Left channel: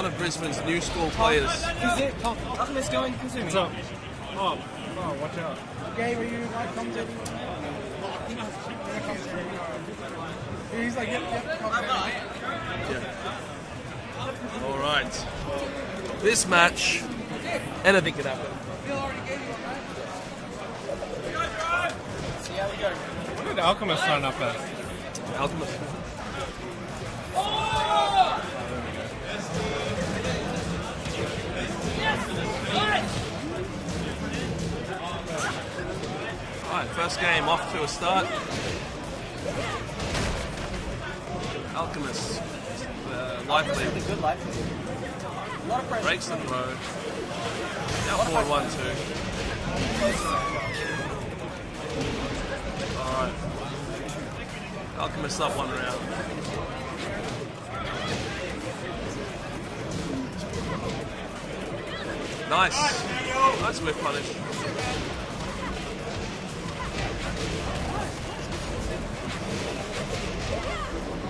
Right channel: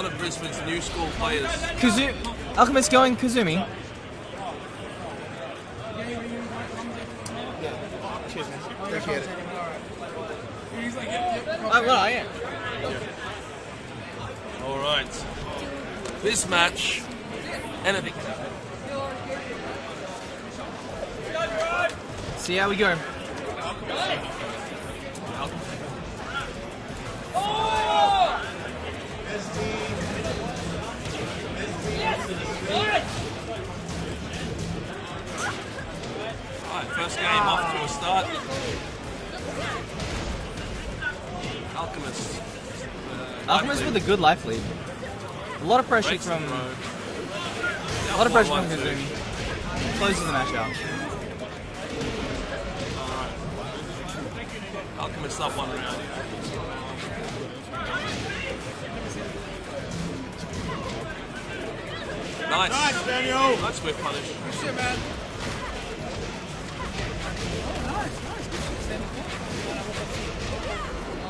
one of Brisbane's new school players. Alchemist going Kazumi. Oh, watch out. Gabe, are you like commentating? Cheers. He's like, yep. Well, I am. Yeah. All right. This match, anything could happen. See how we go. The Alchemist starting up there. Alchemist. Alright, first game off to a start. Alchemist. Alchemist with a good life lead. A lot of pressure. Breaks the throw. A lot of Down pressure. 1-2. Close the match out. Alright. Alchemist up one round. Nice. Nice, Daniel. That's whip punish.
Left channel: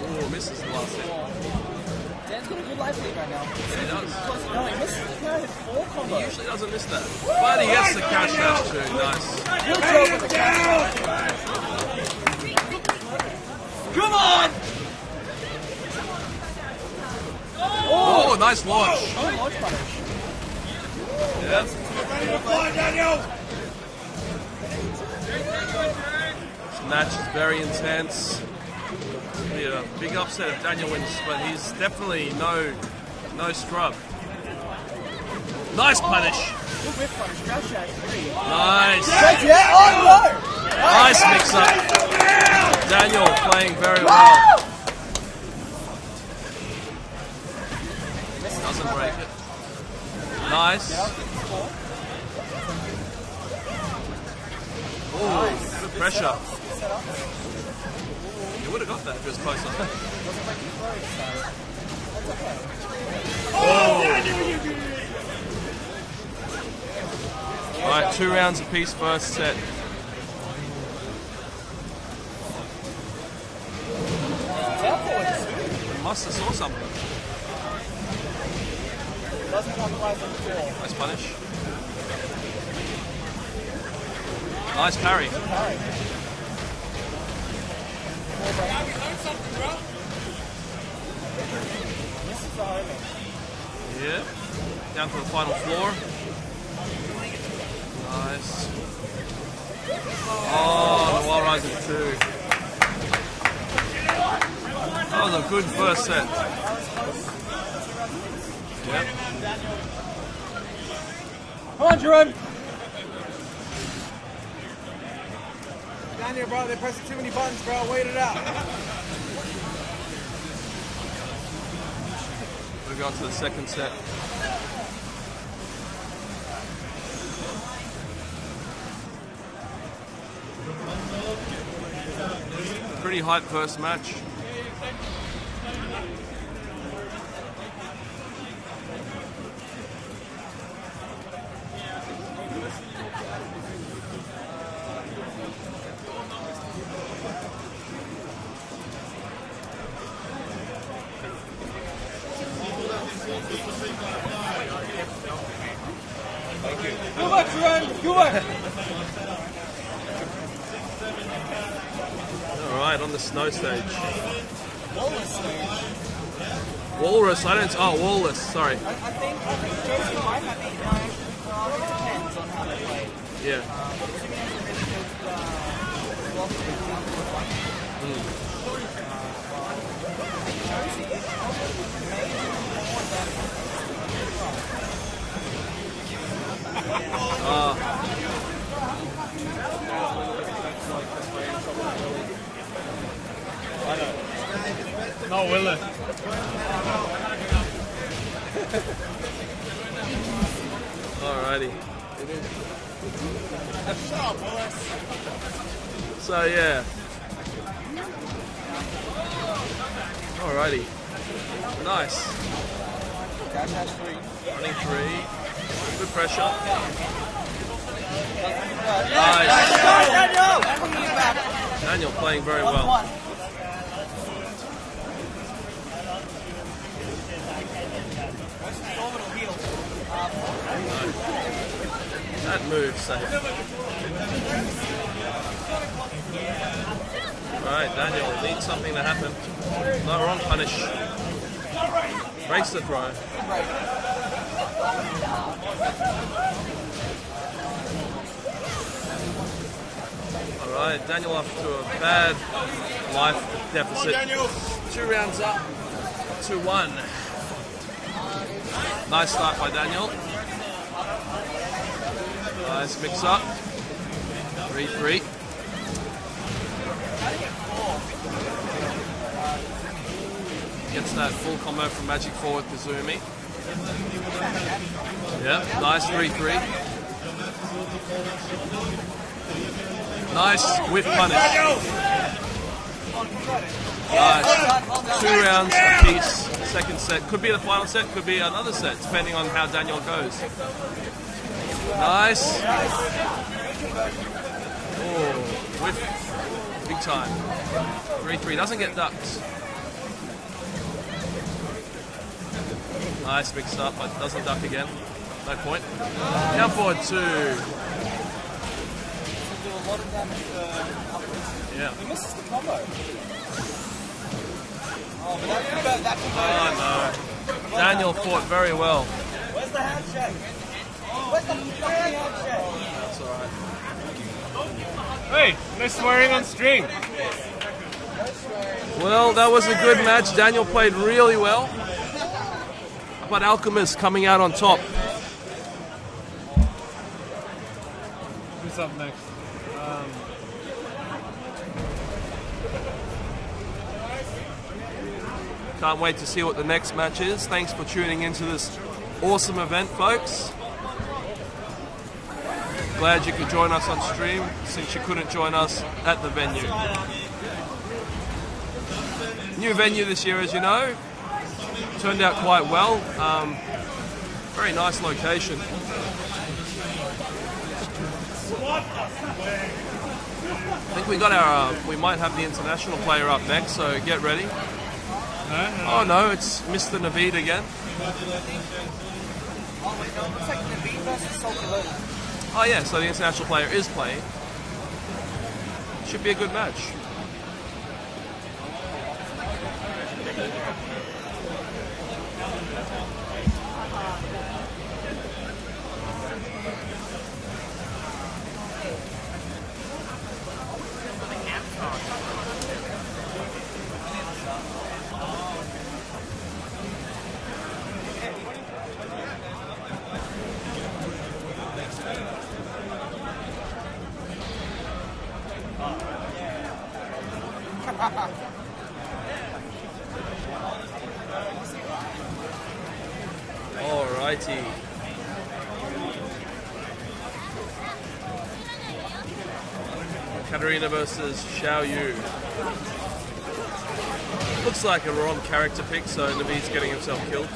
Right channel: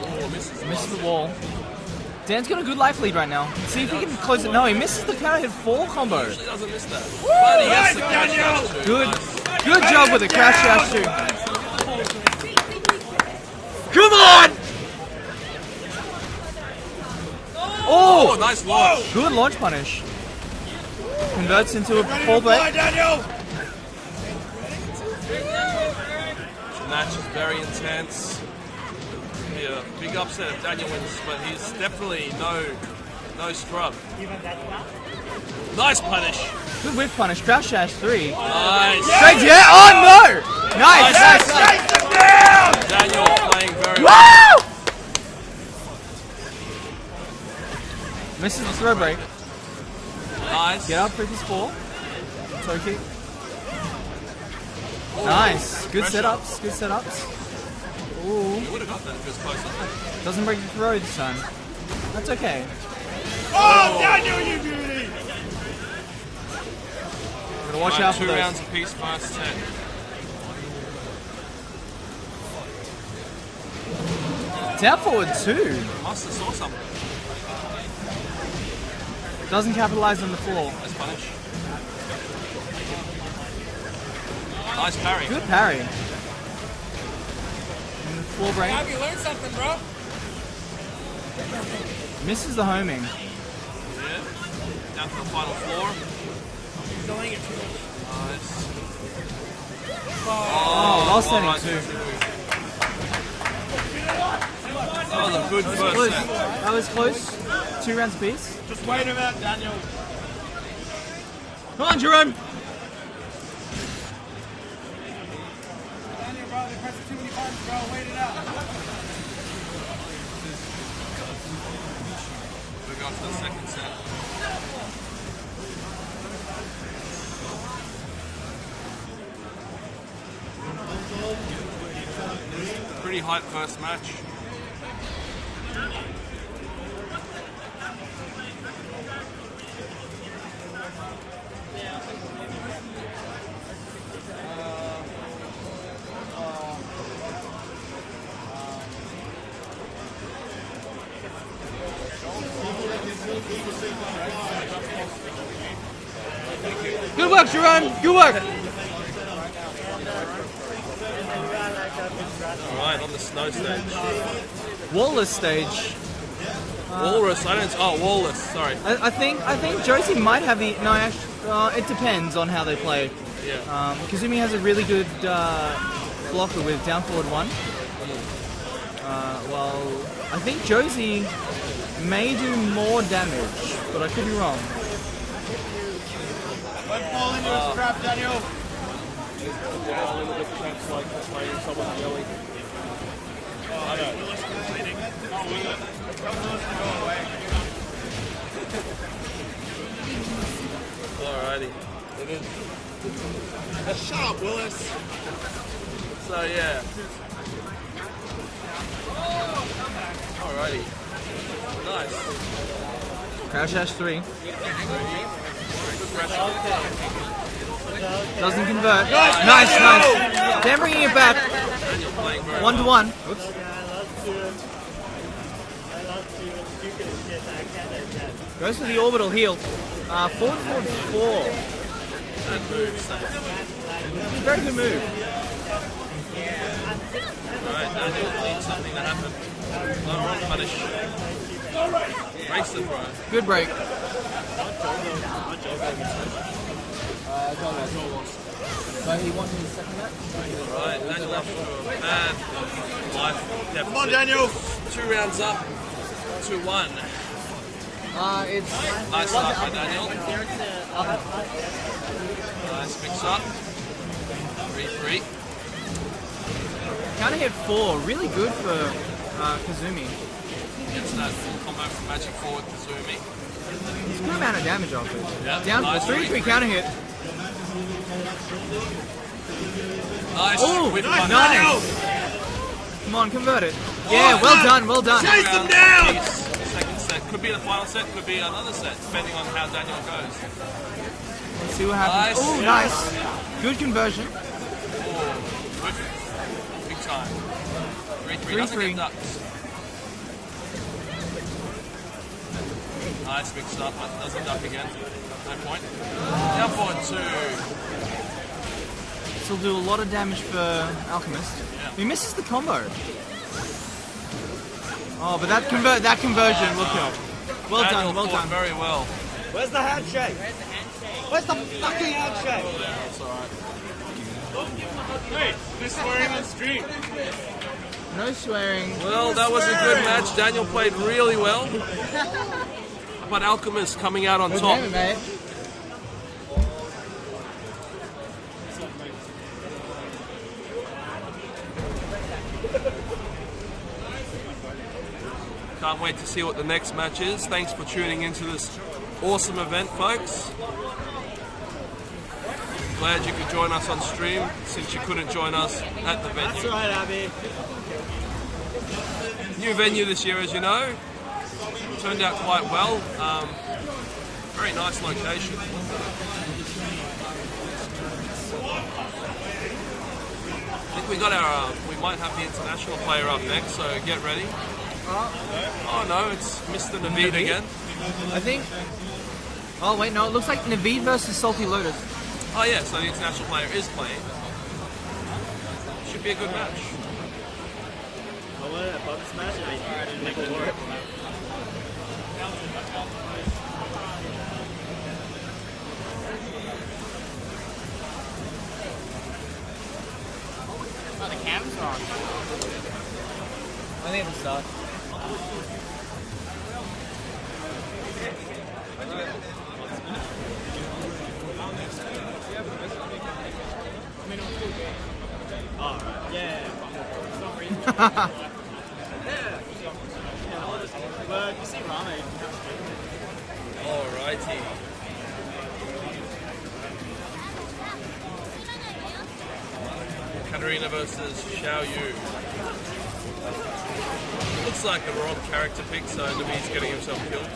Oh, misses the last hit. Wall. Dan's got a good life lead right now. See if he can close it. No, he misses the counter hit 4 combo. He usually doesn't miss that. But he gets the cash dash too. Good. Nice. Good job with the cash dash too. Come on! Oh, nice launch. Good launch punish. Converts into a Ready to full fly, back. Daniel. The match is very intense. It'll be a big upset if Daniel wins, but he's definitely no scrub. Nice punish. Good whip punish. Dash dash 3. Nice. Yeah. Oh no! Nice. Nice mix-up. Daniel playing very well. Misses the throw break. Nice. Get up, 3-4. Okay. Ooh, Nice. Good pressure. setups. Good setups. You would have got that if it was closer. Doesn't break the throw this time. That's okay. Oh, Daniel, you do it. Watch Right, out 2 for rounds apiece first set. Down forward 2. Must have saw something. Doesn't capitalize on the fall. Nice punish. Nice parry. Good parry. Full break. Have you learned something, bro? Misses the homing. Yeah. Down to the final floor. Nice. Oh, well rising 2. That was a good first set. I was close. 2 rounds apiece. Just wait a minute, Daniel. Come on, Jerome. Daniel, bro, they're pressing too many buttons, bro. Wait it out. We go to the second set. Pretty hype first match. Good work, Jerome. Good work. Alright, on the snow stage. Walrus stage. Walrus, Walrus, sorry. I think Josie might have the. No, it depends on how they play it. Yeah. Kazumi has a really good blocker with down forward 1. Well, I think Josie may do more damage, but I could be wrong. Down a little bit, that's like the playing someone's belly. I know. No, will it? Alrighty. It is. Shut up, Willis. So yeah. Alrighty. Nice. Crouch dash 3. Running 3. Good pressure. Doesn't convert. Nice. Nice. They're bringing it back. Daniel playing very 1 well. to 1. Goes for the orbital heal. Forward 4. That move safe. Very good move. Alright, Daniel needs something to happen. No, wrong punish. Breaks the throw. Good break. Alright, Daniel up to a bad life deficit. Daniel! 2 rounds up, 2-1. Nice start by Daniel. Nice mix up. 3-3. Trying to get 4. Really good for Kazumi. Gets that full combo from Magic 4 with Kazumi. Good amount of damage off it. Yep, Down nice for 3-3. 3-3. Counter hit. Nice Ooh, whip punish. nice. Come on, convert it. Yeah, well done, well done. 2 rounds apiece. Second set. Could be the final set, could be another set, depending on how Daniel goes. Nice. Oh, nice. Good conversion. Oh, whip. Big time. 3-3. Doesn't get ducked. Nice mixed up, but doesn't duck again. No point. Down forward 2. This will do a lot of damage for Alchemist. Yeah. He misses the combo. Oh, but that conversion. Well Daniel done, well fought done. very well. Where's the handshake? Where's the fucking handshake? That's alright. Hey, they're swearing on stream. No swearing. Well, that was a good match. Daniel played really well. But Alchemist coming out on top. Okay. Can't wait to see what the next match is. Thanks for tuning into this awesome event, folks. Glad you could join us on stream since you couldn't join us at the venue. New venue this year, as you know. Turned out quite well. Very nice location. I think we got our. We might have the international player up next, so get ready. Oh no, it's Mr. Naveed again. I think. Oh wait, no, it looks like Naveed versus Salty Lotus. Oh yeah, so the international player is playing. Should be a good match. I think it's start. Alrighty. Katarina versus Xiao Yu. Looks like a wrong character pick, so Naveed's getting himself killed.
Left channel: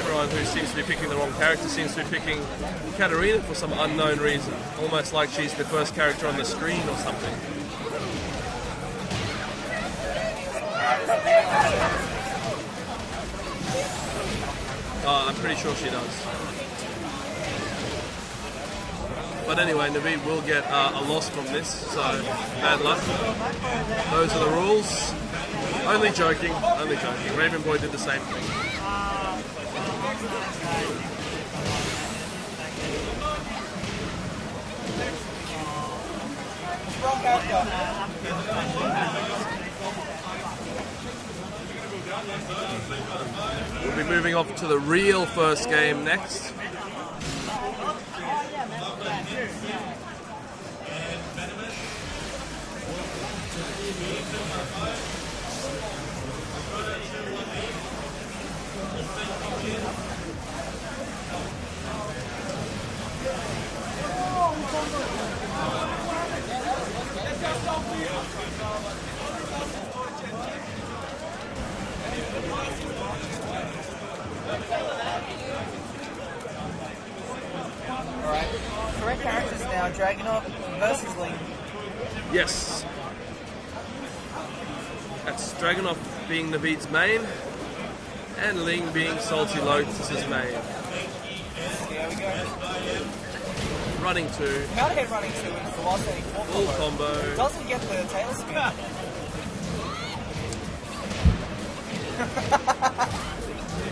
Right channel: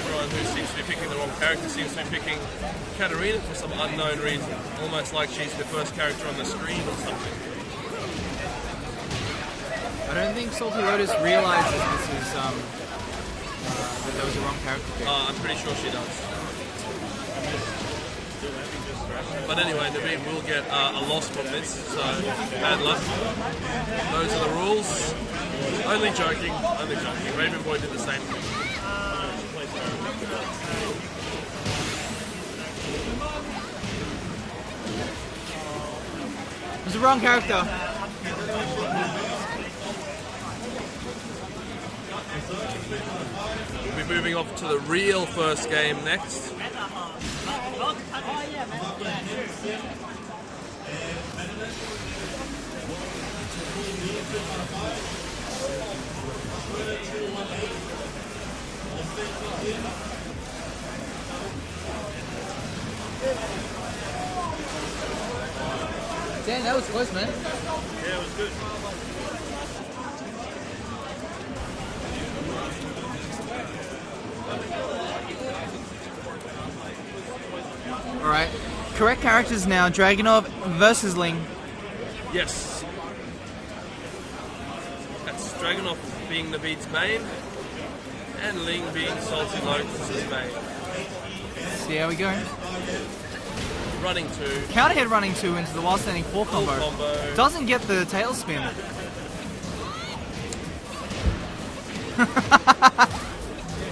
Everyone who seems to be picking the wrong character seems to be picking Katarina for some unknown reason. Almost like she's the first character on the screen or something. I don't think Salty Lotus realizes this is the wrong character. I'm pretty sure she does. But anyway, Naveed will get a loss from this, so bad luck. Those are the rules. Only joking, only joking. Raven Boy did the same thing. It's the wrong character. We'll be moving off to the real first game next. Yeah, that was close, man. Alright. Correct characters now. Dragunov versus Ling. Yes. That's Dragunov being Naveed's main, and Ling being Salty Lotus's main. See how we go. Running 2, Counter hit running 2 into the while standing 4 full combo. combo. Doesn't get the tailspin.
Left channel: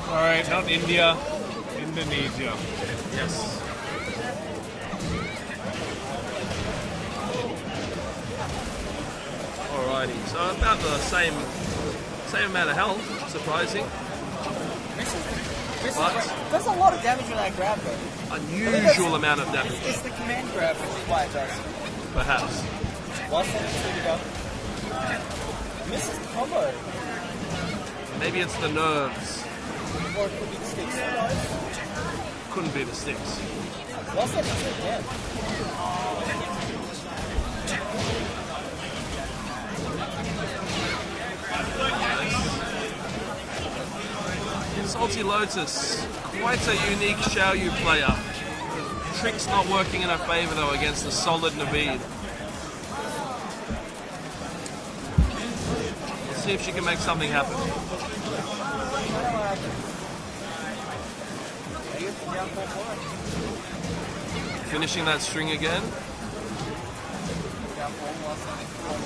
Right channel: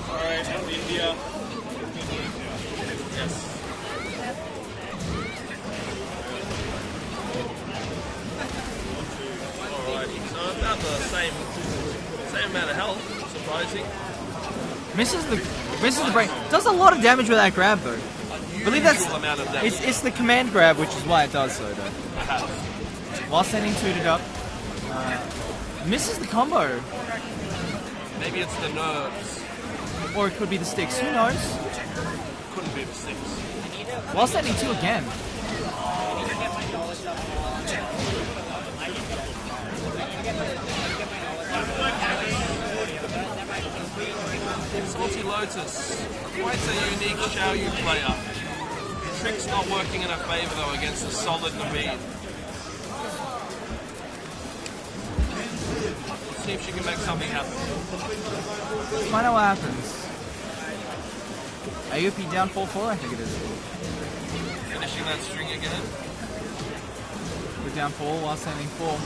Alright, out India, Indonesia. Yes. Alrighty, so about the same amount of health, surprising. Misses the break. Does a lot of damage with that grab though. Unusual amount of damage, It's the command grab, which is why it does so. perhaps. While standing 2 up. Misses the combo. Maybe it's the nerves. Or it could be the sticks. Who knows? Couldn't be the sticks. While standing 2 again. Salty Lotus, quite a unique Xiaoyu player. Trick's not working in her favor though against a solid Naveed. Let's see if she can make something happen. Find out what happens. AOP down 4-4, I think. Finishing that string again. Down 4 while standing 4.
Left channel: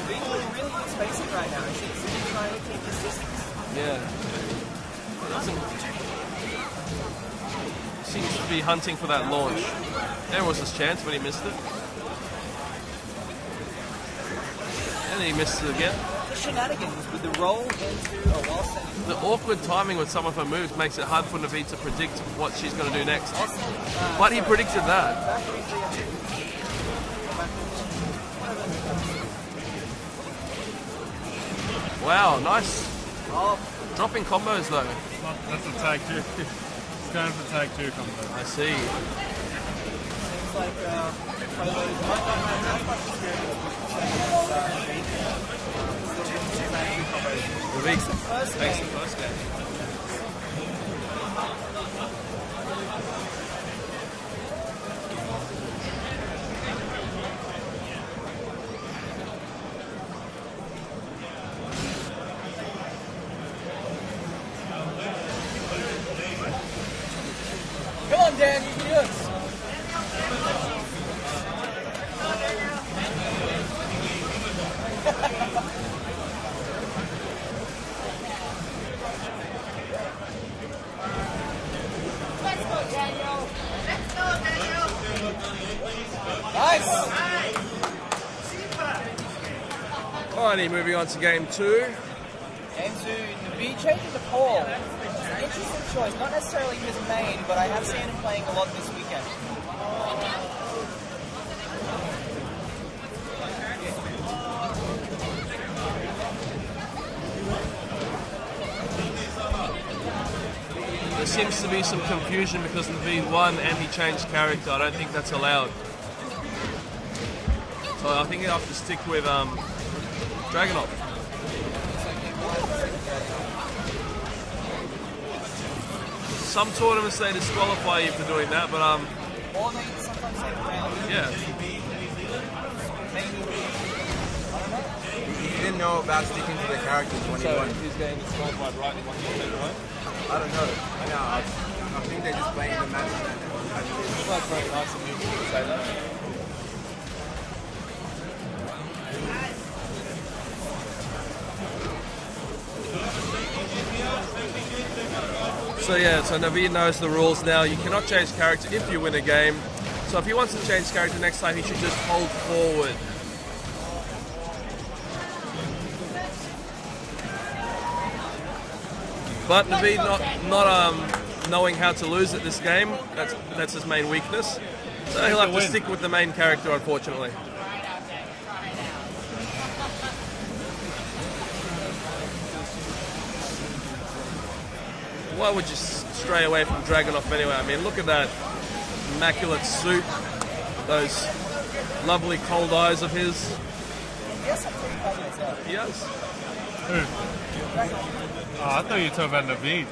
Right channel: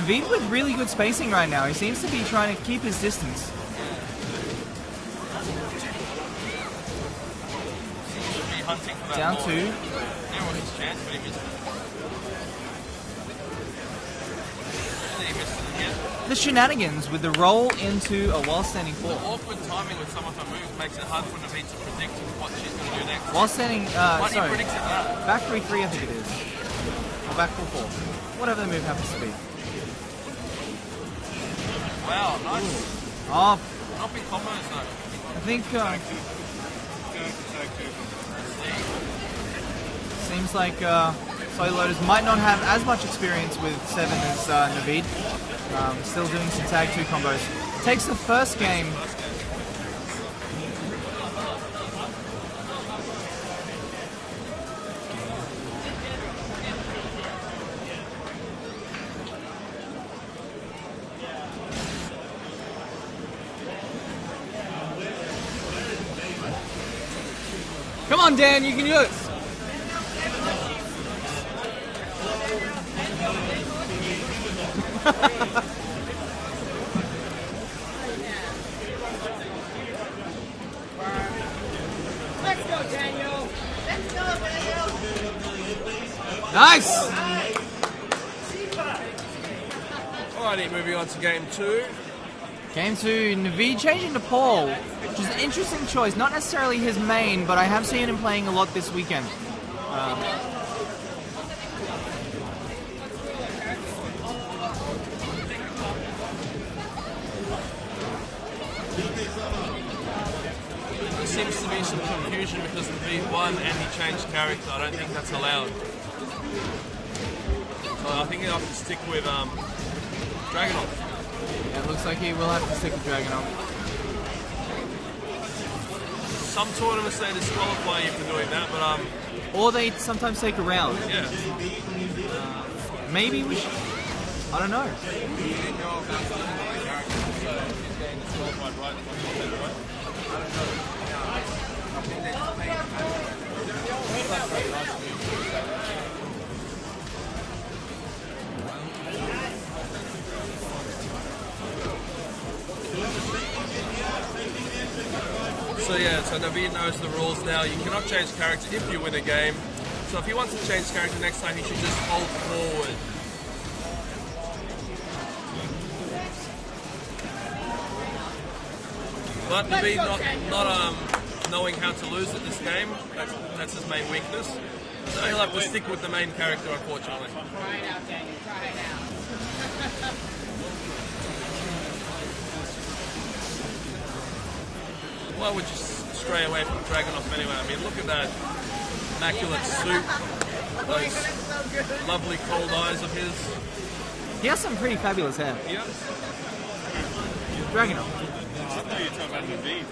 Naveed with really good spacing right now. He seems to be trying to keep his distance. Yeah. Seems to be hunting for that Down launch. 2. There was his chance, but he missed it. And he misses it again. The shenanigans with the roll into a while standing 4. The awkward timing with some of her moves makes it hard for Naveed to predict what she's going to do next. While standing. But he sorry, predicted that. Factory 3 of 2. Backwards. Whatever the move happens to be. Wow, nice. Oh, Dropping combos though. I think Tag 2. Going for tag 2. I see. seems like Toylotas might not have as much experience with 7 as Naveed. Still doing some tag 2 combos. Takes the first game. Come on, Dan, you can do it. Nice. Alrighty, moving on to game 2. Game 2, Naveed changing to Paul, which is an interesting choice. Not necessarily his main, but I have seen him playing a lot this weekend. There seems to be some confusion because Naveed won and he changed character. I don't think that's allowed. So I think you have to stick with Dragunov. Looks like he will have to stick with Dragunov. Some tournaments they disqualify you for doing that, but Or they sometimes take a round. yeah. Maybe. I don't know. He didn't know about sticking to the characters when he won. he's getting disqualified right away? I don't know. No, I think they're just playing the match. That's very nice of you to say that. So yeah, so Naveed knows the rules now. You cannot change character if you win a game. So if he wants to change character next time, he should just hold forward. But Naveed not knowing how to lose at this game, that's his main weakness. So he'll have to stick with the main character, unfortunately. Why would you stray away from Dragunov anyway? I mean, look at that immaculate suit, those lovely cold eyes of his. He has some pretty fabulous hair. He does. Dragunov. Oh, I thought you were talking about Naveed.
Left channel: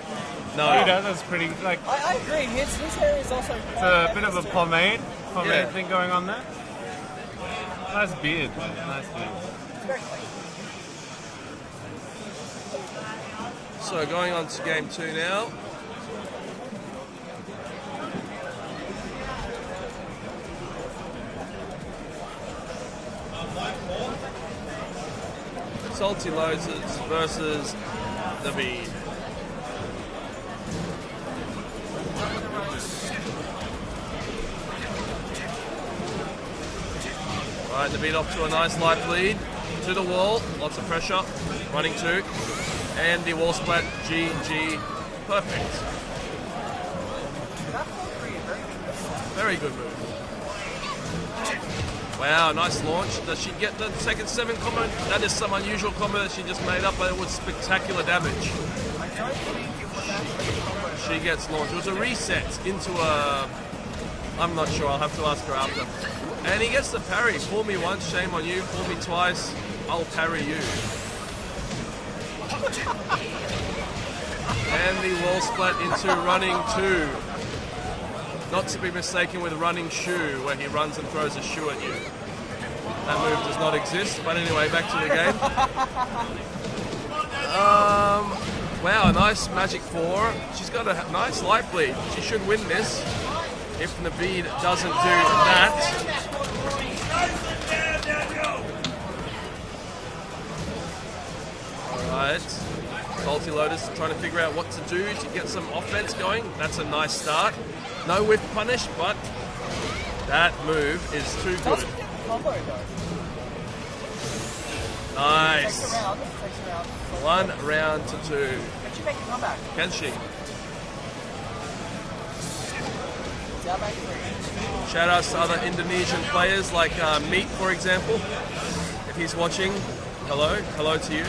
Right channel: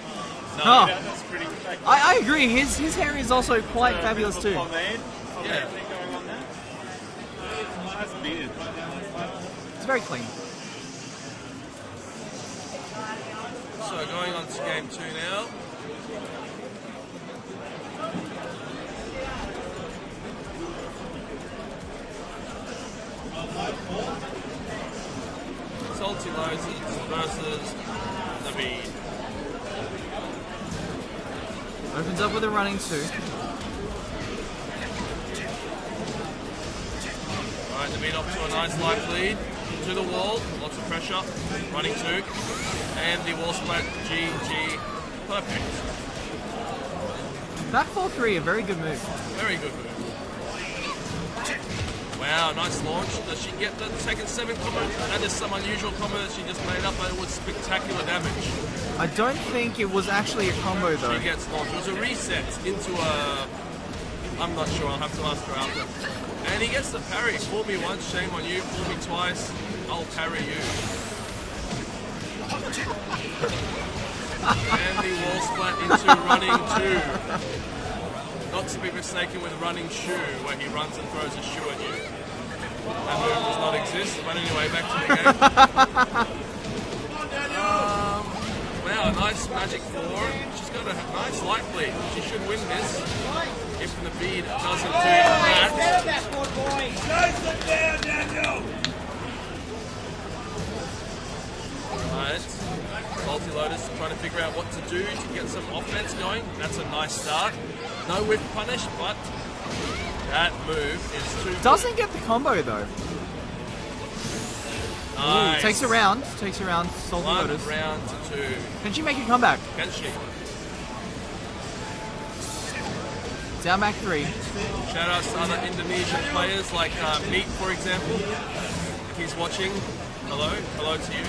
No. Oh. That's pretty, like, I agree. His hair is also quite a bit fabulous of a too. pomade Yeah. thing going on there. Nice beard. Nice beard. It's very clean. So going on to game 2 now. Salty Loads versus Naveed. Opens up with a running 2. Right, Naveed off to a nice life lead. To the wall, lots of pressure. Running 2. And the wall splat GG. Perfect. That 4-3, a very good move. Very good move. Wow, nice launch. Does she get the second 7 combo? That is some unusual combo that she just made up, but it was spectacular damage. I don't think it was actually a combo though. She gets launched. It was a reset into a... I'm not sure, I'll have to ask her after. And he gets the parry. Fool me once, shame on you. Fool me twice, I'll parry you. And the wall splat into running 2. Not to be mistaken with running shoe, where he runs and throws a shoe at you. That move does not exist, but anyway, back to the game. Wow, nice magic 4. She's got a nice life lead. She should win this if Naveed doesn't do that. Alright, Salty Lotus trying to figure out what to do to get some offense going. That's a nice start. No whip punish, but that move is too good. Doesn't get the combo though. Nice. Takes a round. Salty 1 Lotus. round to 2. Can she make a comeback? Can she? Down back 3. Shout out to other Indonesian players like Meat, for example. If he's watching, hello. Hello to you.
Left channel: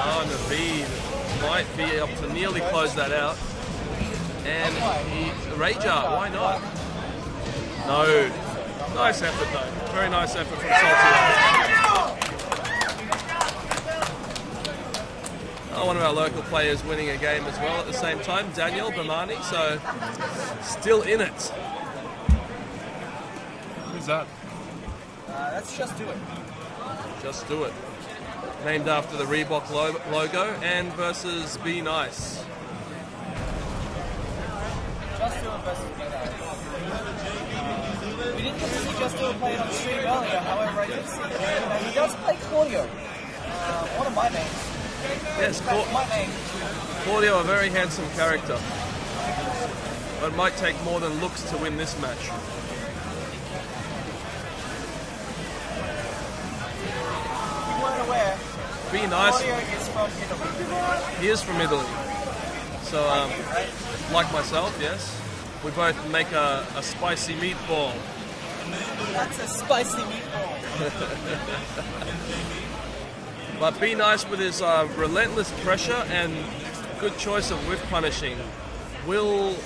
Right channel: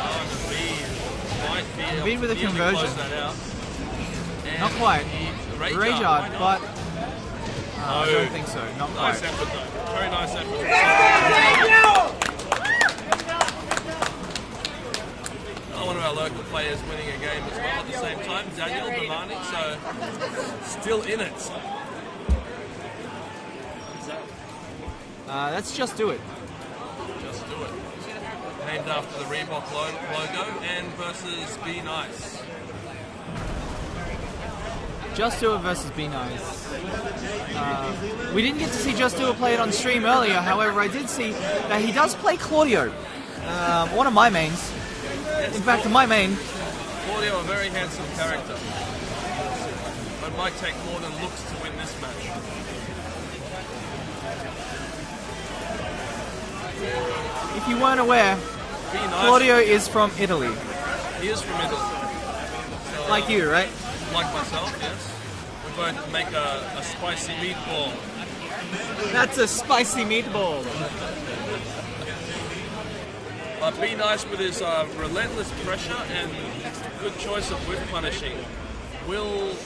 Oh, Naveed might be able Naveed with to a nearly conversion. close that out. And Not quite. Rage Rage art, art, why not? but No. I don't think so. Not Nice quite. effort though. Very nice effort from Salty. One of our local players winning a game as well at the same time, Daniel Bamani, so still in it. Who's that? Let's just do it. Just do it. Named after the Reebok logo and versus Be Nice. Just Do It versus Be Nice. We didn't get to see Just Do It play it on stream earlier, however I did see that he does play Claudio, one of my mains. Yes, In fact, my main. Claudio, a very handsome character, but might take more than looks to win this match. If you weren't aware, Be Nice. Claudio is from Italy. He is from Italy. So, Like you, right? Like myself, yes. We both make a spicy meatball. That's a spicy meatball. But Be Nice with his relentless pressure and good choice of whip punishing will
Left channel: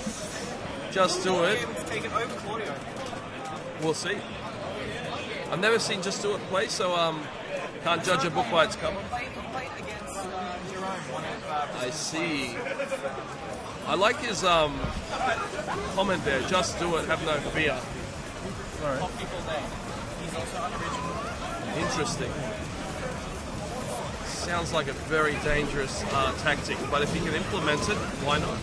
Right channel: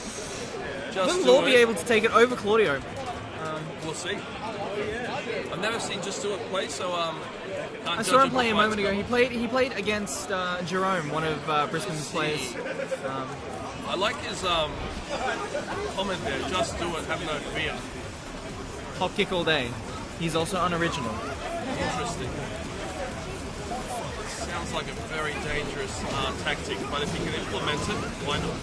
just Will do be it. able to take it over Claudio. We'll see. I've never seen Just Do It play, so can't I judge saw a him play book a by its moment ago. cover. He played against Jerome, one of I Brisbane's see. players. I like his comment there. Just do it. Have no fear. Hop kick all day. He's also unoriginal. Interesting. Sounds like a very dangerous tactic, but if you can implement it, why not?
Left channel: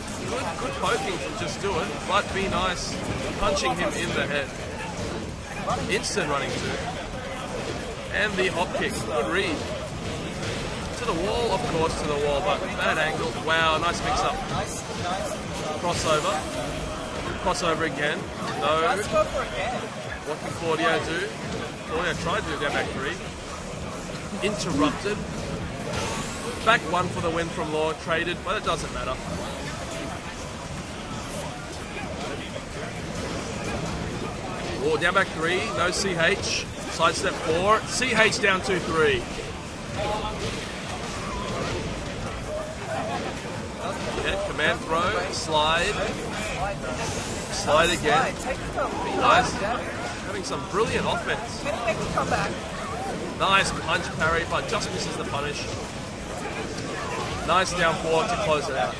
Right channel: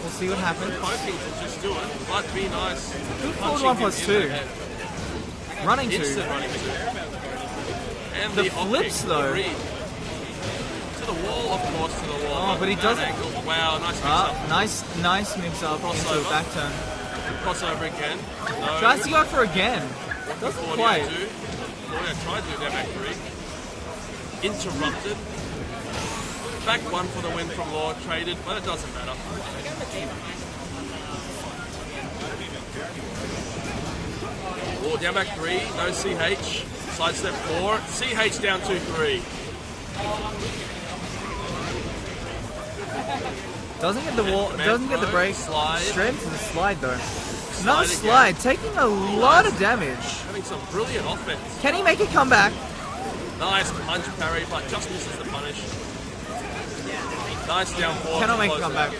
We'll see what happens. Good poking from Just Do It, but Be Nice punching him in the head. Running Instant two. running two. And the hop kick. flips, though. Good read. To the wall, of course, to the wall, but but he bad does- angle. Wow, nice mix up. Nice mix up. Crossover. Back turn. Crossover again. No. Tries to go for again. What did Claudio quite. do? Claudio tried to do down back 3. Interrupted. Back 1 for the win from Law. Traded, but it doesn't matter. Oh, down back 3. No CH. Sidestep 4. CH down 2-3. Doesn't get the Yeah, wall. command Doesn't get the throw, break. slide. Straight to the slide though. Slide Another again. slide, taking a lot of damage. Having some brilliant offense. Can he make it come back? Nice punch parry, but just misses the punish. Nice down 4 to Cannot make it close come it back. out.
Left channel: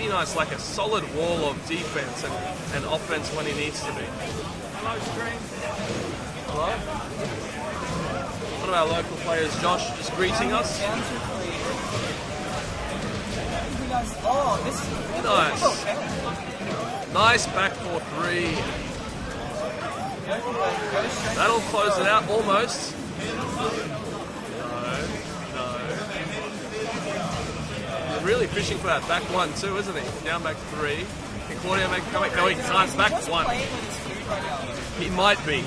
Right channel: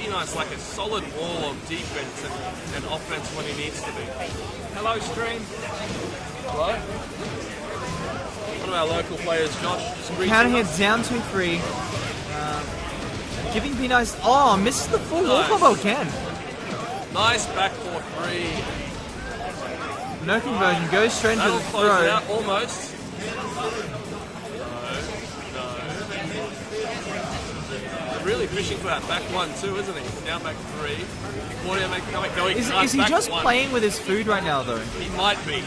Be Nice like a solid wall of defense and offense when he needs to be. Hello, stream. Hello? One of our local players, Josh, just greeting Counting us. it down 2-3. Giving Be Nice. Oh, misses the full Nice. combo can. Nice back 4-3. No conversion. Goes straight into That'll the close throw. it out almost. No. Really fishing for that back one too, isn't he? Down back 3. Can Claudio make a comeback? No, he can't. Is he Back just 1. playing with his food right now, though? He might be.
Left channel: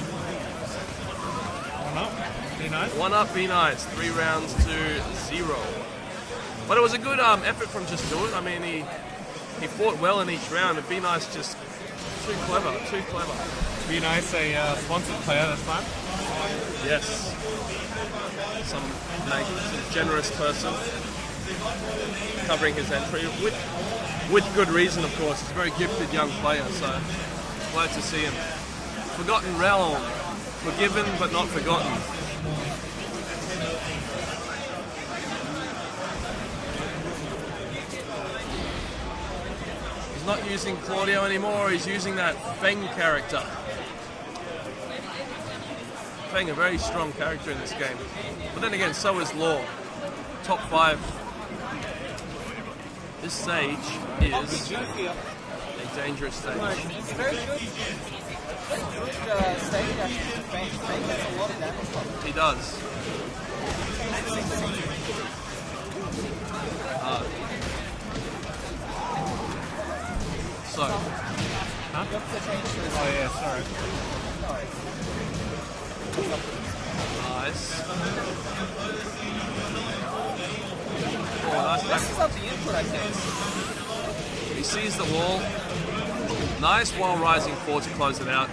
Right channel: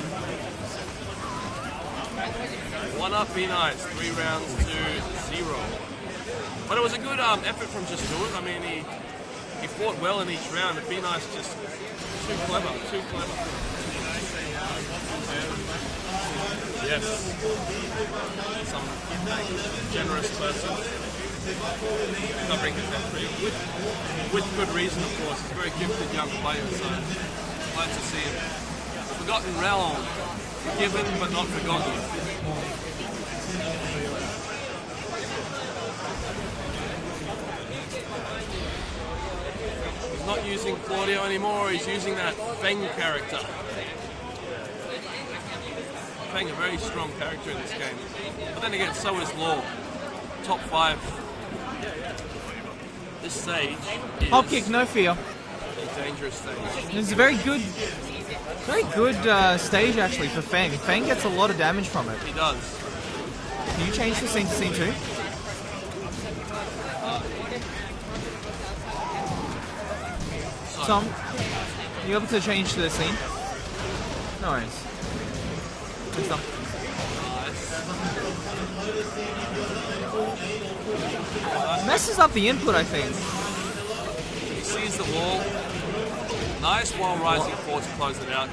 1 up, Be Nice. 3 rounds to 0. But it was a good effort from just doing it. I mean, he fought well in each round, but Be Nice just too clever. Be Nice, a sponsored player this time. Yes. Some generous person covering his entry with good reason, of course. He's a very gifted young player, so glad to see him. Forgotten Realm. Forgiven but not forgotten. He's not using Claudio anymore, he's using that Feng character. Feng, a very strong character in this game. But then again, so is Law. Top 5. This stage is Hop kick, no fear. a dangerous stage. It's a very good stage actually for Feng. Feng gets a lot of damage from it. He does. Do you change the scene to C2? So, Tom, you able to change to the scene? No worries. nice. Oh, nice. Messes up the input, I think. He sees the wall. Nice while rising forward to close it out.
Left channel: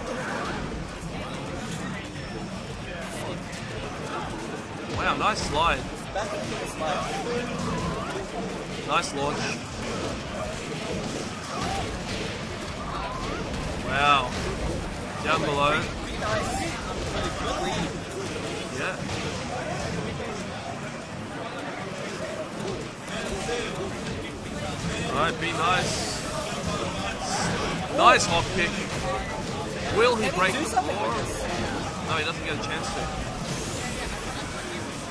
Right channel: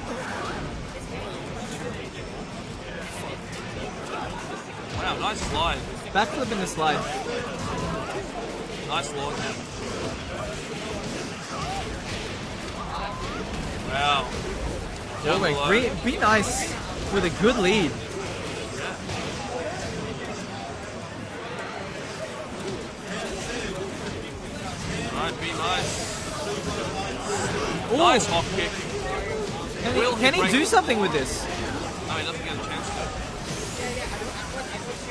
Wow, nice slide. Backflip in the slide. Nice launch. Wow. Down below. Be Nice with a good lead. Yeah. Alright, Be Nice. Nice hop kick. Will he Can break? he do something with this? No, he doesn't get a chance to.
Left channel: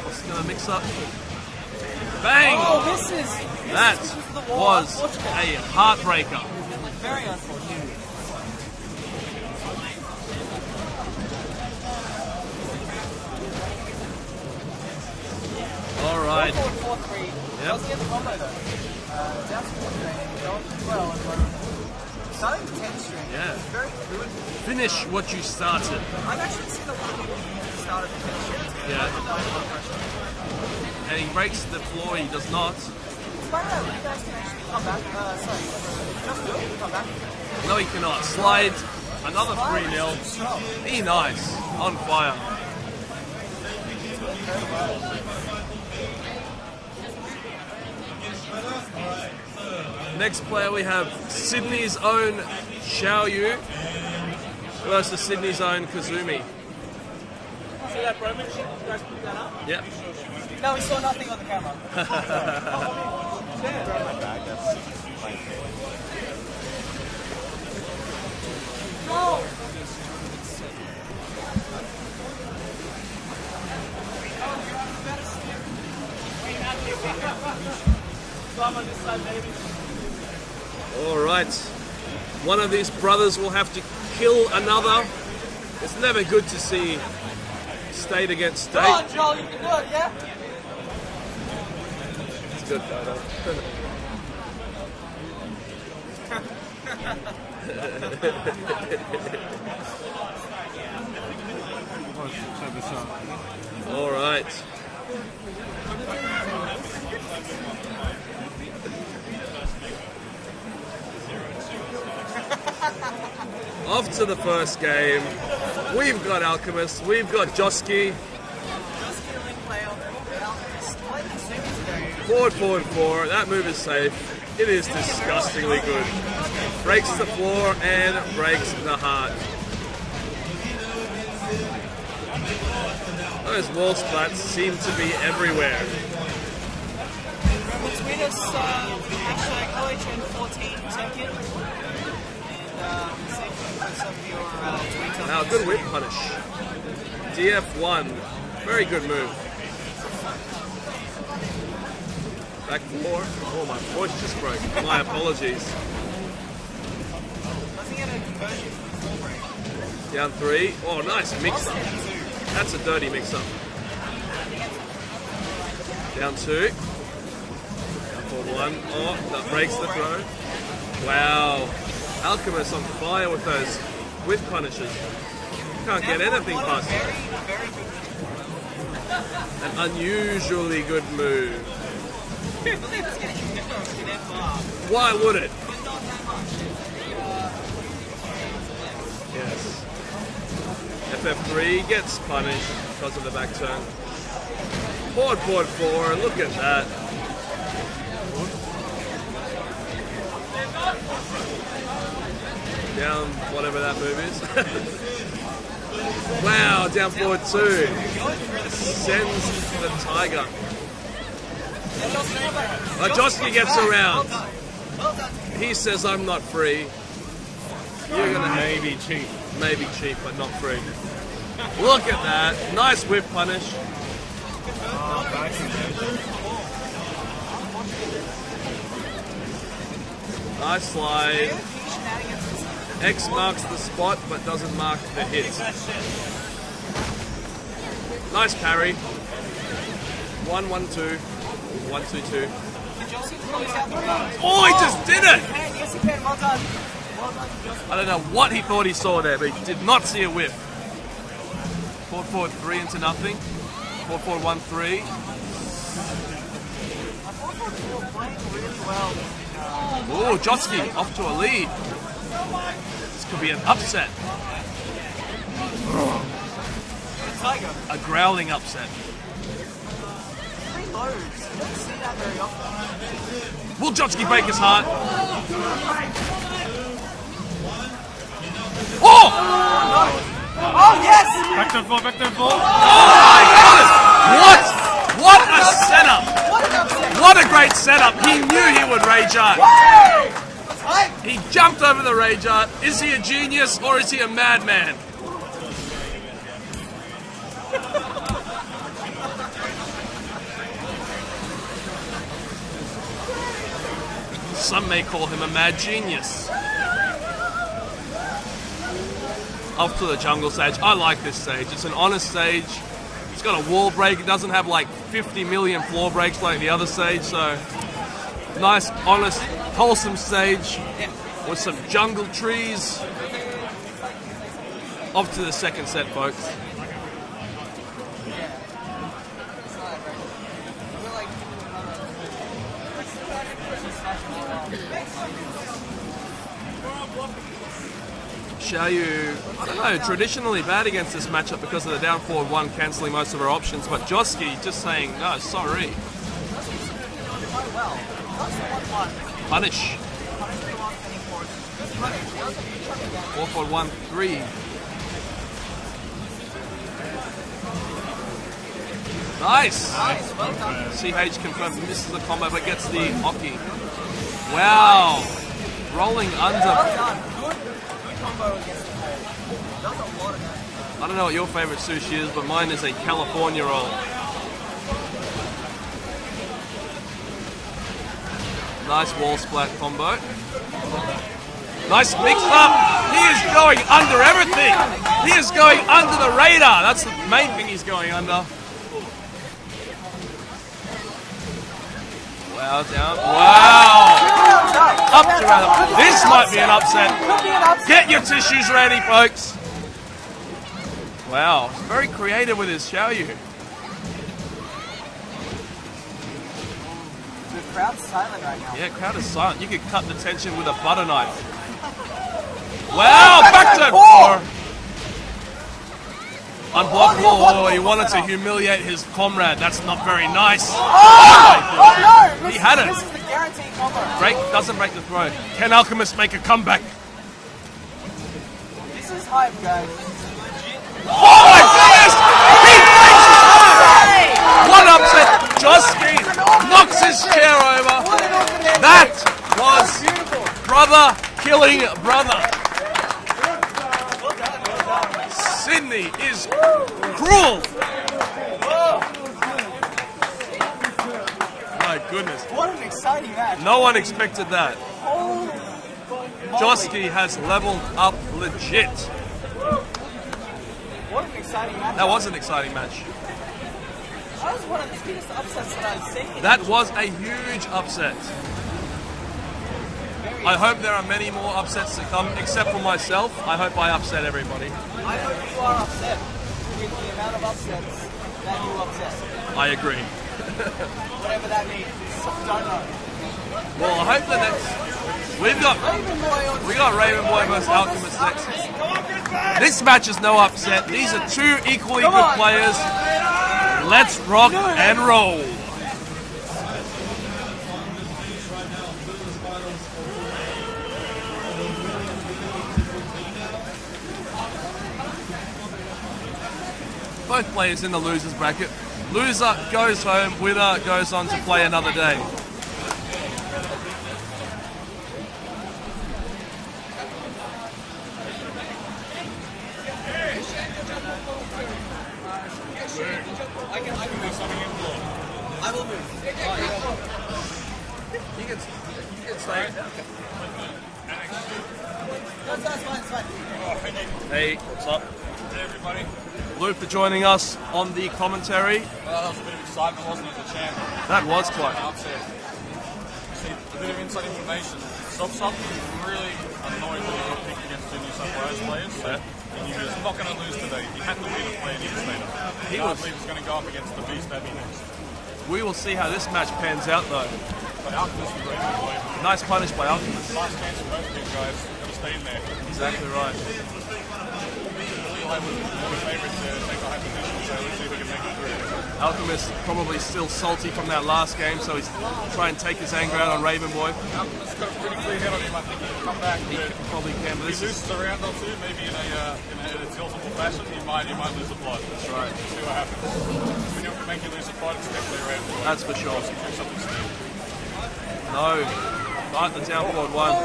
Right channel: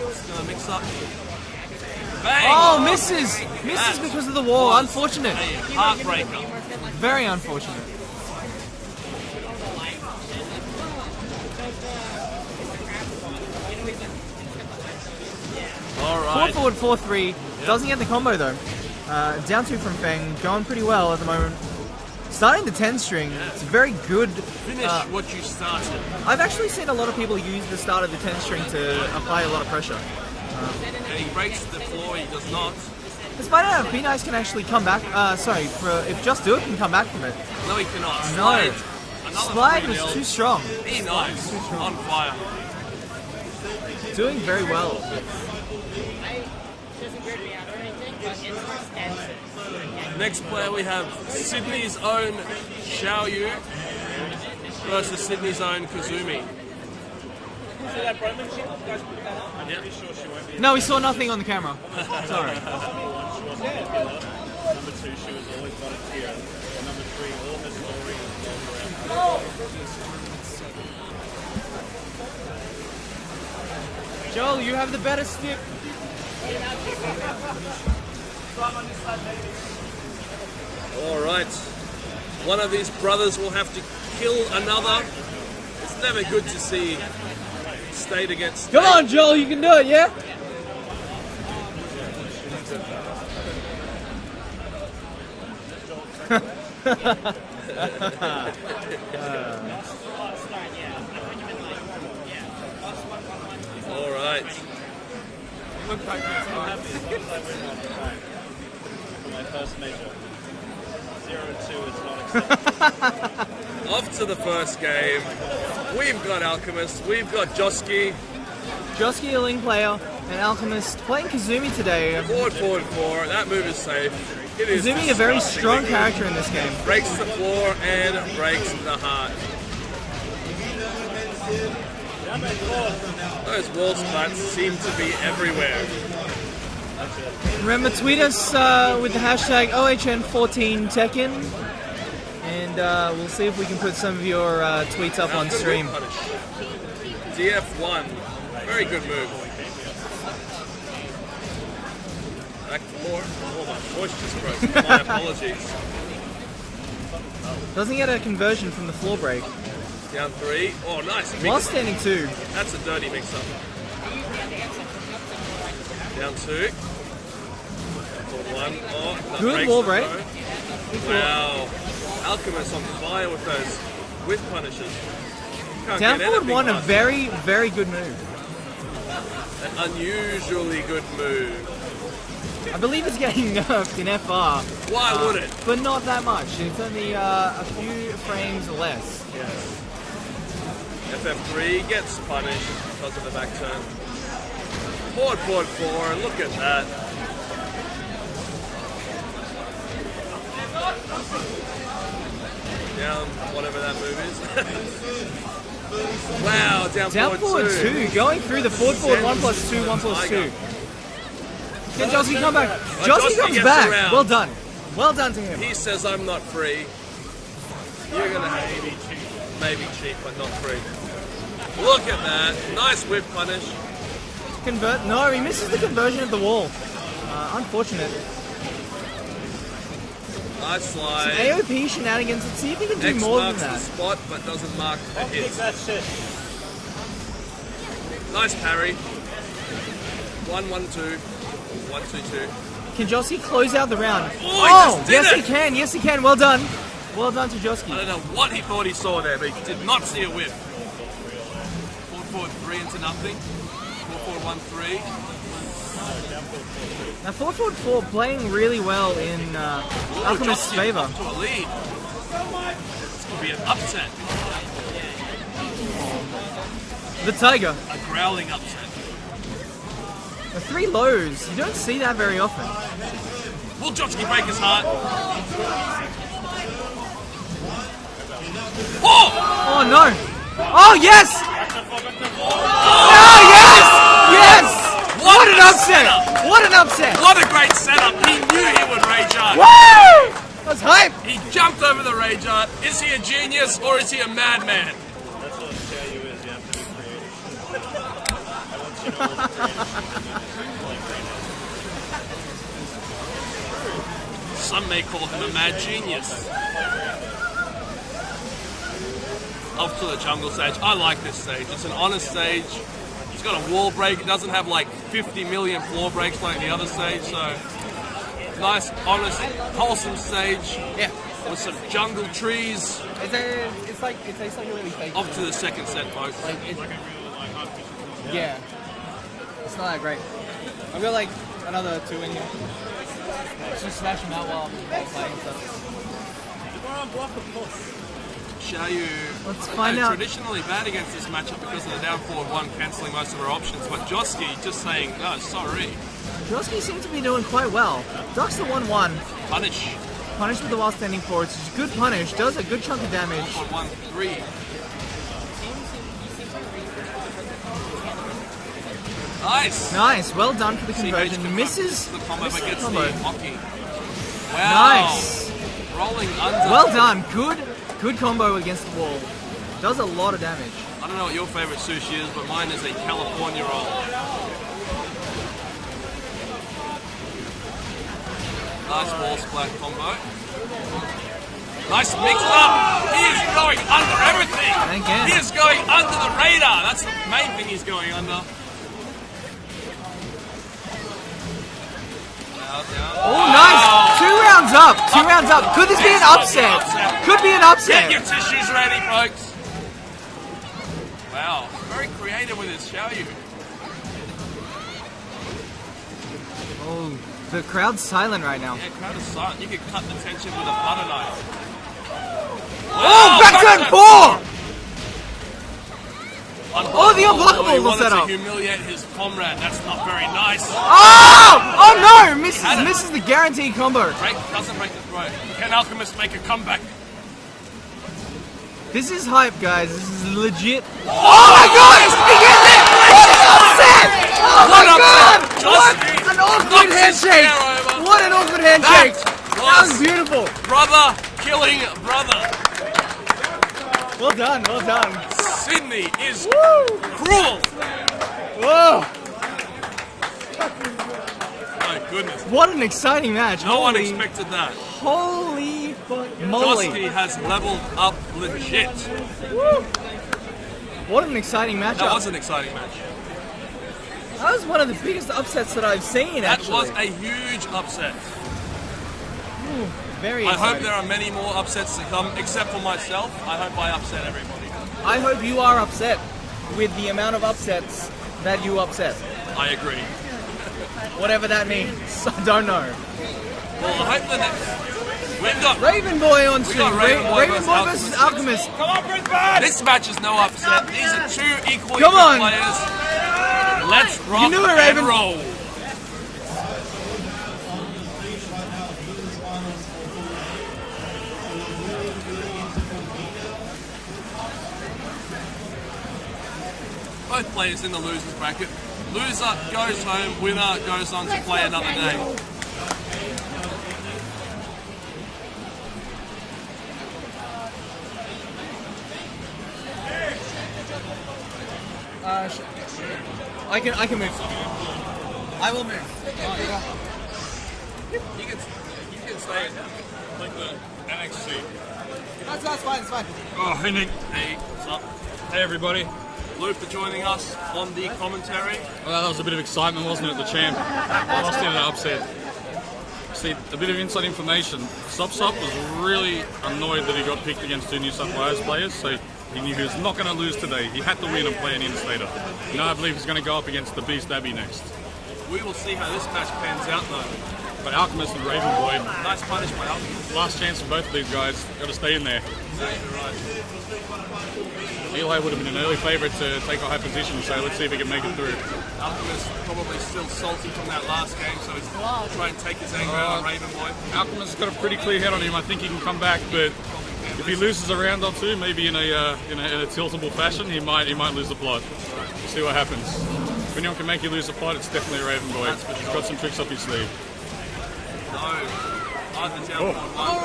He's gonna mix up. Bang! Oh, misses! That Misses because of the wall. was Unfortunate. a heartbreaker. Very unfortunate. Alright. Forward 4-3. Doesn't get the combo though. Down 2 from Feng. Going pretty well at the moment. Starting the 10 string. Yeah. It's very good. Finish what you started. I've actually seen a lot of people use the start of the 10 string to apply a lot of pressure. And he breaks the floor, he does not. Despite that, Be Nice can actually come back. If Just Do It can come back from it. No, he cannot. Slide. Another Slide 3-0. is too strong. Be Nice. On fire. Doing very well. Next player we have Sydney's own Xiao Yu versus Sydney's own Kazumi. See that Broman shit? You guys picked that up? Yep. No, we saw nothing on the camera. Joel, you have the better stick. Alright. One of these brothers will have to kill another. It's never good to see state against state. Come on, Joel, you can do it, yeah? Good battle. All right. Off to the first game. We've got Alchemist. We've got Joski. Joski, a Link player, an Alchemist, playing Kazumi today. Forward, forward, forward. That move is safe. It is Kazumi, a very disgustingly strong good. character in this game. Breaks the floor and breaks the heart. Those wall splats seem to be everywhere. Remember, tweet us with the hashtag OHN14Tekken, and we'll see if we can put some of your tweets up Now, on the good whip stream. punish. DF1. Very good move. Back 4. Oh, my voice just broke. My apologies. Doesn't get a conversion from the floor break. Down 3. Oh, nice While mix up. standing 2. That's a dirty mix up. Down 2. Down for 1. Oh, that Good breaks ball the break. throw. Wow. Alchemist on fire with those whip punishes. Can't Down get forward anything 1, a past very, very good move. an unusually good move. I believe it's getting nerfed in FR. Why would it? But not that much. It's only a few frames less. Yes. FF3 gets punished because of the back turn. Forward 4. Look at that. Down whatever that move is. Wow, down forward 2. Going through the forward 1 Sends plus 2, the 1 plus 2. Tiger. And Joski come back. Joski comes gets back. around. Well done. Well done to him. He says I'm not free. You're gonna have maybe cheap, but not free. Look at that. Nice whip punish. Convert? No, he misses the conversion of the wall. Unfortunately. Nice slide. AOP shenanigans. See if he can do X more marks than the that. spot but doesn't mark the hit. Nice parry. 1-1-2. 1-2-2. Can Joski close out the round? Oh, he just did yes it! He can. Yes, he can. Well done. Well done to Joski. I don't know what he thought he saw there, but he did not see a whip. Forward 3 into nothing. Forward 1-3. Now 4-4 playing really well in Oh, Alchemist's Joski favor. up to a lead. This could be an upset. The Tiger. A growling upset. The 3 lows. You don't see that very often. Will Joski break his heart? Oh! Oh no! Oh yes! Oh, yes! Yes! What a setup! What an upset! What a great setup! He knew he would rage art. Woo! That's hype! He jumped over the rage art. Is he a genius or is he a madman? Some may call him a mad genius. Off to the jungle stage. I like this stage. It's an honest stage. It's got a wall break. It doesn't have like 50 million floor breaks like the other stage. So nice, honest, wholesome stage. Yeah. With some jungle trees. It's like something really fake. Off to the second set, folks. Yeah. It's not that great. I've got like another 2 in. Just smash them out while fighting. Xiaoyu, I don't know, traditionally bad against this matchup because of the down forward 1 cancelling most of her options, but Joski just saying, no, sorry. Joski seems to be doing quite well. Drops the 1-1. Punish. Punish with the while standing forward. It's a good punish. Does a good chunk of damage. 4 forward 1-3. Nice. Nice. Well done for the CH conversion. confirms Misses. this is the combo, but gets the hockey. Wow. Nice. Rolling under. Well done. Good combo against the wall. Does a lot of damage. I don't know what your favorite sushi is, but mine is a California roll. Nice wall splat combo. Nice mix up. He is going under everything. Again. He is going under the radar. That's the main thing he's going under. Wow, down. Wow. Nice. 2 rounds up. 2 rounds up. Could this be This an might upset? be an upset. Could be an upset. Get your tissues ready, folks. Wow, very creative with his Xiaoyu. The crowd's silent right now. Yeah, crowd is silent. You could cut the tension with a butter knife. Wow, back four. Oh, the unblockable He wanted setup. to humiliate his comrade. That's not very nice. Oh no! had it. Misses the guaranteed combo. Doesn't break the throw. Can Alchemist make a comeback? This is hype, guys. This is legit. Oh my goodness! He breaks his heart! What upset! Joski! An knocks his chair over. What an awkward handshake! That was beautiful. brother killing brother. Well done, well done. Sydney is cruel. Whoa! My goodness. What an exciting match. No one Holy- expected that. Holy moly. Josky has leveled up legit. What an exciting match. That was an exciting match. That was one of the biggest upsets that I've seen. That actually. was a huge upset. Very I hope exciting. there are many more upsets to come, except for myself. I hope I upset everybody. I hope you are upset with the amount of upsets that you upset. I agree. Whatever that means. I don't know. Well, I hope the next... We've got... Raven Boy on We got Raven Boy versus versus Alchemist. Alchemist. This match is no upset. These are two equally Come good on. players. Let's rock You know it, and Raven. roll. Both players in the losers bracket. Loser goes home, winner goes on to play another day. I can move. I will move. Oh, You can say That's fine, it's fine. Oh, Henning. hey, what's up? Hey, everybody. Lou for joining us on the commentary. Well, that was a bit of excitement, wasn't it, the champ? That was Lost in quite an upset. See, a bit of inside information. Sop was really annoyed that he got picked against two New South Wales players, so he knew he was not going to lose today. He had to win and play an interstater. I believe he's going to go up against the Beast Abbey next. We will see how this match pans out though. But Alchemist and Raven Boy, Nice punish by Alchemist. last chance for both of these guys. Got to stay in there. Exactly right. Eli would have been an early favourite to take a high position, so let's see if he can make it through. Alchemist probably still salty from that last game, so he's trying to take his anger out on Raven Boy. Alchemist's got a pretty clear head on him. I think he can come back, but Probably can. if he loses a round or two, maybe in a tiltable fashion, he might lose the plot. Right. See what happens. If anyone can make you lose the plot, it's definitely Raven Boy. That's for sure. Got some tricks up his sleeve. No. Right, the down forward one.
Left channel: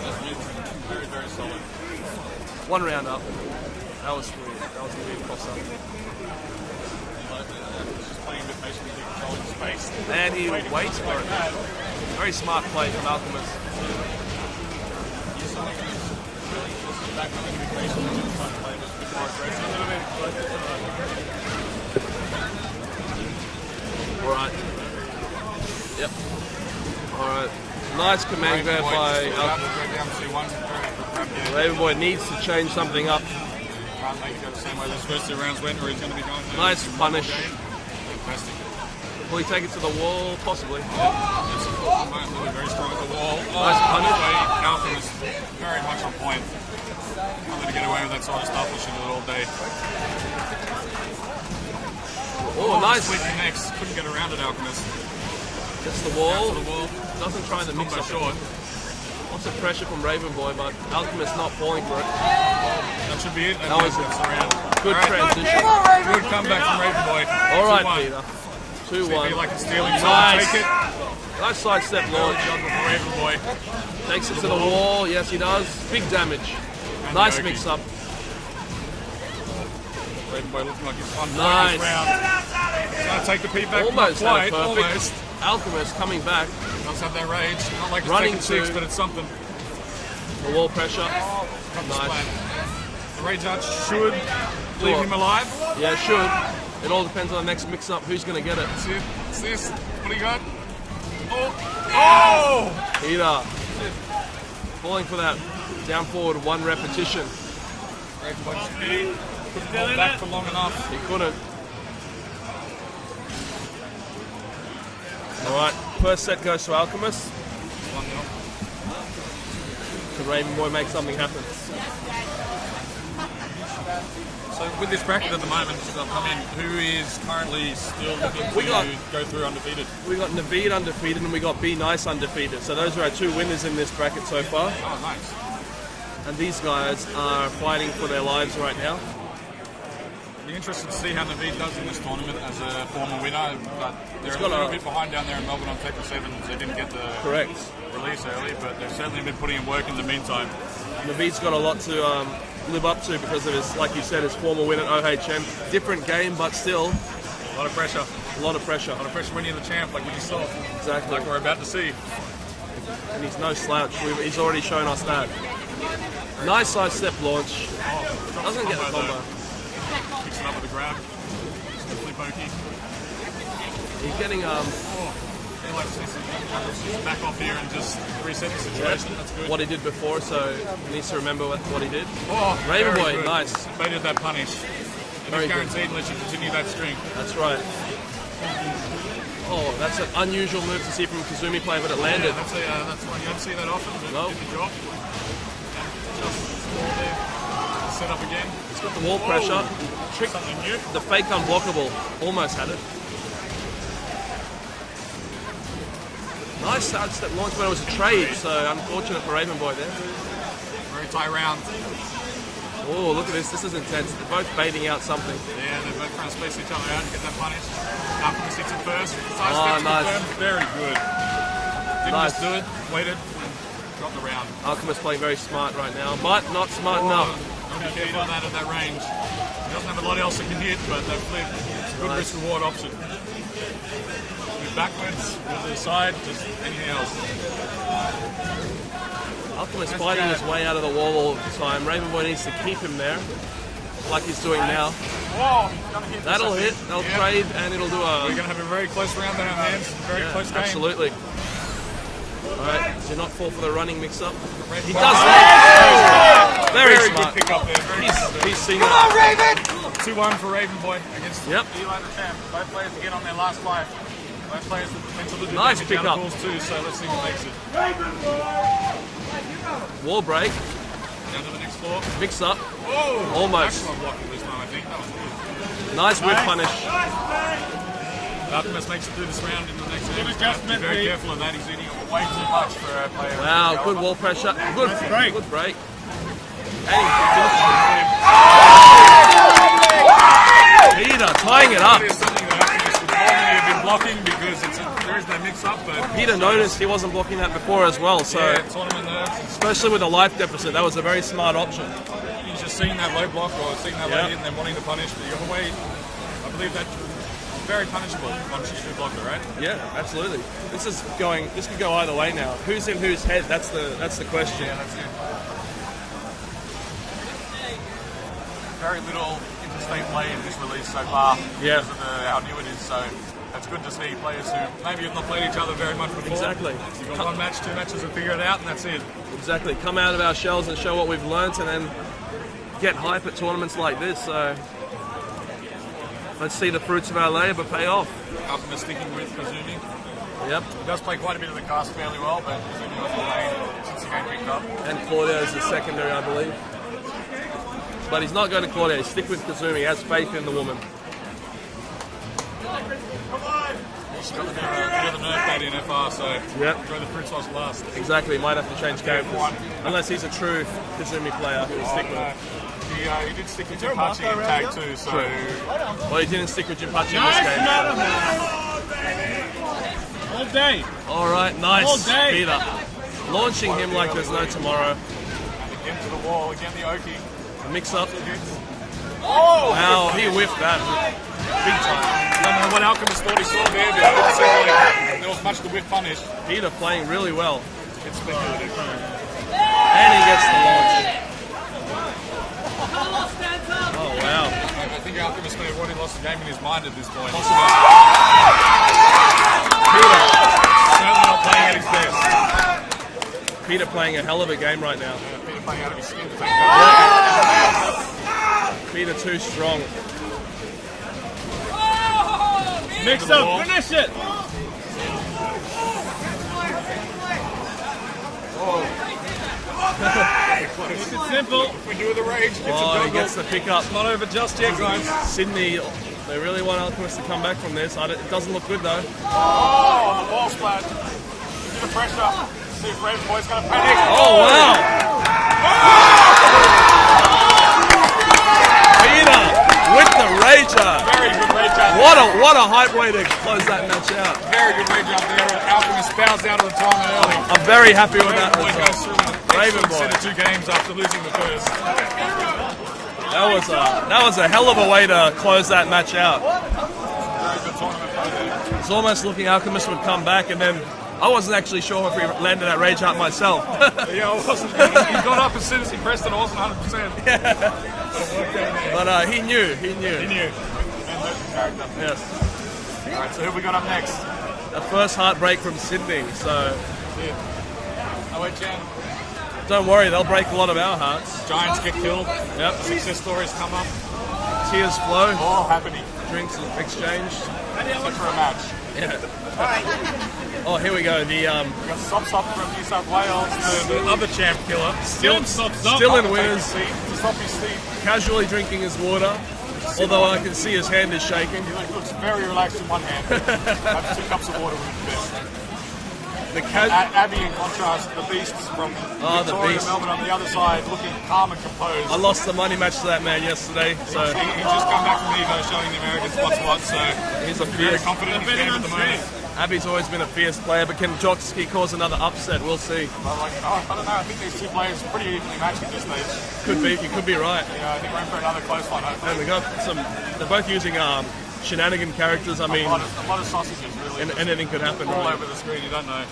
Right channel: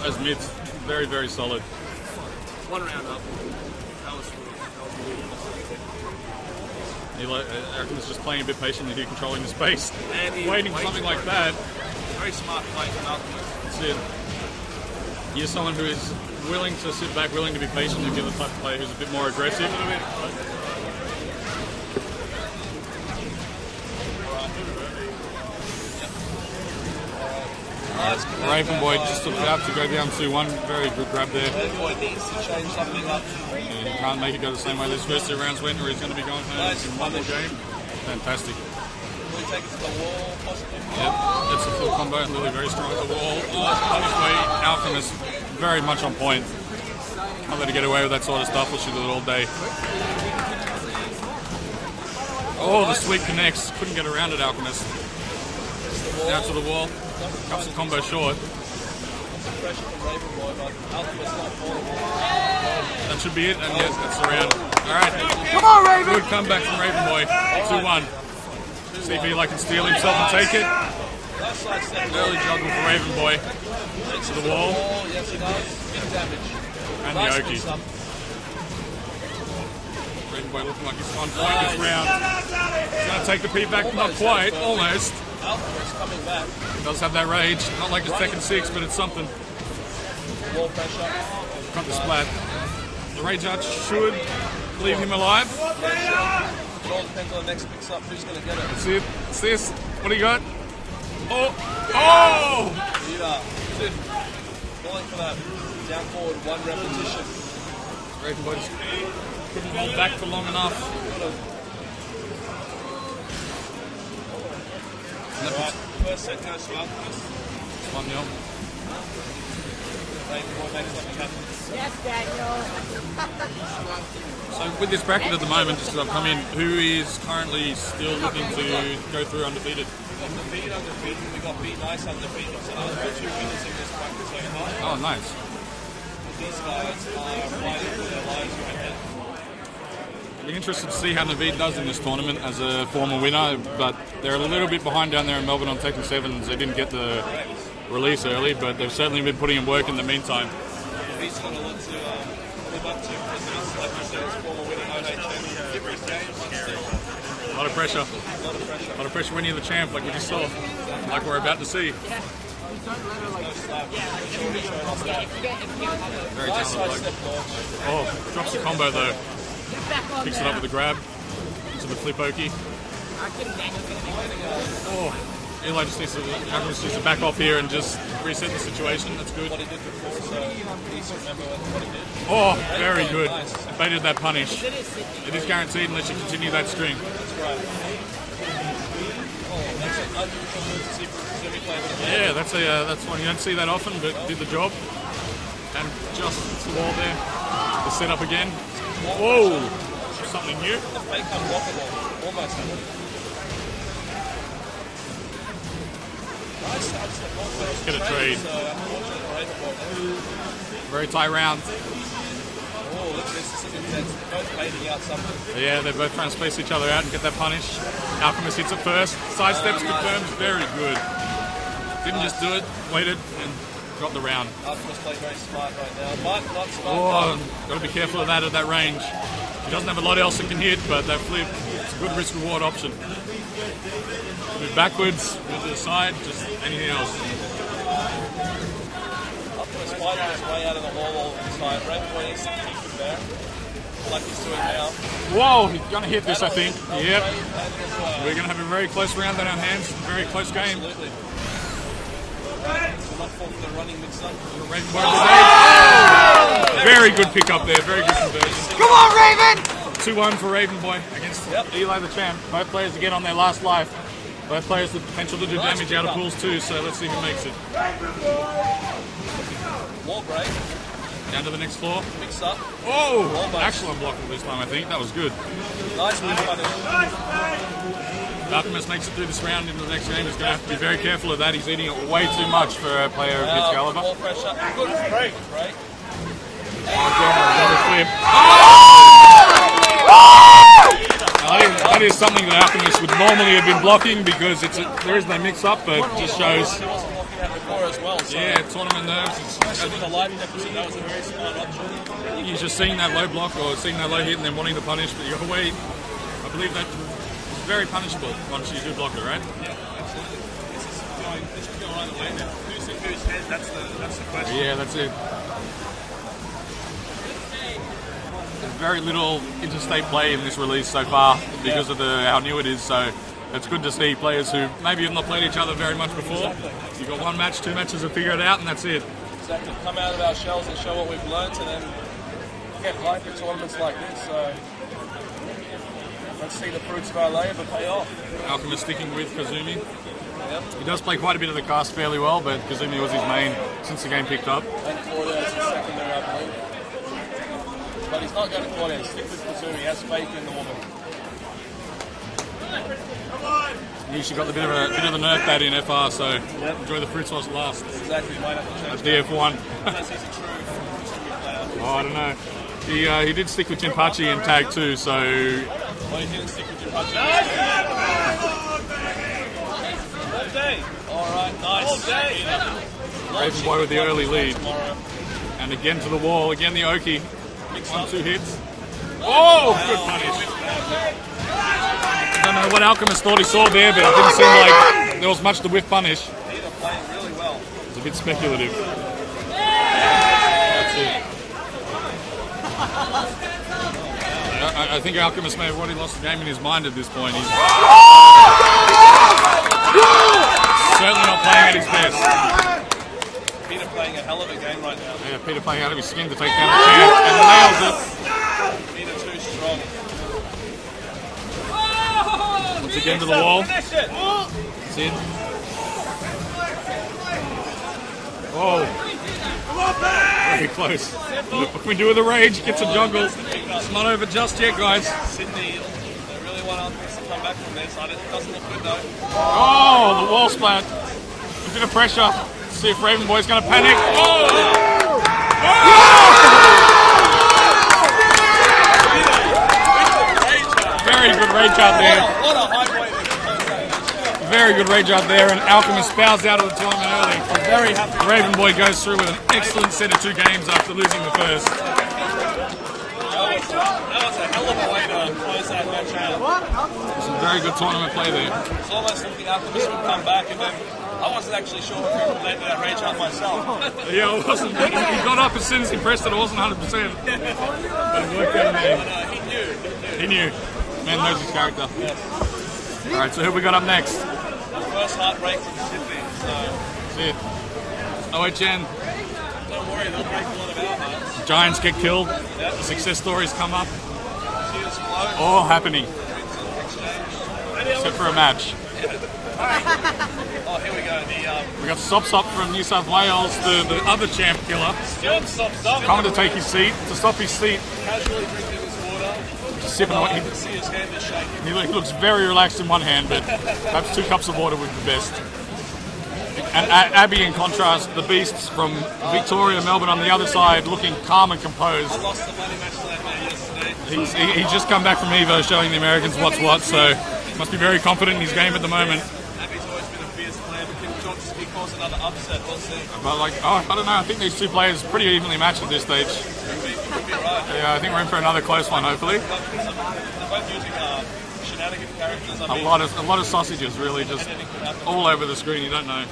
Those mids, very, very solid. One round up. That was weird. That was a weird toss-up. Alchemist's just playing a bit patiently here, controlling the space. And he Waiting for waits something for like it. that. Very smart play from Alchemist. That's it. You're someone who is willing to sit back, willing to be patient, and give the type of player who's a bit more aggressive. Alright. Yep. Alright. Nice command Raven grab Boy by just took it up to go down 2-1. Very good grab there. Raven Boy needs to change something up. He can't make it go the same way those first two rounds went, or he's going to be going home Nice in one more punish. game. Fantastic. Will he take it to the wall? Possibly. Yep, that's a full combo, and Lily very strong at the wall. Oh, on his way, Alchemist very much on point. Can't let her get away with that sort of stuff, or she'll do it all day. Oh, the sweep connects. Couldn't get around it, Alchemist. Down to the wall. Cuts the combo short. Pressure from Raven Boy, but Alchemist not falling for it. That should be it, and yes, that's the round. All right, Come on, Raven! good comeback from Raven Boy. 2-1. See if he can steal himself and take it. Nice side step. Early juggle for Raven Boy. Takes it to to the the wall. wall. Yes, he does. Big damage. And Nice the big Oki. stump. Raven Boy looking like he's on point this round. He's going to take the P back, not quite, almost. Alchemist coming back. Does have that rage. Not like it's Tekken 6, but it's something. The wall pressure. Got the splat. The rage arch should leave him alive. Yeah, sure. It all depends on the next mix-up. Who's going to get it? See it? See this? What do you got? Oh! Oh! Either. Falling for that down forward one repetition. Raven Boy just couldn't hold back for long enough. Couldn't. Alright, first set goes to Alchemist. 1-0. The Raven Boy makes something happen. So with this bracket at the moment, just as I've come in, who is currently still looking to go through undefeated? We got Naveed undefeated and we got Be Nice undefeated. So those are our two winners in this bracket so far. Oh, nice. And these guys are fighting for their lives right now. I'll be interested to see how Naveed does in this tournament as a former winner, but they're a little bit behind down there in Melbourne on Tekken 7s. They didn't get the Correct. release early, but they've certainly been putting in work in the meantime. Naveed's got a lot to live up to because of his, like you said, his former win at OHN. Different game, but still A lot of pressure. a lot of pressure. A lot of pressure when you're the champ, like we just saw. Exactly. Like we're about to see. He's no slouch. He's already shown us that. Nice side step launch. Oh, drops the combo though. Picks it up with a grab. Into the flip oki. He's getting Oh, Eli just needs to back off here and just reset the situation. That's good. what he did before, so he needs to remember what he did. Oh, very Boy, good. nice. Baited that punish. It is guaranteed unless you continue that string. That's right. Oh, that's an unusual move to see from Kazumi playing with a land. Yeah, that's one you don't see that often, but did the job. And just small there. The setup again. More Whoa, pressure. something new. The fake unblockable. Almost had it. Nice start step launch, but it was Gonna trade, trade. so unfortunate for Raven Boy there. Very tight round. Oh, look at this. This is intense. Both baiting out something. Yeah, they're both trying to space each other out and get that punish. Alchemist hits it first. Side steps nice. confirmed. Very good. Didn't just do it. Waited and got the round. Alchemist playing very smart right now. Might not smart Oh, enough. got to be careful of that at that range. He doesn't have a lot else that can hit, but that flip, it's a good risk-reward option. Move backwards, move to the side, just anything else. Alchemist fighting his way out of the wall all the time. Raven Boy needs to keep him there, like he's doing now. Whoa, he's going to hit this, That'll I think. hit. They'll Yep. trade, and it'll do a... We're going to have a very close round on our hands. Very close game. Absolutely. Right, so not fall for the running mix-up. Raven Boy very good pick up there. Very good conversion. Come on, Raven! 2-1 for Raven Boy against Yep. Eli the champ. Both players again on their last life. Both players with potential to do Nice damage out of pick up. pools too, so let's see who makes it. Wall break, Down to the next floor. mix up. Oh! Almost. Actual unblockable this time, I think. That was good. Nice whip punish. Alchemist makes it through this round into the next game. He's going to have to be very careful of that. He's eating it way too much for a player of his Wow, good caliber. wall pressure. Good break. Good break. Double flip. Peter I tying think it up. that is something that Alchemist would normally have been blocking because there is no mix-up, but it Peter just noticed shows. he wasn't blocking that before as well, so Yeah, tournament nerves. especially with the life deficit, that was a very smart option. He's just seeing that low block or seeing that low hit and then wanting to punish, but you got to wait. I believe that's very punishable once you do block it, right? Yeah, absolutely. This could go either way now. Who's in whose head? That's the question. Yeah, that's it. Very little interstate play in this release so far because of how new it is, so it's good to see players who maybe have not played each other very much before. Exactly. You've got one match, 2 matches to figure it out, and that's it. Exactly. Come out of our shells and show what we've learnt, and then get hype at tournaments like this. So let's see the fruits of our labour pay off. Alchemist sticking with Kazumi. Yep. He does play quite a bit of the cast fairly well, but Kazumi was his main since the game picked up. And Claudio is the secondary, I believe. But he's not going to Claudio. Stick with Kazumi. He has faith in the woman. He should got a bit of a nerf pad in FR, so enjoy the fruits whilst it lasts. Exactly. Might have to change That's DF1. unless he's a true Kazumi player. Oh, I don't know. He did stick with Jinpachi in tag 2, so Well, he didn't stick with Jinpachi in this game. All day. All right, nice. All day. Peter. Launching Boy with him the like early there's no lead. tomorrow. and again to the wall, again the Oki. Mix 1, up. 2 hits. Oh, Good he punish. whipped that. I don't know what Alchemist thought he saw there, but it didn't seem like there was much to whiff punish. Peter playing really well. It's a bit speculative. And he gets I think Alchemist may have already lost the game in his mind at this point. He's certainly not playing at his best. Peter playing a hell of a game right now. Yeah, Peter playing out of his skin to take that away and nails it. Peter too strong. Once again to the wall. Finish it. It's in. Oh. Very close. What can we do with the rage? Get some He jungle. gets the pick up. It's not over just yet, guys. Sydney, they really want Alchemist to come back from this. It doesn't look good though. Oh, the wall splat. A bit of pressure. See if Raven Boy's going to panic. Oh! Peter with the rage out there. What a hype way to close that match out. Very good rage out there, and Alchemist bows out of the tournament early. I'm very happy with Raven that. Boy goes through with an excellent set of 2 games after losing the first. That was a hell of a way to close that match out. Some very good tournament play there. It's almost looking Alchemist would come back, and then I wasn't actually sure if he landed that rage out myself. Yeah, I wasn't. He got up as soon as he pressed it. I wasn't 100%. But it worked out in the end. But he knew. He knew. Man knows his character. Yes. All right, so who we got up next? The first heartbreak from Sydney, so That's it. OHN. don't worry, they'll break a lot of our hearts. Giants get killed. Yep. The success stories come up. Tears flow, All happening. drinks exchanged. Except for a match. Oh, here we go. We got Sop from New South Wales, the other champ killer. Still still trying in to take winners. his seat, to stop his seat. Casually drinking his water, Sipping although I on- can see his hand is shaking. He looks very relaxed in one hand, but perhaps 2 cups of water would be the best. The And Abby, in contrast, the beasts from Victoria, beast. Melbourne on the other side, looking calm and composed. I lost the money match to that man yesterday. So He's just come back from Evo showing the Americans what's what, so he must be very confident in his game at the moment. Abby's always been a fierce player, but can Jotsky cause another upset? We'll see. But I don't know, I think these 2 players are pretty evenly matched at this stage. You could be right. Yeah, I think we're in for another close one, hopefully. We got some. They're both using shenanigan characters. I mean, A lot of sausages, really, just anything could happen. all over the screen, you don't know.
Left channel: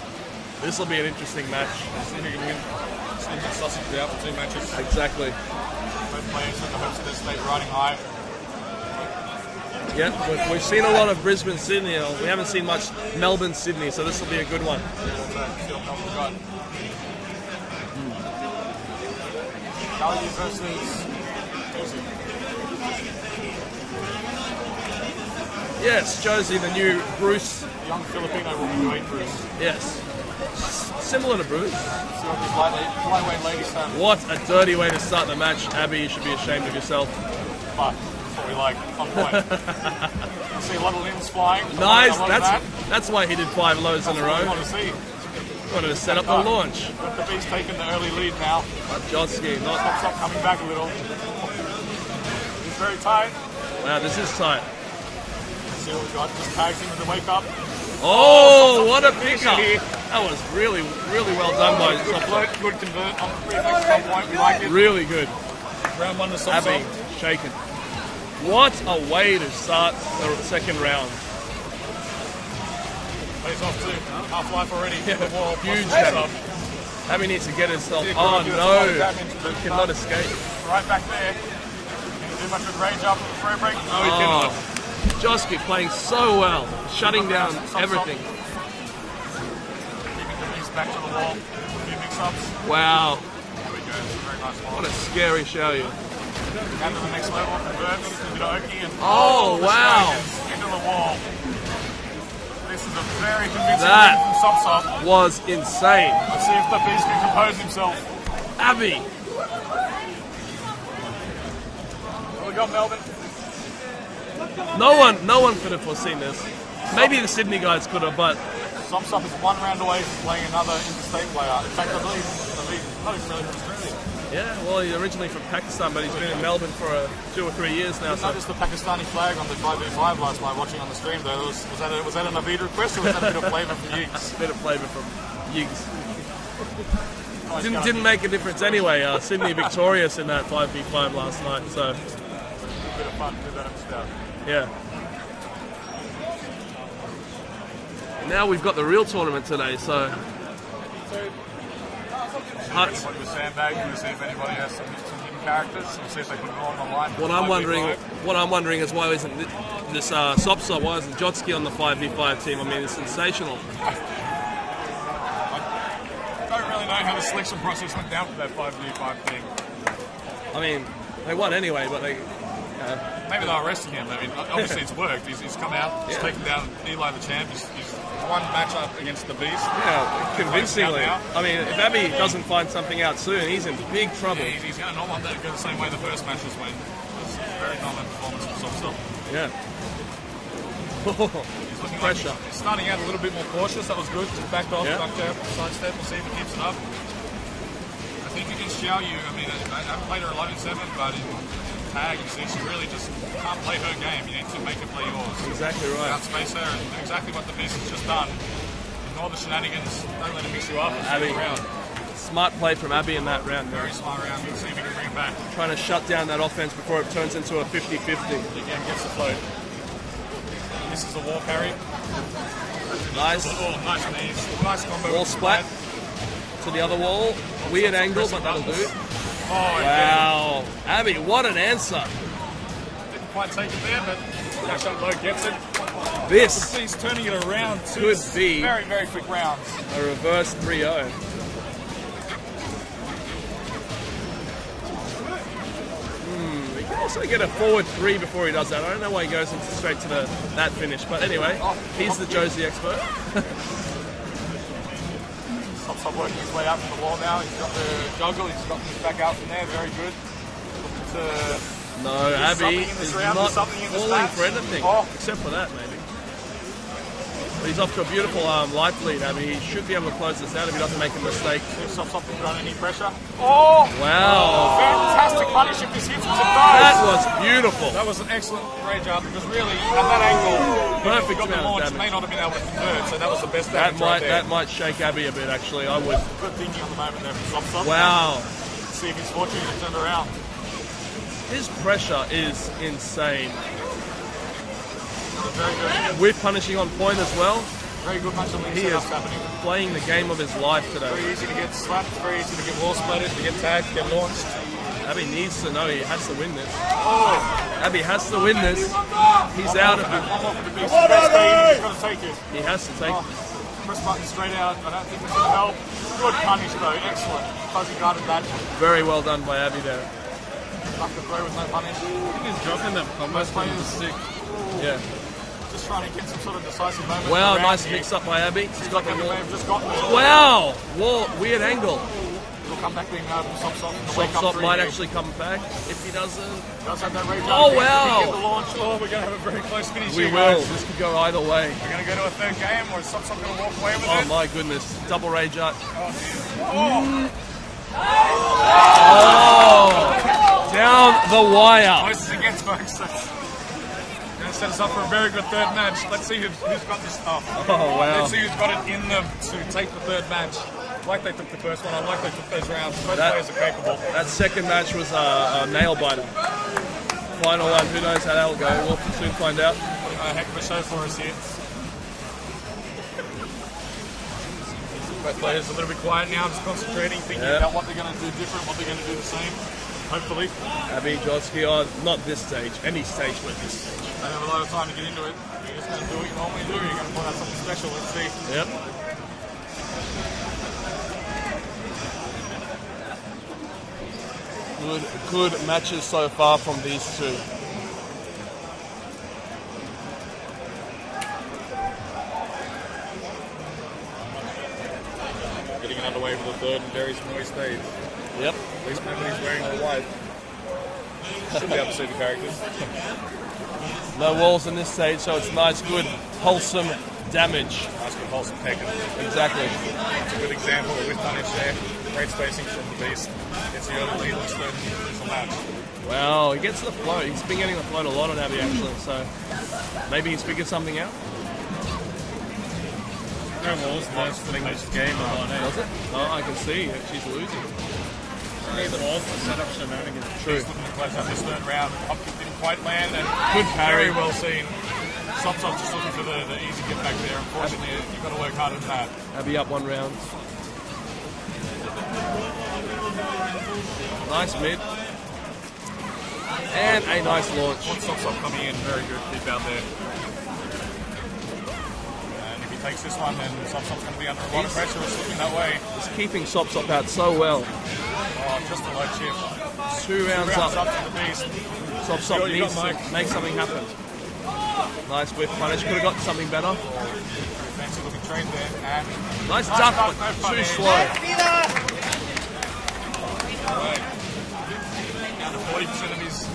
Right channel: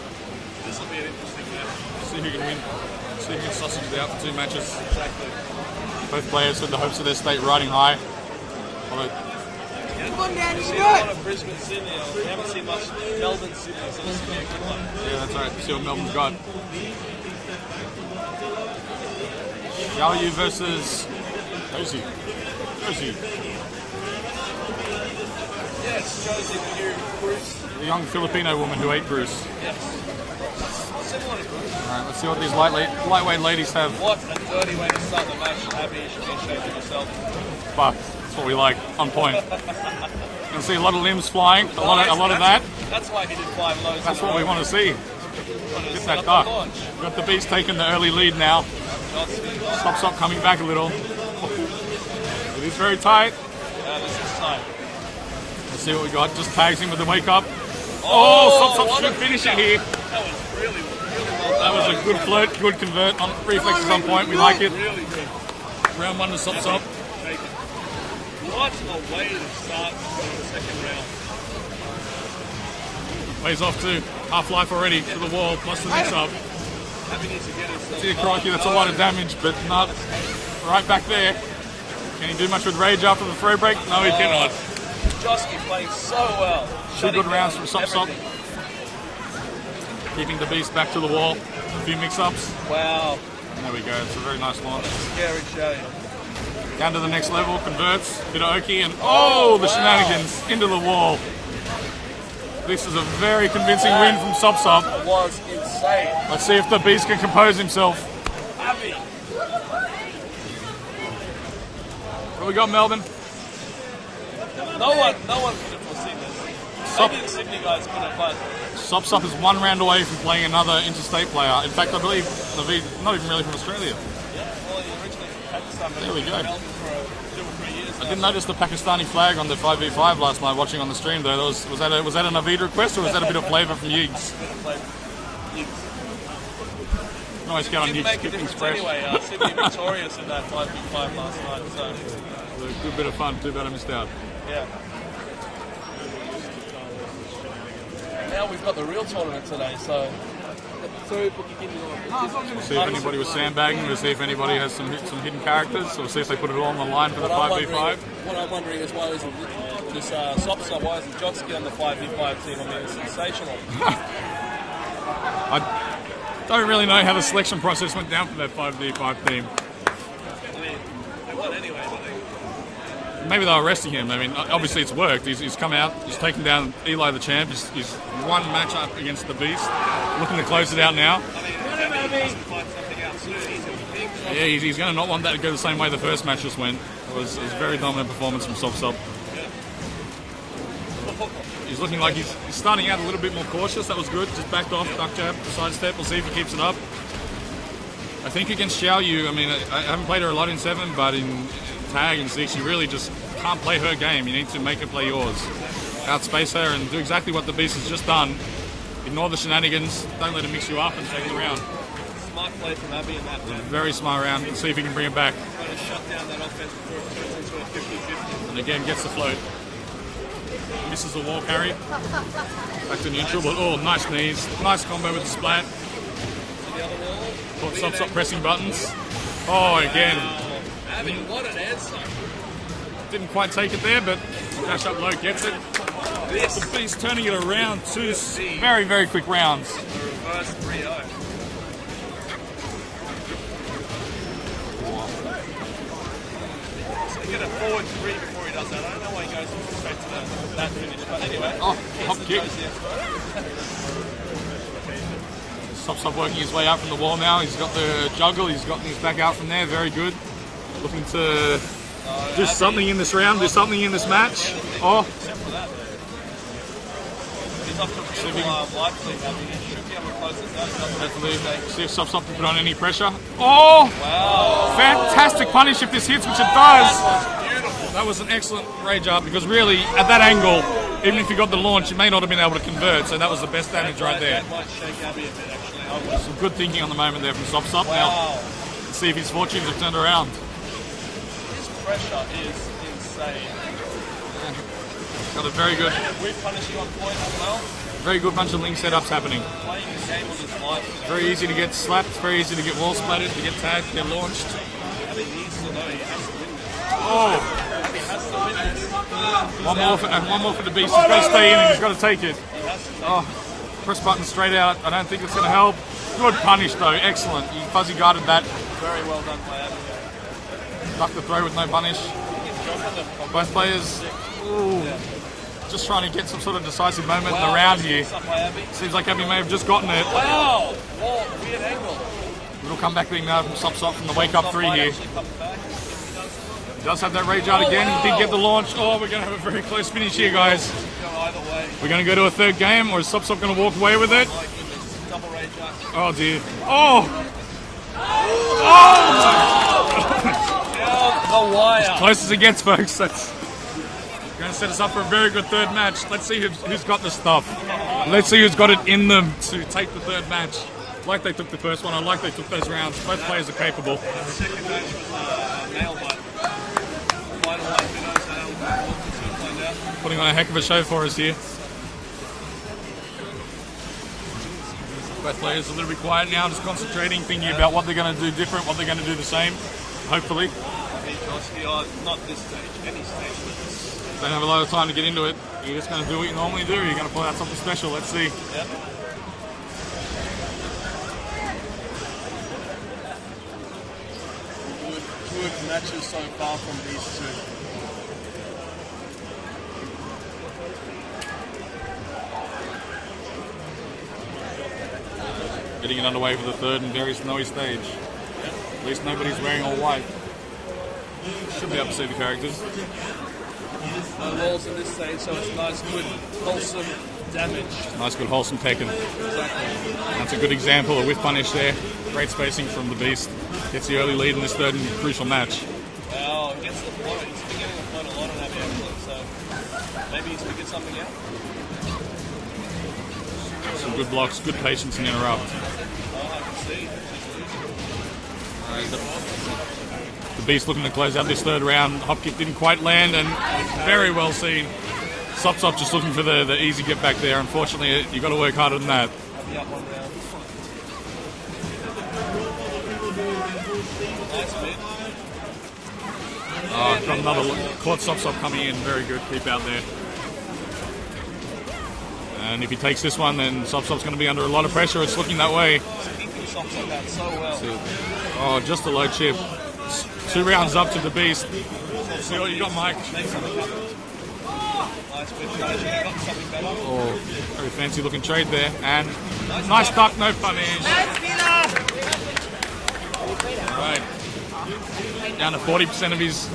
This will be an interesting match. See who can win. See who can sausages out for 2 matches. Exactly. Both players with the hopes of their state riding high. Well, Yeah, we've seen a lot of Brisbane, Sydney, and we haven't seen much Melbourne, Sydney, so this will be a good one. yeah, that's right. See what Melbourne's got. Galu versus Josie. Yes, Josie, the new Bruce. The young Filipino woman who ate Bruce. Yes. Similar to Bruce. Let's see what these lightweight ladies have. What a dirty way to start the match. Abby, you should be ashamed of yourself. But that's what we like. On point. You'll see a lot of limbs flying. A lot of that. That's why he did 5 loads That's in a what row. we want to see. Wanted to set That up the up. launch. Got the Beast taking the early lead now. Jotsky. Stop coming back a little. It is very tight. Wow, this is tight. Let's see what we got. Just tags him with the wake up. Oh, Sop what a finisher finisher. here. That was really well That done. was a good flirt, good convert on reflexes on point. We like it. Really good. Round 1 to Sop. Abby, shaken. What a way to start the second round. Plays off to Half-Life already. Hit the wall, plus the sub. Abby needs to get herself. Dear crikey, that's a lot of damage, but Cannot not escape. right back there. Can he do much with rage after the throw break? No, he cannot. Jotsky playing so well. Shutting Good down rounds from Sop. everything. Keeping the Beast back to the wall. A few mix-ups. Wow. There we go. It's a very nice one. Scary show you. Down to the next level, converts, bit of Oki, and the wow. shenanigans into the wall. This is a very convincing That- win from Sop. Was insane. Let's see if the Beast can compose himself. Abby. What we got, Melbourne? No one could have foreseen this. Maybe the Sydney guys could have, but Sop is 1 round away from playing another interstate player. In fact, I believe the Beast not even really from Australia. yeah, well, he's originally from Pakistan, but he's There we been in go. Melbourne for 2 or 3 years now. Didn't notice the Pakistani flag on the 5v5 last night watching on the stream though. Was that a Naveed request or was that a bit of flavour from Yeeks? Bit of flavour from Yigs. Always get on Didn't Yeeks make a Express. difference anyway. Sydney victorious in that 5v5 last night, so Good bit of fun. Too bad I missed out. yeah. Now we've got the real tournament today, so See if anybody was sandbagging. We'll see if anybody has some hidden characters. So we'll see if they put it all on the line for the 5v5. what I'm wondering is why isn't this Sop, why isn't Jotsky on the 5v5 team? I mean, it's sensational. I don't really know how the selection process went down for that 5v5 team. I mean, they won anyway, but they Maybe they were resting him. I mean, obviously it's worked. He's come out. He's taken down Eli the champ. He's won matchup against the Beast. Looking to close it out now. I mean, if Abby doesn't find something out soon, he's in big trouble. Yeah, he's going to not want that to go the same way the first match just went. It was a very dominant performance from Sop. Yeah. He's looking like he's starting out a little bit more cautious. That was good. Just backed off, duck jab, side step. We'll see if he keeps it up. I think against Xiao Yu, I mean, I haven't played her a lot in 7, but in tag and see she really just can't play her game. You need to make her play yours. Exactly right. Outspace her and do exactly what the Beast has just done. Ignore the shenanigans. Don't let her mix you up and take the round. Smart play from Abby in that round. Very smart round. See if he can bring it back. Trying to shut down that offense before it turns into a 50-50. And again, gets the float. Misses the wall carry. Back to neutral, but oh, nice knees. Nice combo with the splat. To the other wall. Weird Stop angle. pressing buttons. Oh, again. Wow. Abby, what an answer. Didn't quite take it there, but dash up low gets it. This The Beast turning it around. Two could be very, very quick rounds. a reverse 3-0. He can also get a forward 3 before he does that. I don't know why he goes straight to that finish, but anyway, he's hop the kick. Josie expert. Stop working his way out from the wall now. He's got the juggle. He's got this back out from there. Very good. Looking to do something in this round. Do something in this match. Oh, Except for that, man. He's off to a beautiful life lead. I mean, he should be able to close this out if he doesn't make a mistake. see if Stop can put on any pressure. Oh, Wow. fantastic punish if this hits, which it That does. was beautiful. That was an excellent rage up because really, at that angle, even if he got the launch, it may not have been able to convert. So that was the best damage right there. That might shake Abby a bit, actually. I was. Good thinking on the moment there from Stop. Wow. Let's see if his fortunes have turned around. His pressure is insane. Got a very good, With punishing on point as well. very good bunch of link setups happening. Playing the game of his life today. Very easy to get slapped, very easy to get wall splattered, to get tagged, to get launched. Abby needs to know he has to win this. Oh, Abby has to win this. He's one out. more for the Beast. He's got to stay in and he's got to take it. He has to take Oh, press button straight out. I don't think it's going to help. Good punish though, excellent. He fuzzy guarded that. it. Very well done by Abby there. Stuck the throw with no punish. Both players just trying to get some sort of decisive moment in the round nice here. mix up by Abby. Seems like Abby may have just gotten it. Wow. Whoa, weird angle. It'll come back being from Stop from the wake up Stop 3 might here. actually come back if he doesn't. Does have that rage out Oh, again. wow. Didn't get the launch. Oh, we're going to have a very close finish here, guys. This could go either way. We're going to go to a third game, or is Stop going to walk away with Oh it? my goodness. Double rage out. Oh, dear. Oh! Down the wire. Close as it gets, folks. That's going to set us up for a very good third match. Let's see who's got the stuff. wow. Let's see who's got it in them to take the third match. Like they took the first one, I like they took those rounds. Both players are capable. That second match was a nail biter. Final one, who knows how that'll go. We'll have to soon find out. Putting on a heck of a show for us here. Both players a little bit quiet now, just concentrating, thinking about what they're going to do different, what they're going to do the same, hopefully. Abby Goski, not this stage, any stage with this. Don't have a lot of time to get into it. You're just going to do what you normally do. You're going to pull out something special. Let's see. Yep. Good matches so far from these two. Getting it underway for the third and very snowy stage. Yep. At least nobody's wearing all white. Should be able to see the characters. No walls in this stage, so it's nice, good, wholesome damage. Nice, good, wholesome Tekken. Exactly. That's a good example of whiff punish there. Great spacing from the Beast. Gets the early lead in this third and crucial match. Well, he gets the flow. He's been getting the flow a lot on Abby actually, so maybe he's figured something out. Some good blocks, good patience in interrupt. Oh, I can see. She's losing. The Beast looking to close out this third round. Hop kick didn't quite land and very well seen. Stop just looking for the easy get back there. Unfortunately, you've got to work harder than that. Abby up one round. Nice bit. And a nice launch. Caught Stop coming in. Very good. Keep out there. And if he takes this one, then Stop's going to be under a lot of pressure. It's looking that way. He's keeping Sops out so well. Oh, just a low chip. Two rounds up to the Beast. See what you got, Mike. Make something happen. Nice whip punish. Could have got something better. Oh, very fancy looking trade there. And Nice nice duck. duck, no punish. Right. Down to 40% of his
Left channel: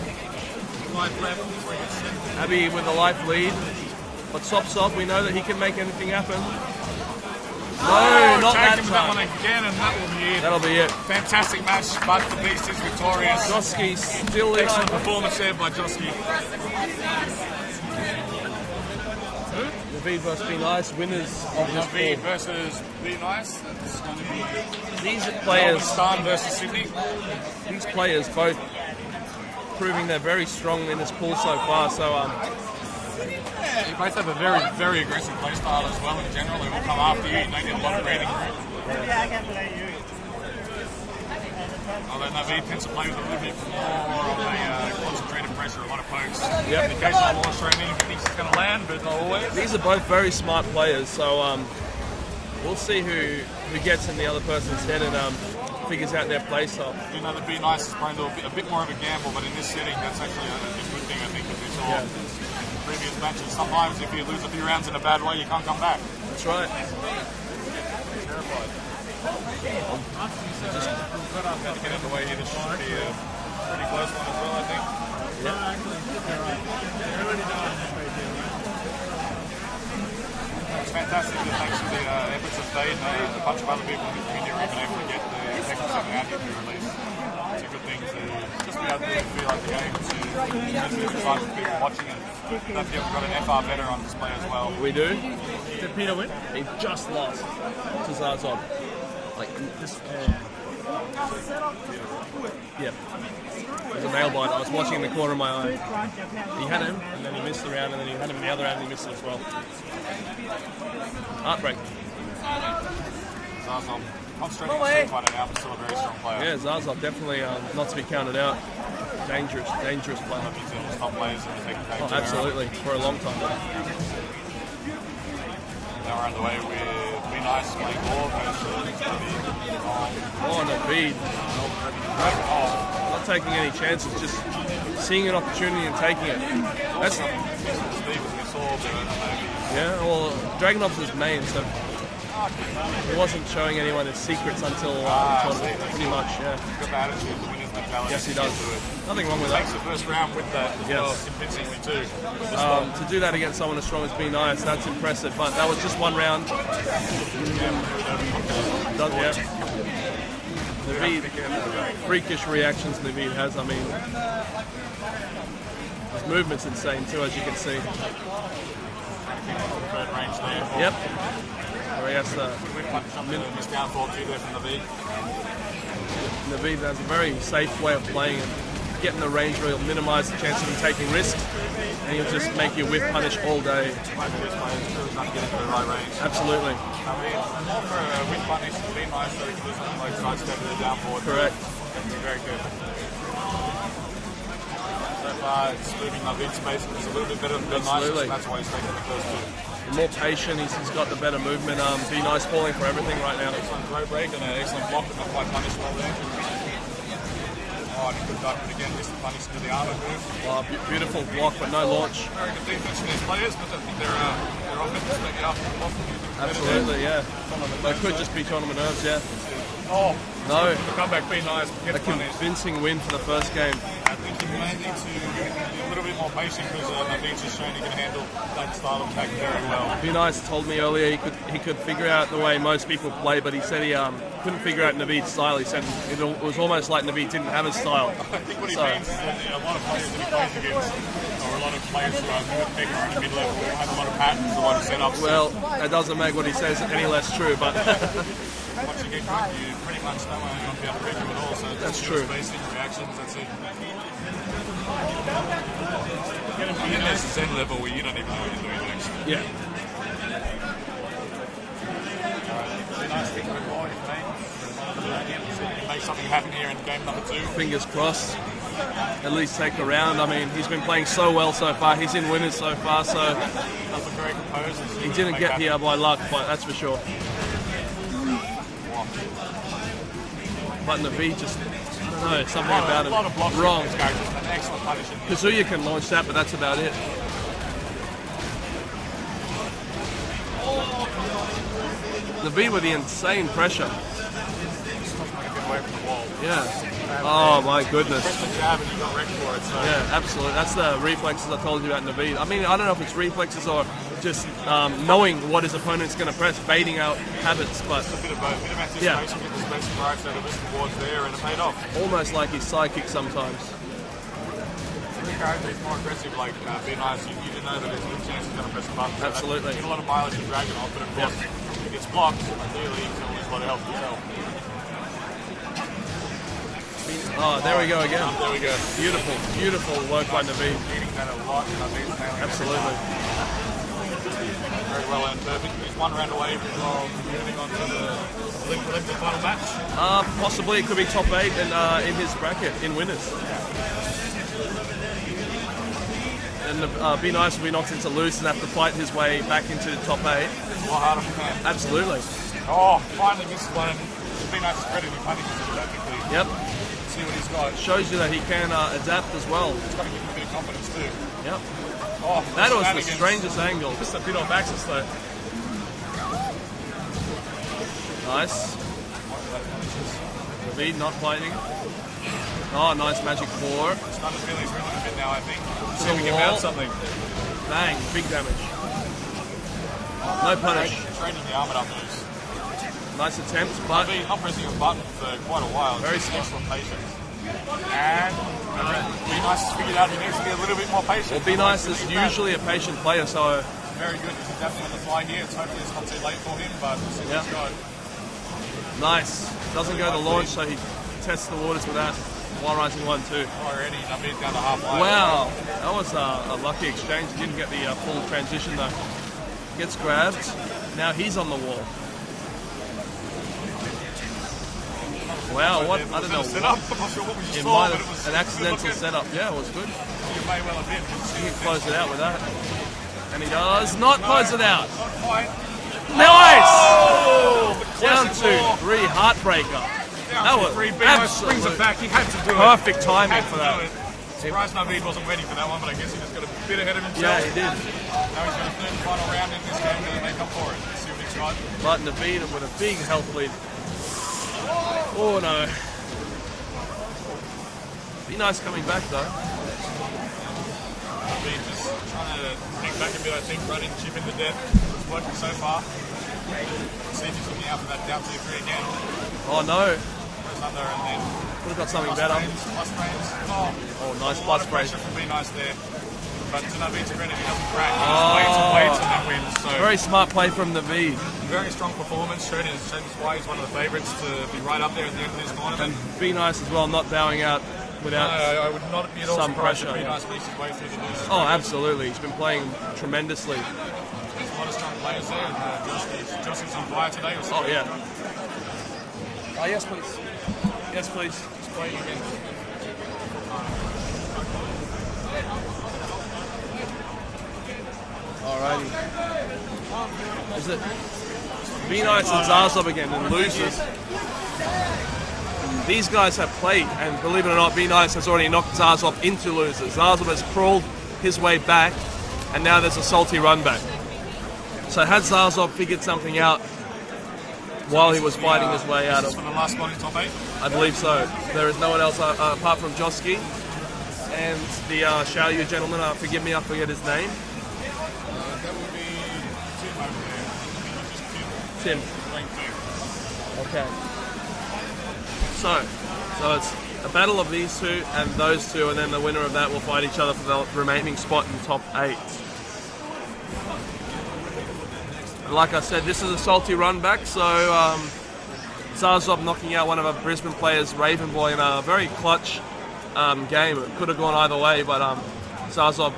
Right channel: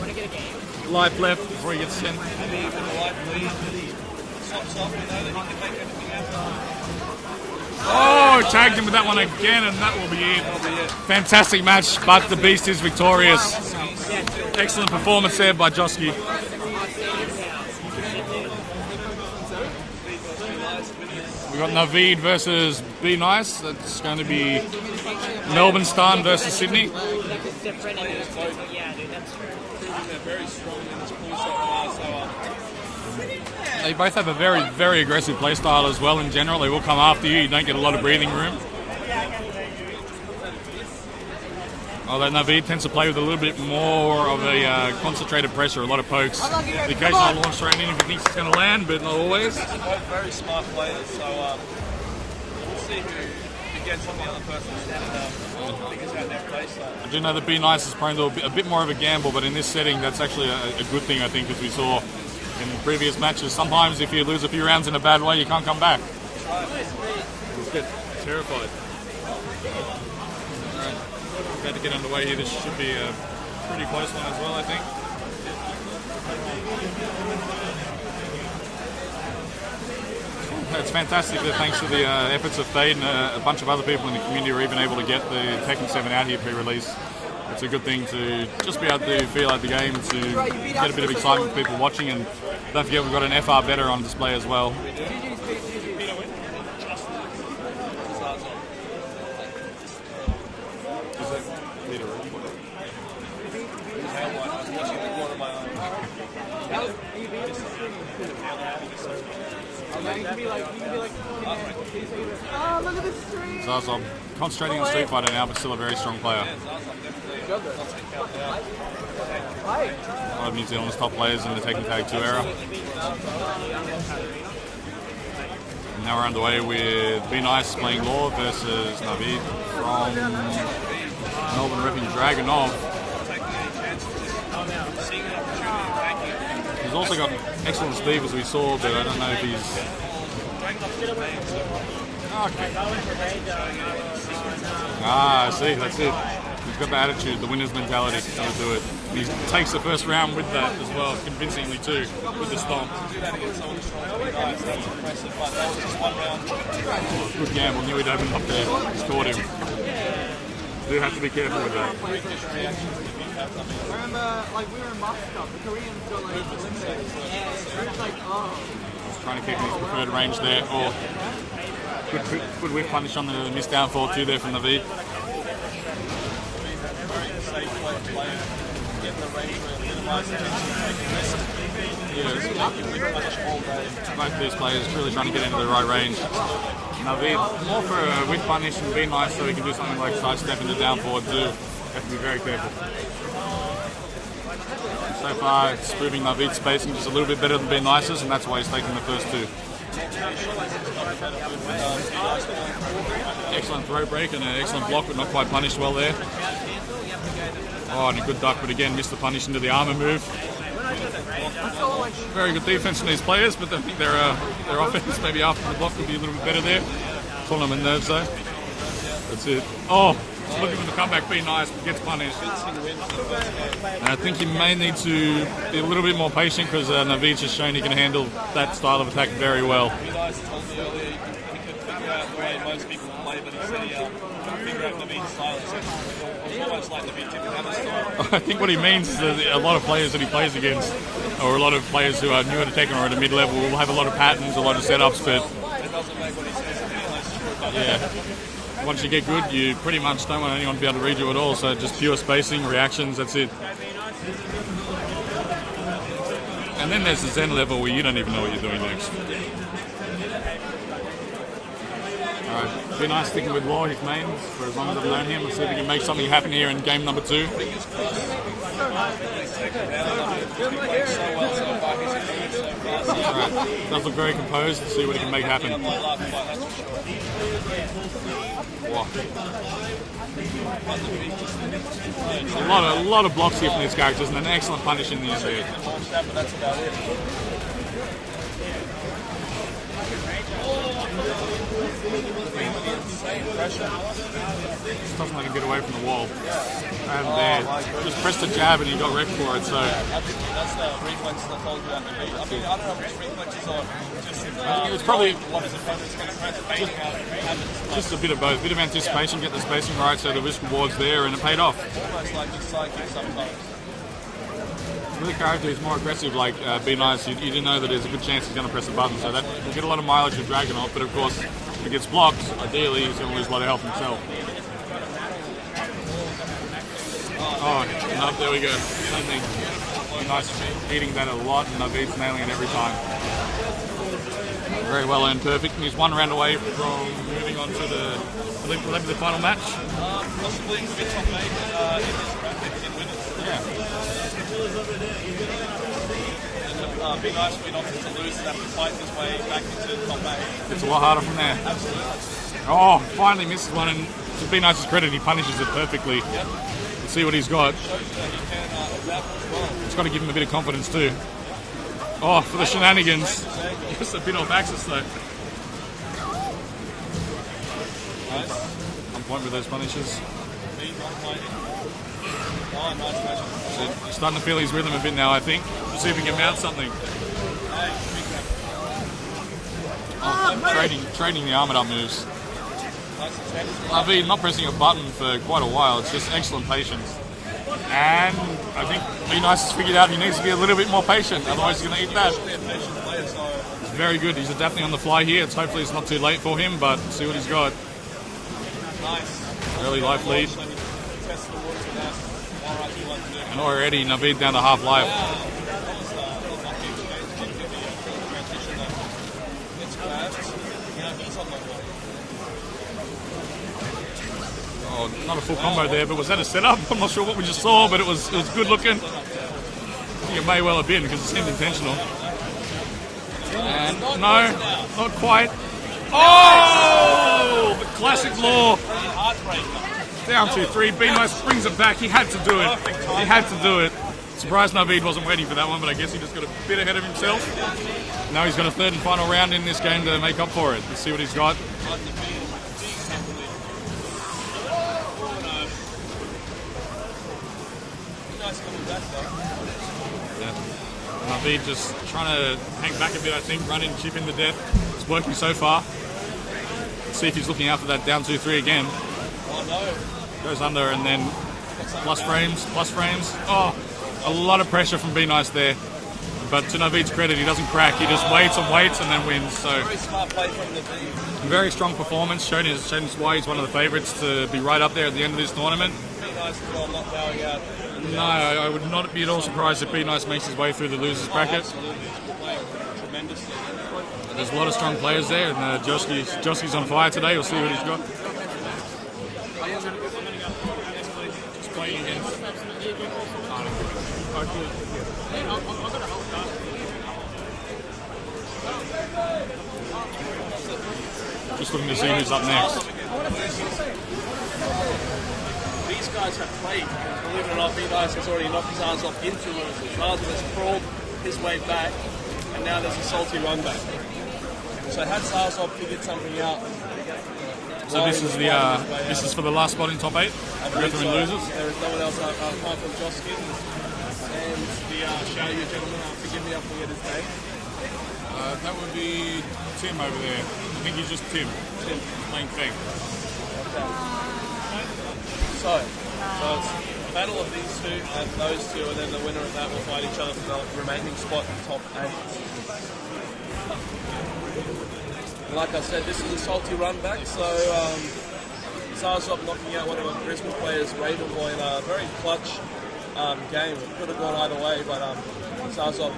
life left before he gets sent. Abby with a life lead. But Sops off, we know that he can make anything happen. Oh, tagged him with that one again, and that will be it. That'll be it. Fantastic match, but the Beast is victorious. Joski still Excellent performance there by Joski. Naveed must be nice winners. We've got Naveed versus Be Nice. That's going to be These Melbourne players, Starn versus Sydney. these players both proving they're very strong in this pool so far. So They both have a very, very aggressive play style as well in general. They will come after you. You don't get a lot of breathing room. Although Naveed tends to play with a little bit more of a concentrated pressure, a lot of pokes. The occasional launch thrown in if he thinks it's going to land, but not always. these are both very smart players. So we'll see who gets in the other person's head and figures out their play style. I do know that Be Nice is prone to a bit more of a gamble, but in this setting, that's actually a good thing, I think, as we saw in previous matches. Sometimes if you lose a few rounds in a bad way, you can't come back. That's right. Get terrified. About to get underway here. This should be a pretty close one as well, I think. It's fantastic that thanks to the efforts of Fade and a bunch of other people in the community were even able to get the Tekken 7 out here pre-release. It's a good thing to just be able to feel out the game, to get a bit of excitement for people watching, and don't forget we've got an FR better on display as well. We do. Did Peter win? He just lost. Since that was on. Yeah. It was a nail bite. I was watching in the corner of my eye. He had it, and then he missed the round, and then he hit him the other round, and he missed it as well. Heartbreak. Zarzov concentrating on Street Fighter now, but still a very strong player. Yeah, Zarzov definitely not to be counted out. Dangerous A lot of New Zealand's top players in the Tekken Tag 2 era. Absolutely, for a long time. Now we're underway with Be Nice playing Law versus Naveed from Melbourne repping Dragunov. Not taking any chances, just seeing an opportunity and taking it. He's also got excellent speed as we saw, but I don't know if he's... Yeah, well, Dragunov's his main, so he wasn't showing anyone his secrets until... I see, that's it. He's got the attitude, the winner's mentality to do it. He takes the first round with that as well, convincingly too, with the stop. To do that against someone as strong as Be Nice, that's impressive, but that was just one round. Good gamble, knew he'd open up there, scored him. You have to be careful with that. Freakish reactions Naveed has, I mean, movement's insane too, as you can see. Trying to keep his preferred range there. Oh, Yep. good whiff punish on the missed downfall too there from Naveed. Naveed has a very safe way of playing. Get in the range where it'll minimise the chance of you taking risks. And you just make your whiff punish all day. Both of these players really trying to get into the right range. Absolutely. Naveed more for a whiff punish and Be Nice so he can do something like sidestep into down forward too. Have to be very careful. So far it's proving Naveed's spacing is a little bit better than Be Nice's, and that's why he's taking the first two. More patient, he's got the better movement. Be Nice falling for everything right now. Excellent throw break and an excellent block, but not quite punished well there. Oh, and a good duck, but again missed the punish into the armor move. Beautiful block, but no launch. Very good defense from these players, but I think their offense maybe after the block will be a little bit better there. Yeah. Tournament knows so. Just be tournament nerves, yeah. That's it. Oh, looking for the comeback, Be Nice, gets punished. Convincing win for the first game. And I think he may need to be a little bit more patient because Naveed's just shown he can handle that style of attack very well. Be Nice told me earlier he could figure out the way most people play, but he said he couldn't figure out Naveed's style. He said it was almost like Naveed didn't have a style. I think what he means is that a lot of players that he plays against, or a lot of players who are newer to Tekken or at a mid-level, will have a lot of patterns, a lot of setups. Well, that doesn't make what he says any less true, but once you get good, you pretty much don't want anyone to be able to read you at all. So just pure spacing, reactions, that's it. And then there's the Zen level where you don't even know what you're doing next. yeah. Alright, Be Nice sticking with Law, his main, for as long as I've known him. Let's see if we can make something happen here in game number 2. Fingers crossed. At least take the round. I mean, he's been playing so well so far. He's in winners so far, so Does look very composed and see what he can didn't make get happen. here by luck, but that's for sure. Wow. But Naveed just It's a lot of blocks with these characters and an excellent punish in the Kazuya can launch that, but that's about it. Naveed with the insane pressure. Just doesn't let him get away from the wall. Yeah. Oh my goodness. Just pressed the jab and he got wrecked for it. So yeah, absolutely. That's the reflexes I told you about Naveed. I mean, I don't know if it's reflexes or just knowing what his opponent's going to press, baiting out habits. But just a bit of both, a bit of anticipation, get the spacing right, so the risk reward's there, and it paid off. Almost like he's psychic sometimes. For the character who's more aggressive, like Be Nice, you didn't know that there's a good chance he's going to press a button, so that you get a lot of mileage with Dragon off, but of course, if he gets blocked, ideally he's going to lose a lot of health himself. Oh, there we go again. There we go. Beautiful work by Naveed. Eating that a lot, and Naveed's nailing it every time. Very well and perfect. He's one round away from moving on to will that be the final match? Possibly it could be top 8 in his bracket in winners. Yeah. And Be Nice will be knocked into loose and have to fight his way back into top 8. It's a lot harder from there. Absolutely. Oh, finally misses one, and to Be Nice's credit, he punishes it perfectly. Yep. See what he's got. Shows you that he can adapt as well. It's got to give him a bit of confidence too. Yep. Oh, for the shenanigans. The strangest angle. Just a bit off axis though. Nice. Point with those punishes. Naveed not fighting. Oh, nice magic 4. Starting to feel his rhythm a bit now, I think. Let's see if we can mount something. Bang, big damage. Trading the armored up moves. Nice attempt. Naveed not pressing a button for quite a while. It's just excellent patience. And I think Be Nice has figured out he needs to be a little bit more patient. Be Nice he's is eat that. usually a patient player, so It's very good. He's adapting on the fly here. Hopefully it's not too late for him, but see what he's got. nice. Doesn't Really go light to launch, lead. so he tests the waters with that. One right to 1-2. And already Naveed down to half life. Wow, that was a lucky exchange. Didn't get the full transition though. Gets grabbed. Now he's on the wall. Oh, not a full Wow, combo there, but was that a setup? I'm not sure what we just saw, but it was good looking. Setup. Yeah, it was good. I think it may well have been because it seemed Close it intentional. out with that. And he does not No, close it out. not quite. Nice! Oh, but classic Down law. 2-3, heartbreaker. Down That 2-3. was Be Nice brings it back. He had to do it. Perfect timing He had for to do it. Surprised Naveed wasn't waiting for that one, but I guess he just got a bit ahead of himself. Yeah, he did. Now he's got a third and final round in this game to make up for it. Let's see what he's got. But Naveed with a big health lead. Oh no. Be Nice coming back though. Naveed just trying to hang back a bit, I think, running, chip in the death. It's working so far. Let's see if he's looking out for that down 2-3 again. Oh no. Goes under and then We've got something plus about him. frames. Oh, a lot of pressure from Be Nice there. But to Naveed's credit, he doesn't crack. He just waits and then wins. So Very smart play from Naveed. very strong performance. Shown why he's one of the favourites to be right up there at the end of this tournament. Be Nice as well, not bowing out. No, I would not be at all surprised if Be Nice makes his way through the losers Oh, bracket. absolutely. He's been playing tremendously. There's a lot of strong players there, and Joski's on fire today. We'll see what he's got. Oh, yes, please. Yes, please. Just playing against. Alrighty. Just looking to Be see Nice who's on up next. Zarzov again, the losers. These guys have played, and believe it or not, Be Nice has already knocked Zarzov into losers. Zarzov has crawled his way back, and now there's a salty run back. So had Zarzov figured something out So while this he was is fighting his way this out is of for the last spot in top 8. I believe so. Losers. There is no one else apart from Joski and the shout you gentleman. Forgive me, I forget his name. That would be Tim over there. I think he's just Tim. Tim. Playing fake. So it's a battle of these two and those two, and then the winner of that will fight each other for the remaining spot in top 8. Like I said, this is a salty run back, so Zarzov knocking out one of our Brisbane players, Ravenboy, in a very clutch game. It could have gone either way, but Zarzov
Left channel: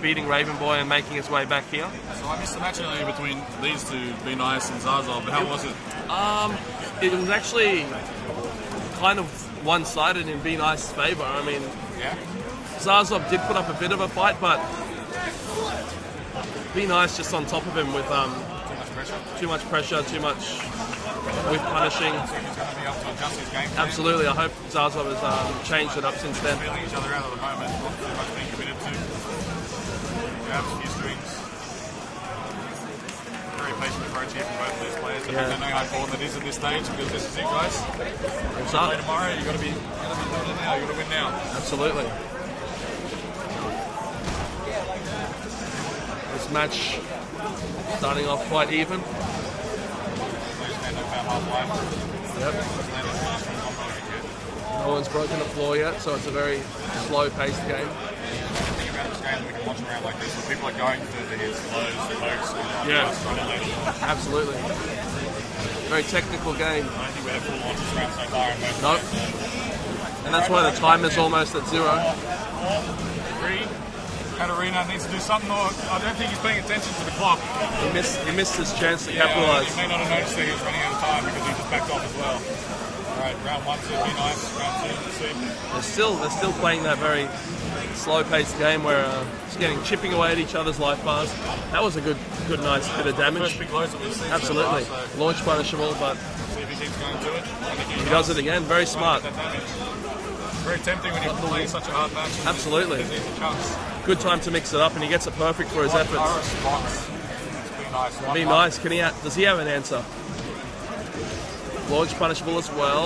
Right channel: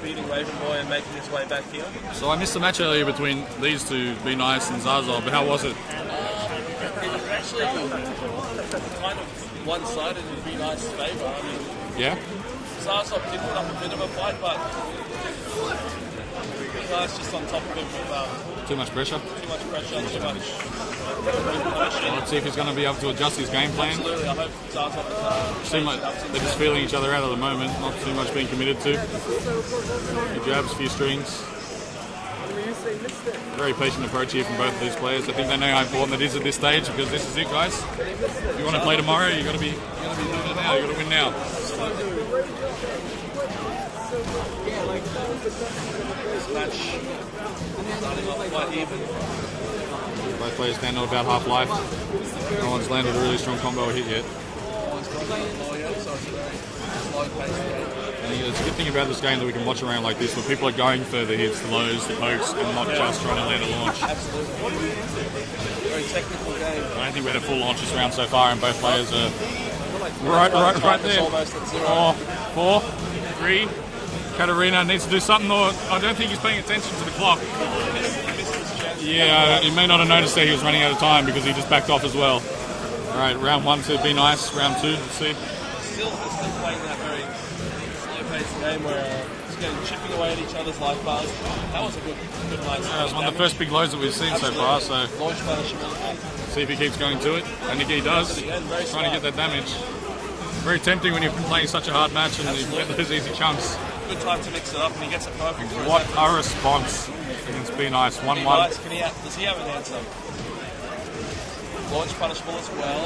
beating Ravenboy and making his way back here. So I missed the match earlier between these two, Be Nice and Zarzov, but how was it? It was actually kind of one-sided in Be Nice's favour. I mean, Yeah? Zarzov did put up a bit of a fight, but Be Nice just on top of him with Too much pressure. too much pressure, too much punishing. Let's see if he's going to be able to adjust his game plan. Absolutely, I hope Zarzov Seem changed like it up to they're just feeling each other out at the moment, not too much being committed to. Few jabs, few strings. Very patient approach here from both of these players. I think they know how important it is at this stage because this is it, guys. If you want to play tomorrow, you got to be doing it now. You got to win now. Absolutely. This match starting off quite even. Both players stand on about half life. No one's landed a really strong combo hit yet. No one's put it on the floor yet, so it's a very slow-paced game. Yeah, it's a good thing about this game that we can watch around like this, where people are going for the hits, the lows, the pokes, and not just trying to land a launch. Absolutely. Very technical game. I don't think we had a full launches round so far, and both players are That's why the time is almost at 0. 4, 3. Katarina needs to do something, or I don't think he's paying attention to the clock. He missed his chance to Yeah, capitalize. he may not have noticed that he was running out of time because he just backed off as well. Alright, round 1 to be nice, round 2, let's see. They're still playing that very slow-paced game where it's getting chipping away at each other's life bars. That was a good night's One of of the damage. first big lows that we've seen Absolutely. so far, so Launch punishable, but see if he keeps going to it. I think he does does. it again. Very Trying smart. to get that damage. Very tempting when you're playing such a hard match and Absolutely. there's easy chunks. Good time to mix it up, and he gets it perfect for his What efforts. a response. It's been nice. 1-1. Be nice. Does he have an answer? Launch punishable as well.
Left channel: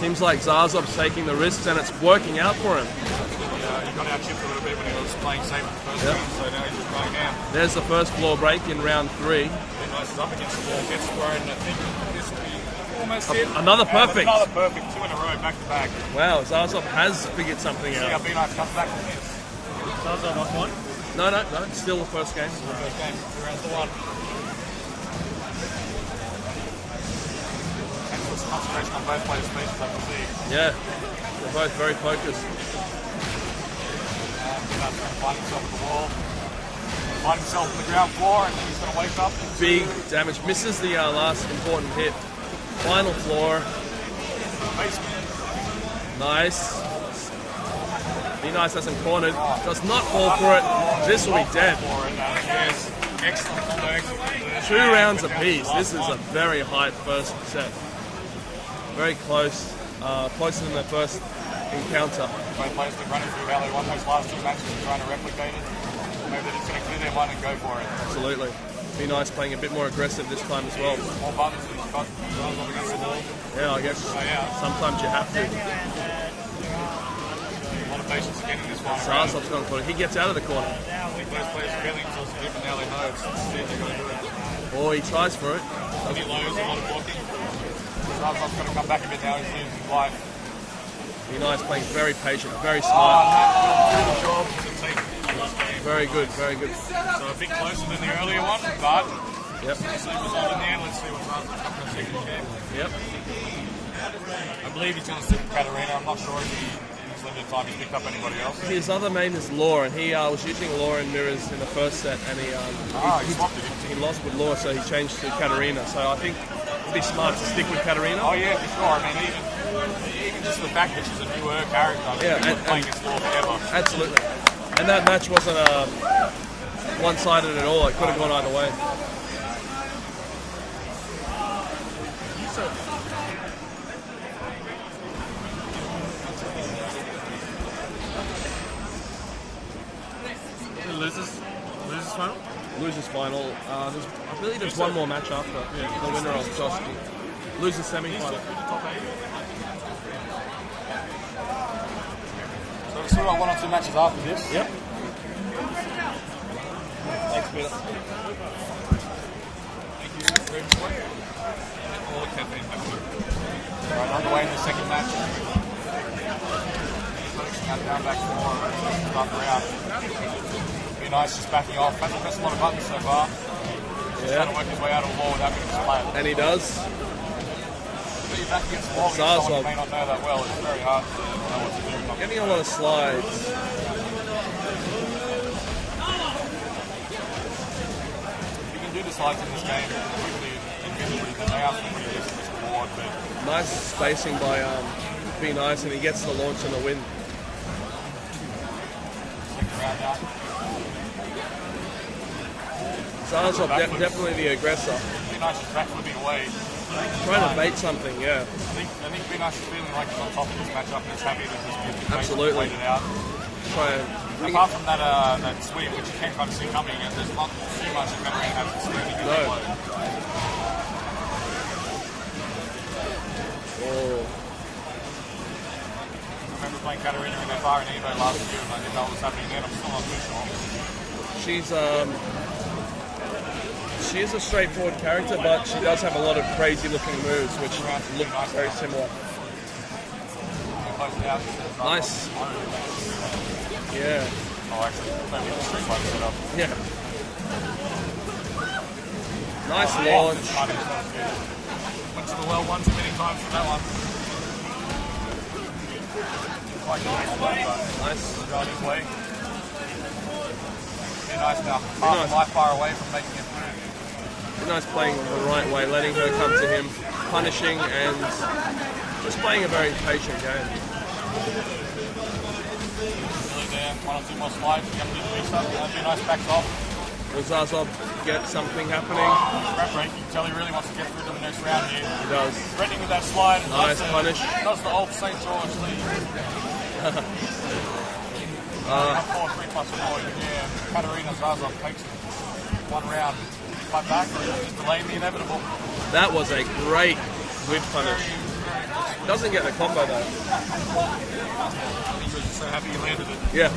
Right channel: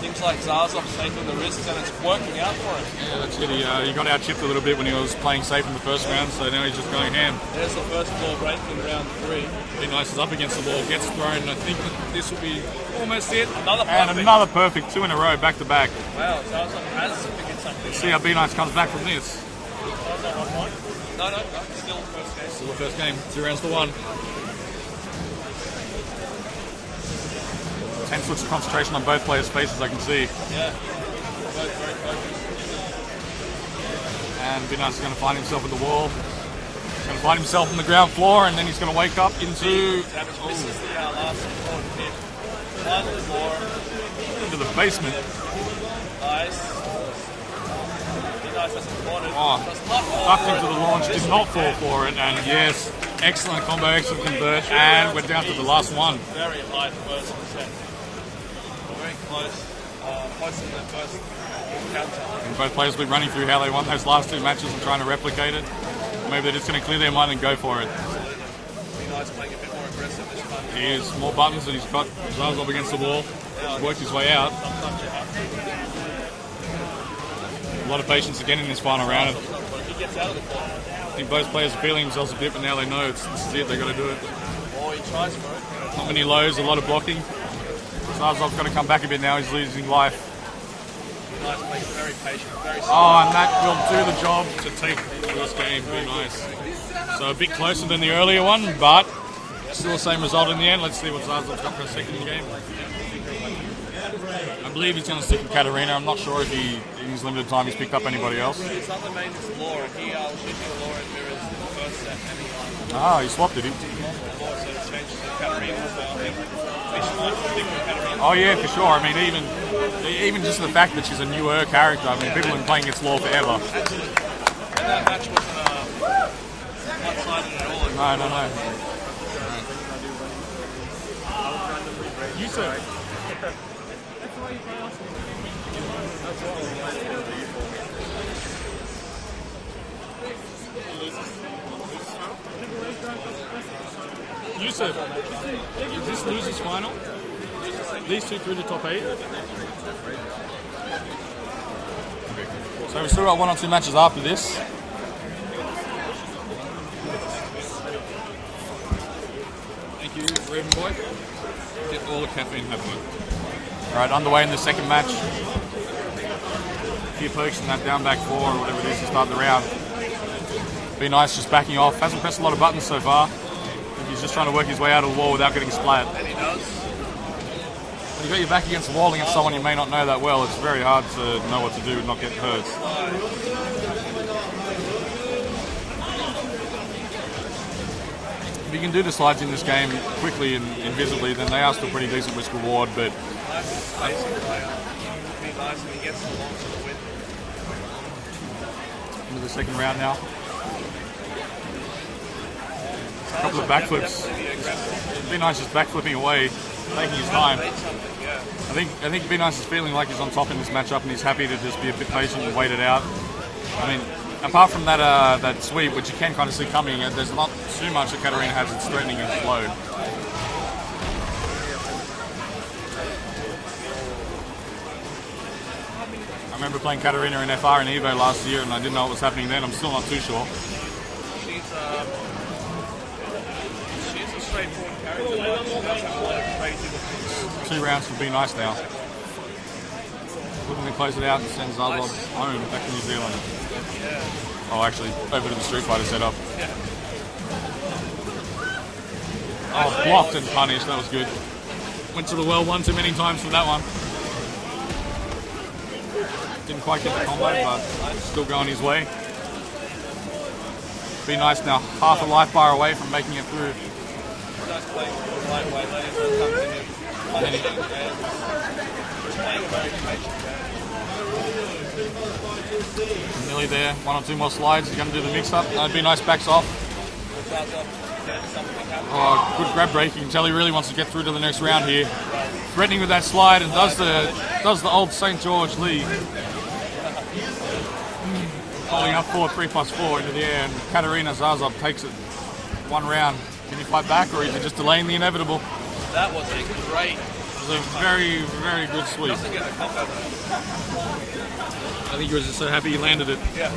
Seems like Zazov's taking the risks, and it's working out for him. Yeah, that's good. He got out chipped a little bit when he was playing safe in the first round, so now he's just going ham. There's the first floor break in round 3. Be nice is up against the wall, gets thrown. I think this will be almost it. Another And perfect. another perfect, 2 in a row, back to back. Wow, Zazov has figured something See out. how Be Nice comes back from this. No, still the first game. So the first game, 2 rounds to 1. Excellent concentration on both players' faces, I can see. Yeah, both very focused. And Be Nice is going to find himself at the wall. He's going to find himself on the ground floor, and then he's going to wake up into Big damage. Misses the last important hit. Final floor. into the basement. Nice. Be Nice hasn't cornered. Oh. Does not fall Up for into the launch, it. This did will not be fall dead. for it, and yes, excellent combo, excellent convert, 2 and rounds we're down to apiece. the last This one. is a very high first set. Very close. Closer than the first encounter. Both players will be running through how they want those last 2 matches and trying to replicate it. Maybe they're just going to clear their mind and go for it. Absolutely. Be Nice playing a bit more aggressive this time as well. Here's more buttons, and he's got Zazov against the wall. Yeah, I Works guess his way out. sometimes you have to. A lot of patience again in this final round. Zazov's gone for it. He gets out of the corner. I think both players are feeling themselves a bit, but now they know it's it, they got to do it. Or he tries for it. Not many lows, a lot of blocking. Zazov's got to come back a bit now, he's losing life. Be Nice playing very patient, very Oh, slow. and that will do the job to take this game. Very good, nice. very good. So a bit closer than the earlier one, but still the same result in the end. Let's see what Zazov's got for a second game. I believe he's going to stick with Katarina. I'm not sure if in his limited time he's picked up anybody else. His other main is Law, and he was using Law in mirrors in the first set, and he He swapped it. lost with Law, so he changed to Katarina. So I think it'd be smart to stick with Katarina. Oh yeah, for sure. I mean, even just the fact that she's a newer character. I mean, Yeah, people have been playing against Law forever. Absolutely. And that match wasn't one-sided at all. It could have No, gone no. either way. You sir. Losers final. You Just said- one more match after. Is this losers final? Losers semi. These 2 through the top 8. So we've still got 1 or 2 matches after this. Yep. Thank you, Raven Boy. Get all the caffeine happening. Alright, underway in the second match. A few pokes in that down back 4 or whatever it is to start the round. Be Nice just backing off. Hasn't pressed a lot of buttons so far. He's just trying to work his way out of the wall without getting splat. And he does. When you got your back against the wall against someone you may not know that well, it's very hard to know what to do and not get Getting a lot of hurt. slides. If you can do the slides in this game quickly and invisibly, then they are still pretty decent risk reward, but Nice spacing by Be Nice, and he gets the launch and the win. into the second round now. Zazov backflips. definitely the aggressor. Be Nice just backflipping away, taking his Trying time. to bait something, yeah. I think Be Nice is feeling like he's on top in this matchup and he's happy to just be a bit patient Absolutely. and wait it out. Trying apart from that that sweep, which you can kind of see coming, there's not too much that Katarina has that's threatening his load. I remember playing Katarina in FR and Evo last year, and I didn't know what was happening then. I'm still not too sure. She's a straightforward character, but she does have a lot of crazy looking moves. Which 2 rounds would be nice now. similar. Looking to close it out since Nice. home back to New Zealand. Yeah. Oh, actually, over to the Street Fighter setup. Yeah. Nice Blocked dodge. and punished, that was good. Went to the well one too many times for that one. Didn't quite get the combo, but still going his way. Be nice now, half a life bar away from making it through. Nice playing the right way, letting her come to him, punishing, and just playing a very patient game. Nearly there, 1 or 2 more slides, you're going to do the mix up. That'd be nice, backs off. Will Zazov get something happening? Oh, good grab breaking. Telly really wants to get through to the next round here. He does. Threatening with that slide and Nice does the old St. George lead. Going up 4-3+4 into the air, and Katarina Zazov takes it 1 round. Can he fight back, or is he just delaying the inevitable? That was a great It's a very, very good sweep. Doesn't get the combo though. I think he was just so happy he landed it. Yeah.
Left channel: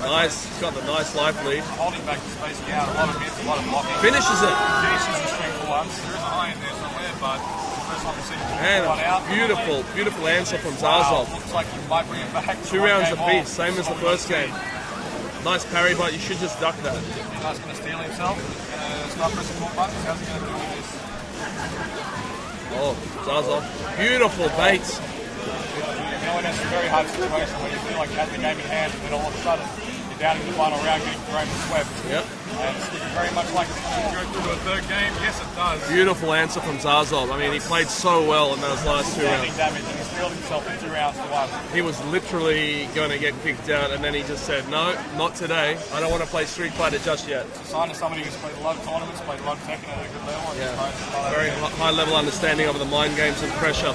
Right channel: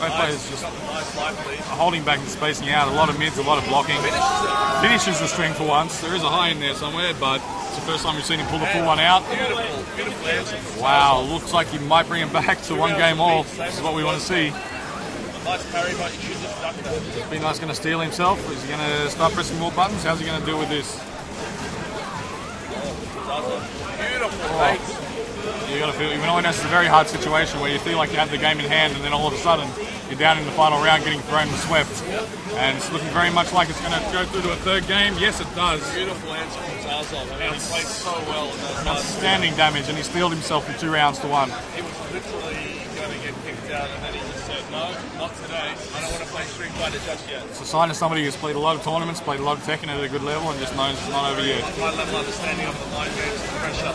Both Nice. players He's got the nice life lead. holding back and spacing out, a lot of mids, a lot of blocking. Finishes it. Finishes the string for once. There is a high in there somewhere, but it's the first time we've seen him pull the And full one out. beautiful, beautiful answer from Wow, Zazov. looks like he might bring him back to 2 one rounds game of beat, off. same This is as what the we want to first see. game. Nice parry, but you should just duck that. Bino's going to steal himself. Is he going to start pressing more buttons? How's he going to deal with this? Oh, Zazov. Beautiful baits. You got to feel, you know, that's a very hard situation where you feel like you have the game in hand, and then all of a sudden you're down in the final round, getting thrown and swept. Yep. And it's looking very much like it's going to go through to a third game. Yes, it does. Beautiful answer from Zazov. I mean, he played so well in those last 2 Standing rounds. damage, and he steeled himself in 2 rounds to 1. He was literally going to get kicked out, and then he just said, no, not today. I don't want to play Street Fighter just yet. It's a sign of somebody who's played a lot of tournaments, played a lot of Tekken at a good level, and just knows it's not over Very here. high level understanding of the mind games and pressure.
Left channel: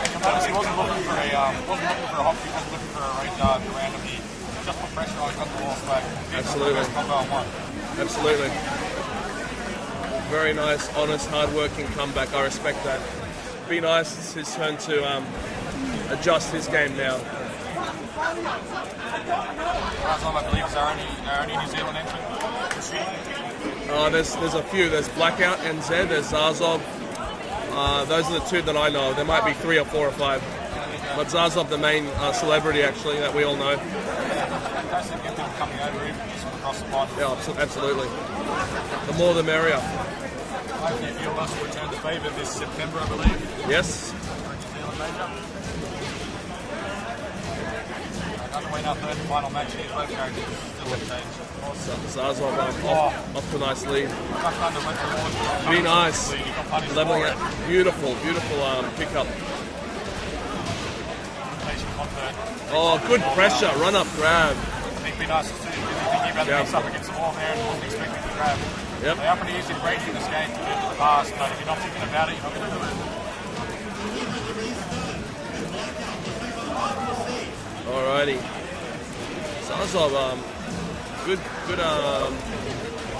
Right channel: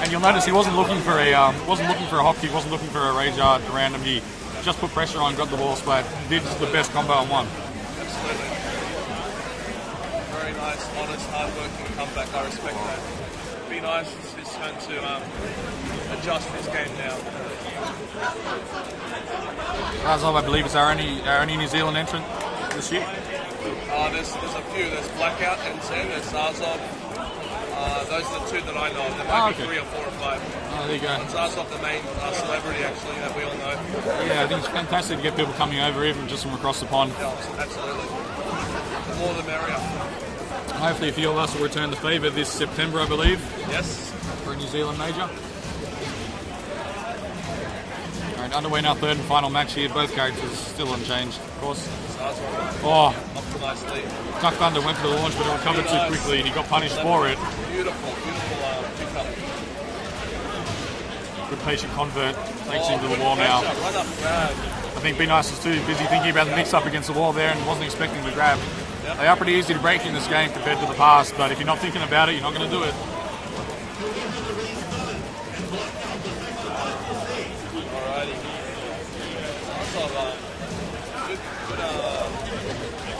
And you'll notice he wasn't looking for a hop kick, wasn't looking for a rage art, a random. He just put pressure on, got the wall splat, did the best combo on 1. Absolutely. Very nice, honest, hard-working comeback. I respect that. Be nice. It's his turn to adjust his game now. Zazov, I believe, is our only New Zealand entrant this year. There's a few. There's Blackout and Zed. There's Zazov. Those are the 2 that I know. There might be 3 or 4 or 5. There you go. But Zazov, the main celebrity, actually, that we all know. Yeah, I think it's fantastic to get people coming over, even just from across the pond. Yeah, absolutely. The more the merrier. Hopefully, a few of us will return the favour this September, I believe, Yes. for a New Zealand major. Right, underway in our 3rd and final match here. Both characters still unchanged, of course. Zazov Oh, off to a nice lead. Duck Thunder went for the launch, but it recovered too nice. quickly, and he got punished Level for it. Beautiful, beautiful pickup. Good patient convert. Takes Oh, into the good wall pressure. now. Run up grab. I think Be Nice was too busy thinking about the Yeah. mix up against the wall there and wasn't expecting to grab. Yep. They are pretty easy to break in this game compared to the past, but if you're not thinking about it, you're not going to do it. Alrighty. Zazov, good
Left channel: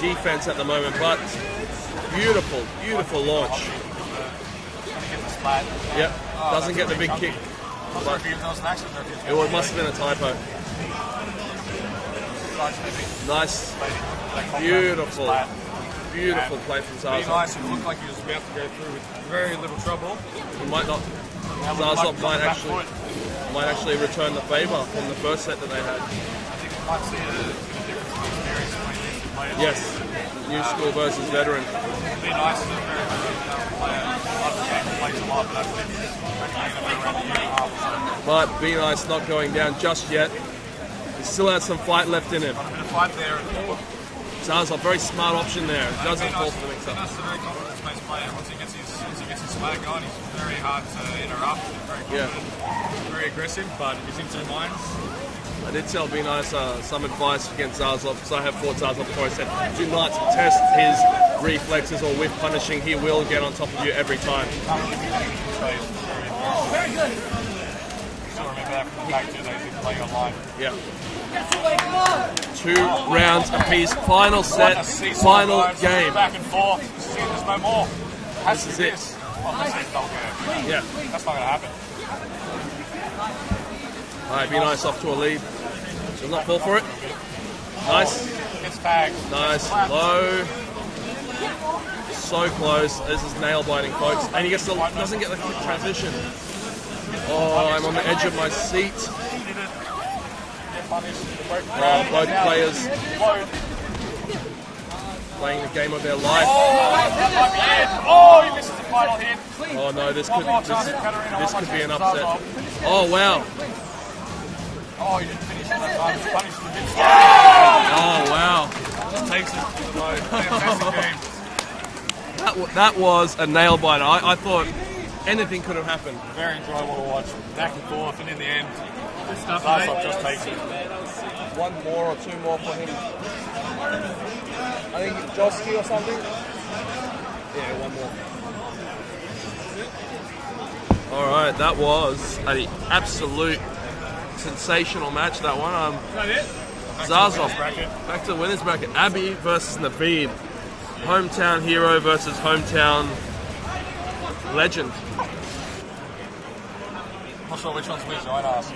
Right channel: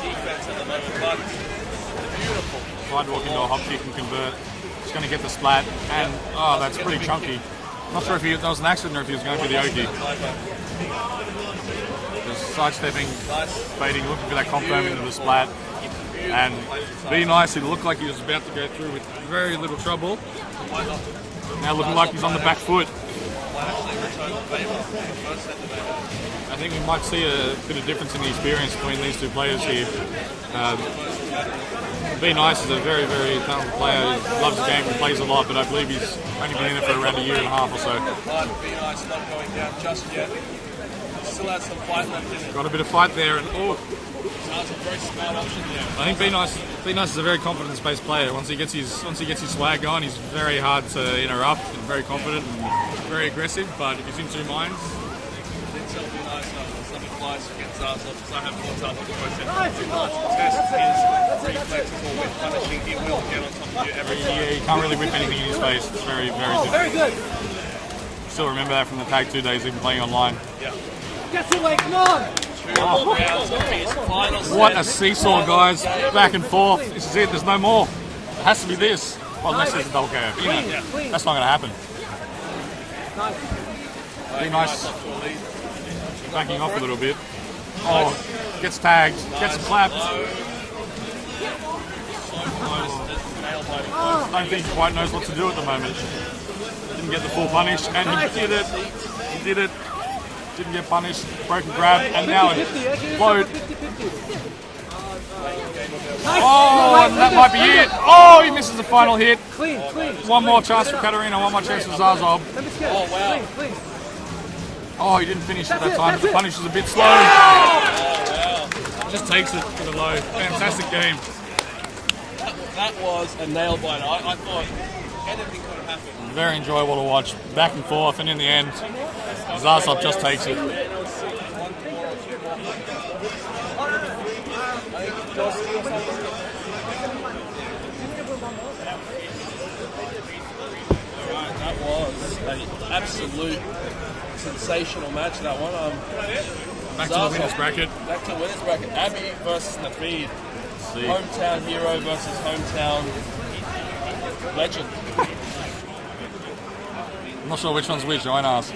defense at the moment, but beautiful, beautiful Hop launch. kick and convert. He's going to get the splat. And, Yep. oh, Doesn't that's get the pretty big chunky. kick. Not sure if that was an accident or if he was going Or to it be must the have been a typo. Just sidestepping, Nice, fading, looking for that combo with the Beautiful. splat. beautiful And play from Be Zazov. Nice, it looked like he was about to go through with very little trouble. He might not. Now looking Zazov like he's on the might back foot. Might actually return the favour from the first set that they had. I think we might see a bit of difference in the experience between these 2 players Yes. here. Youth school versus veteran. Be Nice is a very, very talented player. He loves the game, plays a lot, but I believe he's only been in it for around a year and a half or so. But Be Nice not going down just yet. Still has some fight left in it. Got a bit of fight there, and Zazov, very smart option there. I think Be Zazov- Nice is a very confident space player. Once he gets his swag on, he's very hard to interrupt. He's very confident, very aggressive. But if he's in 2 minds, I did tell Be Nice some advice against Zazov, because I have fought Zazov before. I said, do not test his reflexes or whip punishing. He will get on top of you every time. you can't really whip anything in his face. It's very, very difficult. still remember that from the Tag 2 days, even playing online. Yeah. 2 rounds apiece. Final set. What a seesaw, final guys. game. Back and forth. This is it. There's no more. It has to be this. Well, unless there's a double KO. Yeah. That's not going to happen. Alright, nice off to a lead. Does not fall Backing off for a it. little bit. Nice. Oh, gets tagged. Nice. Gets clapped. Low. So close. This is nail biting close. I think he quite knows what to do at the moment. Didn't get the full punish. I'm on the edge of my He did it. seat. He did it. Didn't get punished. Broken grab. Load Now players. load. Playing the game of their life. Oh, that might be it. Oh, he misses the final hit. Oh no, this One could- more chance for Katarina. One more chance for Zazov. Oh wow. Oh, he didn't finish at that time. The punish was a bit slow. Oh wow. Just takes it to the low. Fantastic game. That was a nail biter. I thought anything could have happened. Very enjoyable to watch. Back and forth, and in the end, Zasov just takes it. One more or 2 more for him. I think Josky or something. Yeah, one more. All right, that was an absolute sensational match. That one. Back to the winners bracket. Back to the winners bracket. Abby versus Naveed. Hometown hero versus hometown legend. I'm not sure which one's which. I won't ask.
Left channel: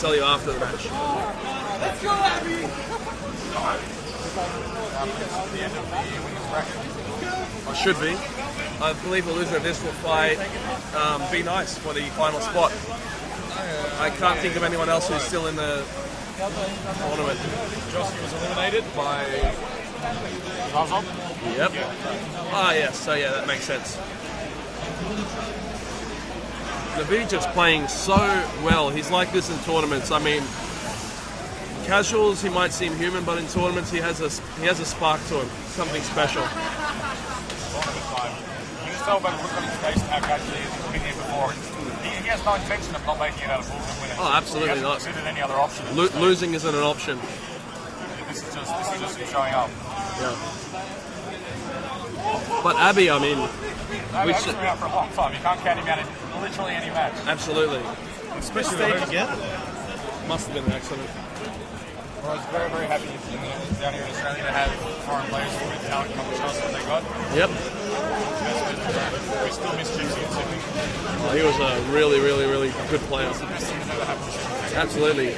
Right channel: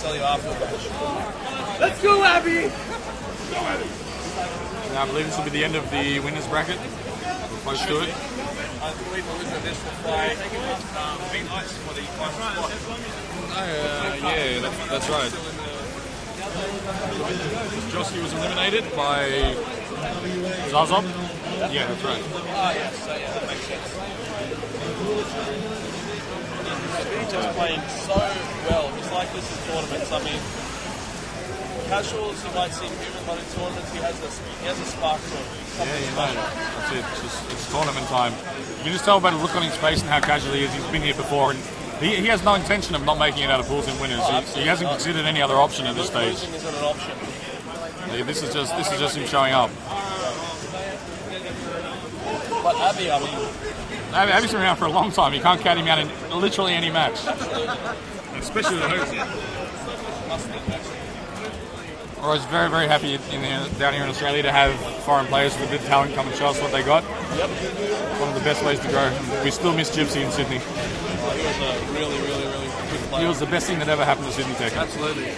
Tell you after the match. Let's go, Abby! Now, I believe this will be the end of the winners bracket. Should be. I believe we'll lose at this will fight Be Nice for the final spot. I can't think of anyone else who's still in the. Josky was eliminated by Zazov. Yep. Yeah, that's right. Ah, yes. So yeah, that makes sense. Naveed's playing so well. He's like this in tournaments. I mean, casuals he might seem human, but in tournaments he has a spark to him, something special. It's tournament time. You can just tell by the look on his face and how casual he is. He's been here before, and he has no intention of not making it out of pools and winners. Oh, absolutely he hasn't not. considered any other option at this stage. Losing isn't an option. Yeah, this is just him showing up. But Abby, I mean, Abby's been around for a long time. You can't count him out in literally any match. absolutely. Especially the host. Must have been excellent. I was very, very happy down here in Australia to have foreign players with good talent come and show us what they got. Yep. One of the best ways to grow. We still miss Gypsy in Sydney. He was a really, really, really good player. He was the best thing that ever happened to Sydney Tech. Absolutely.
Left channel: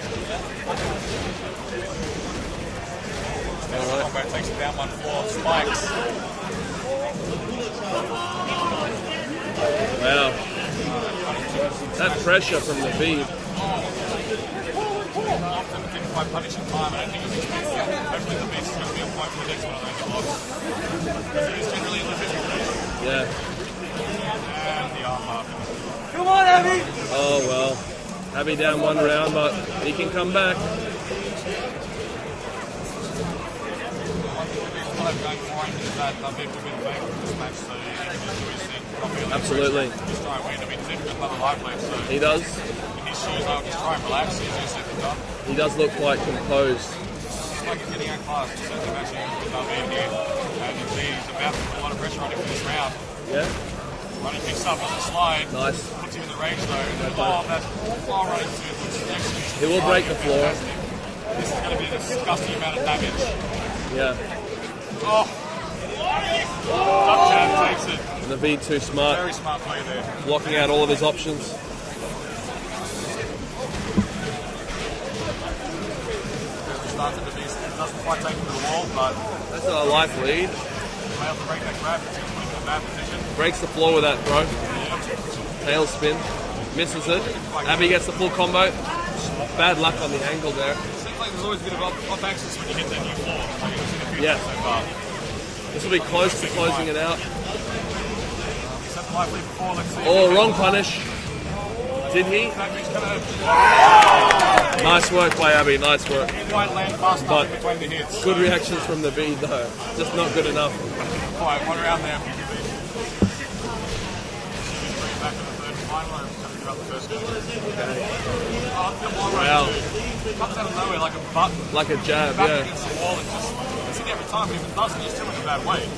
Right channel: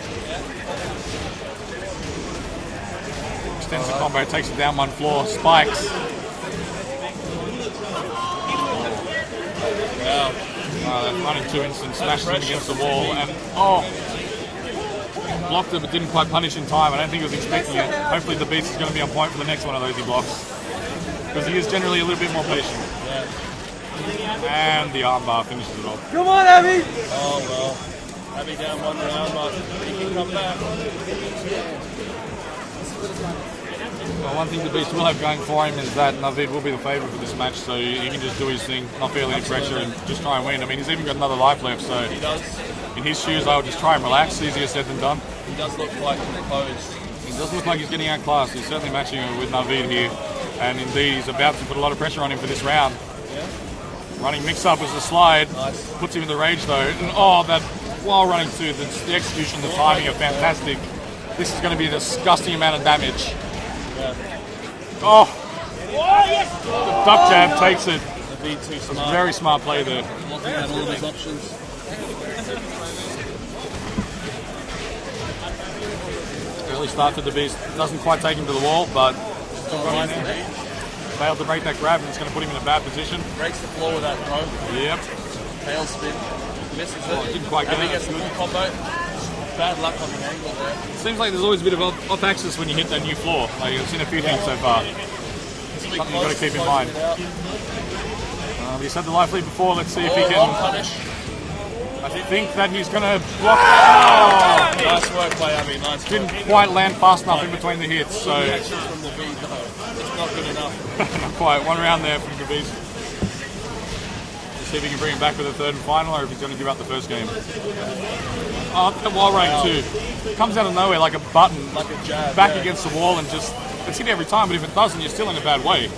Extensive combo, takes it down one floor, spikes. Wow. Running 2 instance, smashes it pressure against the from wall. Naveed. Blocked it but didn't quite punish in time. I don't think he was expecting it. Hopefully the beast is going to be on point for the next one of those he blocks. Because he is generally a little bit more patient. And the armbar finishes it off. Come on, Abby! Oh well. Abby down 1 round, but he can come back. Well, one thing the beast will have going for him is that Naveed will be the favourite for this match, so he can just do his thing, not feel any pressure, and just try and win. I mean, he's even got another life left, so He does. in his shoes, I would just try and relax. Easier said than done. He does look like composed. It does look like he's getting outclassed. He's certainly matching with Naveed here, and indeed he's about to put a lot of pressure on him for this round. Yeah. Running mix up as the slide, Nice. puts him in the rage though. And oh, that while running through the execution, the timing are fantastic. This is going to be a disgusting amount of damage. Yeah. Oh, duck jab takes it. Naveed too smart. Very smart play there. Blocking out all of his options. Early start for the beast. Doesn't quite take him to the wall, but Got a life lead. failed to break that grab, and it's going to put him in a bad position. Breaks the floor with that throw. Yep. Tail spin. Misses it. Didn't quite get Abby it. gets the full combo. Bad luck on the ankle there. Seems like there's always a bit of off axis when you hit that new floor. Like you've seen a few things so far. This will be Something close you've to got to keep in closing mind. it out. He's had the life lead before. Let's see if he Oh, can. wrong punish. I think that he's going to block. Nice work by Abby. Nice work. Didn't quite land fast enough in between the hits, so Good reactions from the beat though. Just not good enough. not quite. One round there from the beast. See if he can bring it back for the third and final, or if he's going to give up the first game. Oh, the wall run too. Comes out of nowhere like a button, Like a jab. back yeah. against the wall, and just it's hit every time. But if it doesn't, you're still in a bad way.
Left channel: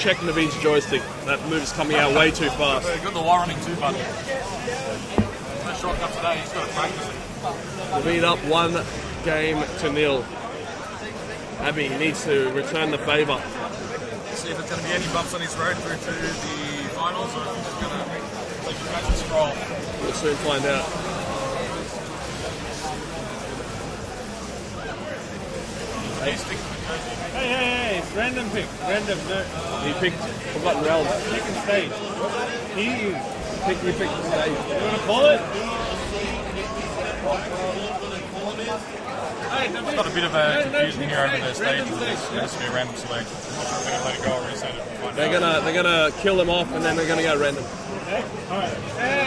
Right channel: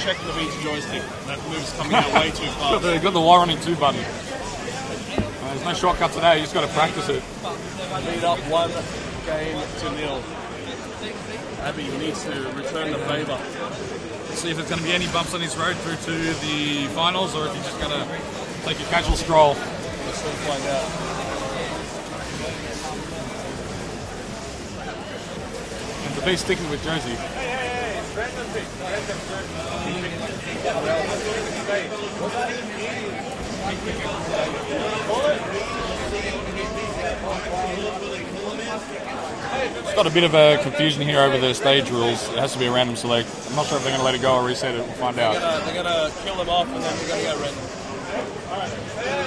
check Naveed's joystick. That move's coming out way too fast. Got the wire running 2 button. There's no shortcut today, you just got to practice it. Naveed up 1-0. Abby needs to return the favour. See if there's going to be any bumps on his road through to the finals, or if he's just going to take a casual stroll. We'll soon find out. The beast sticking with Josie. Hey, random pick. He picked something else. It's got a bit of a confusion here over the stage rules. It has to be a random select. I'm not sure if they're going to let it go or reset it. We'll find out. They're gonna kill him off and then they're gonna go random. Hey,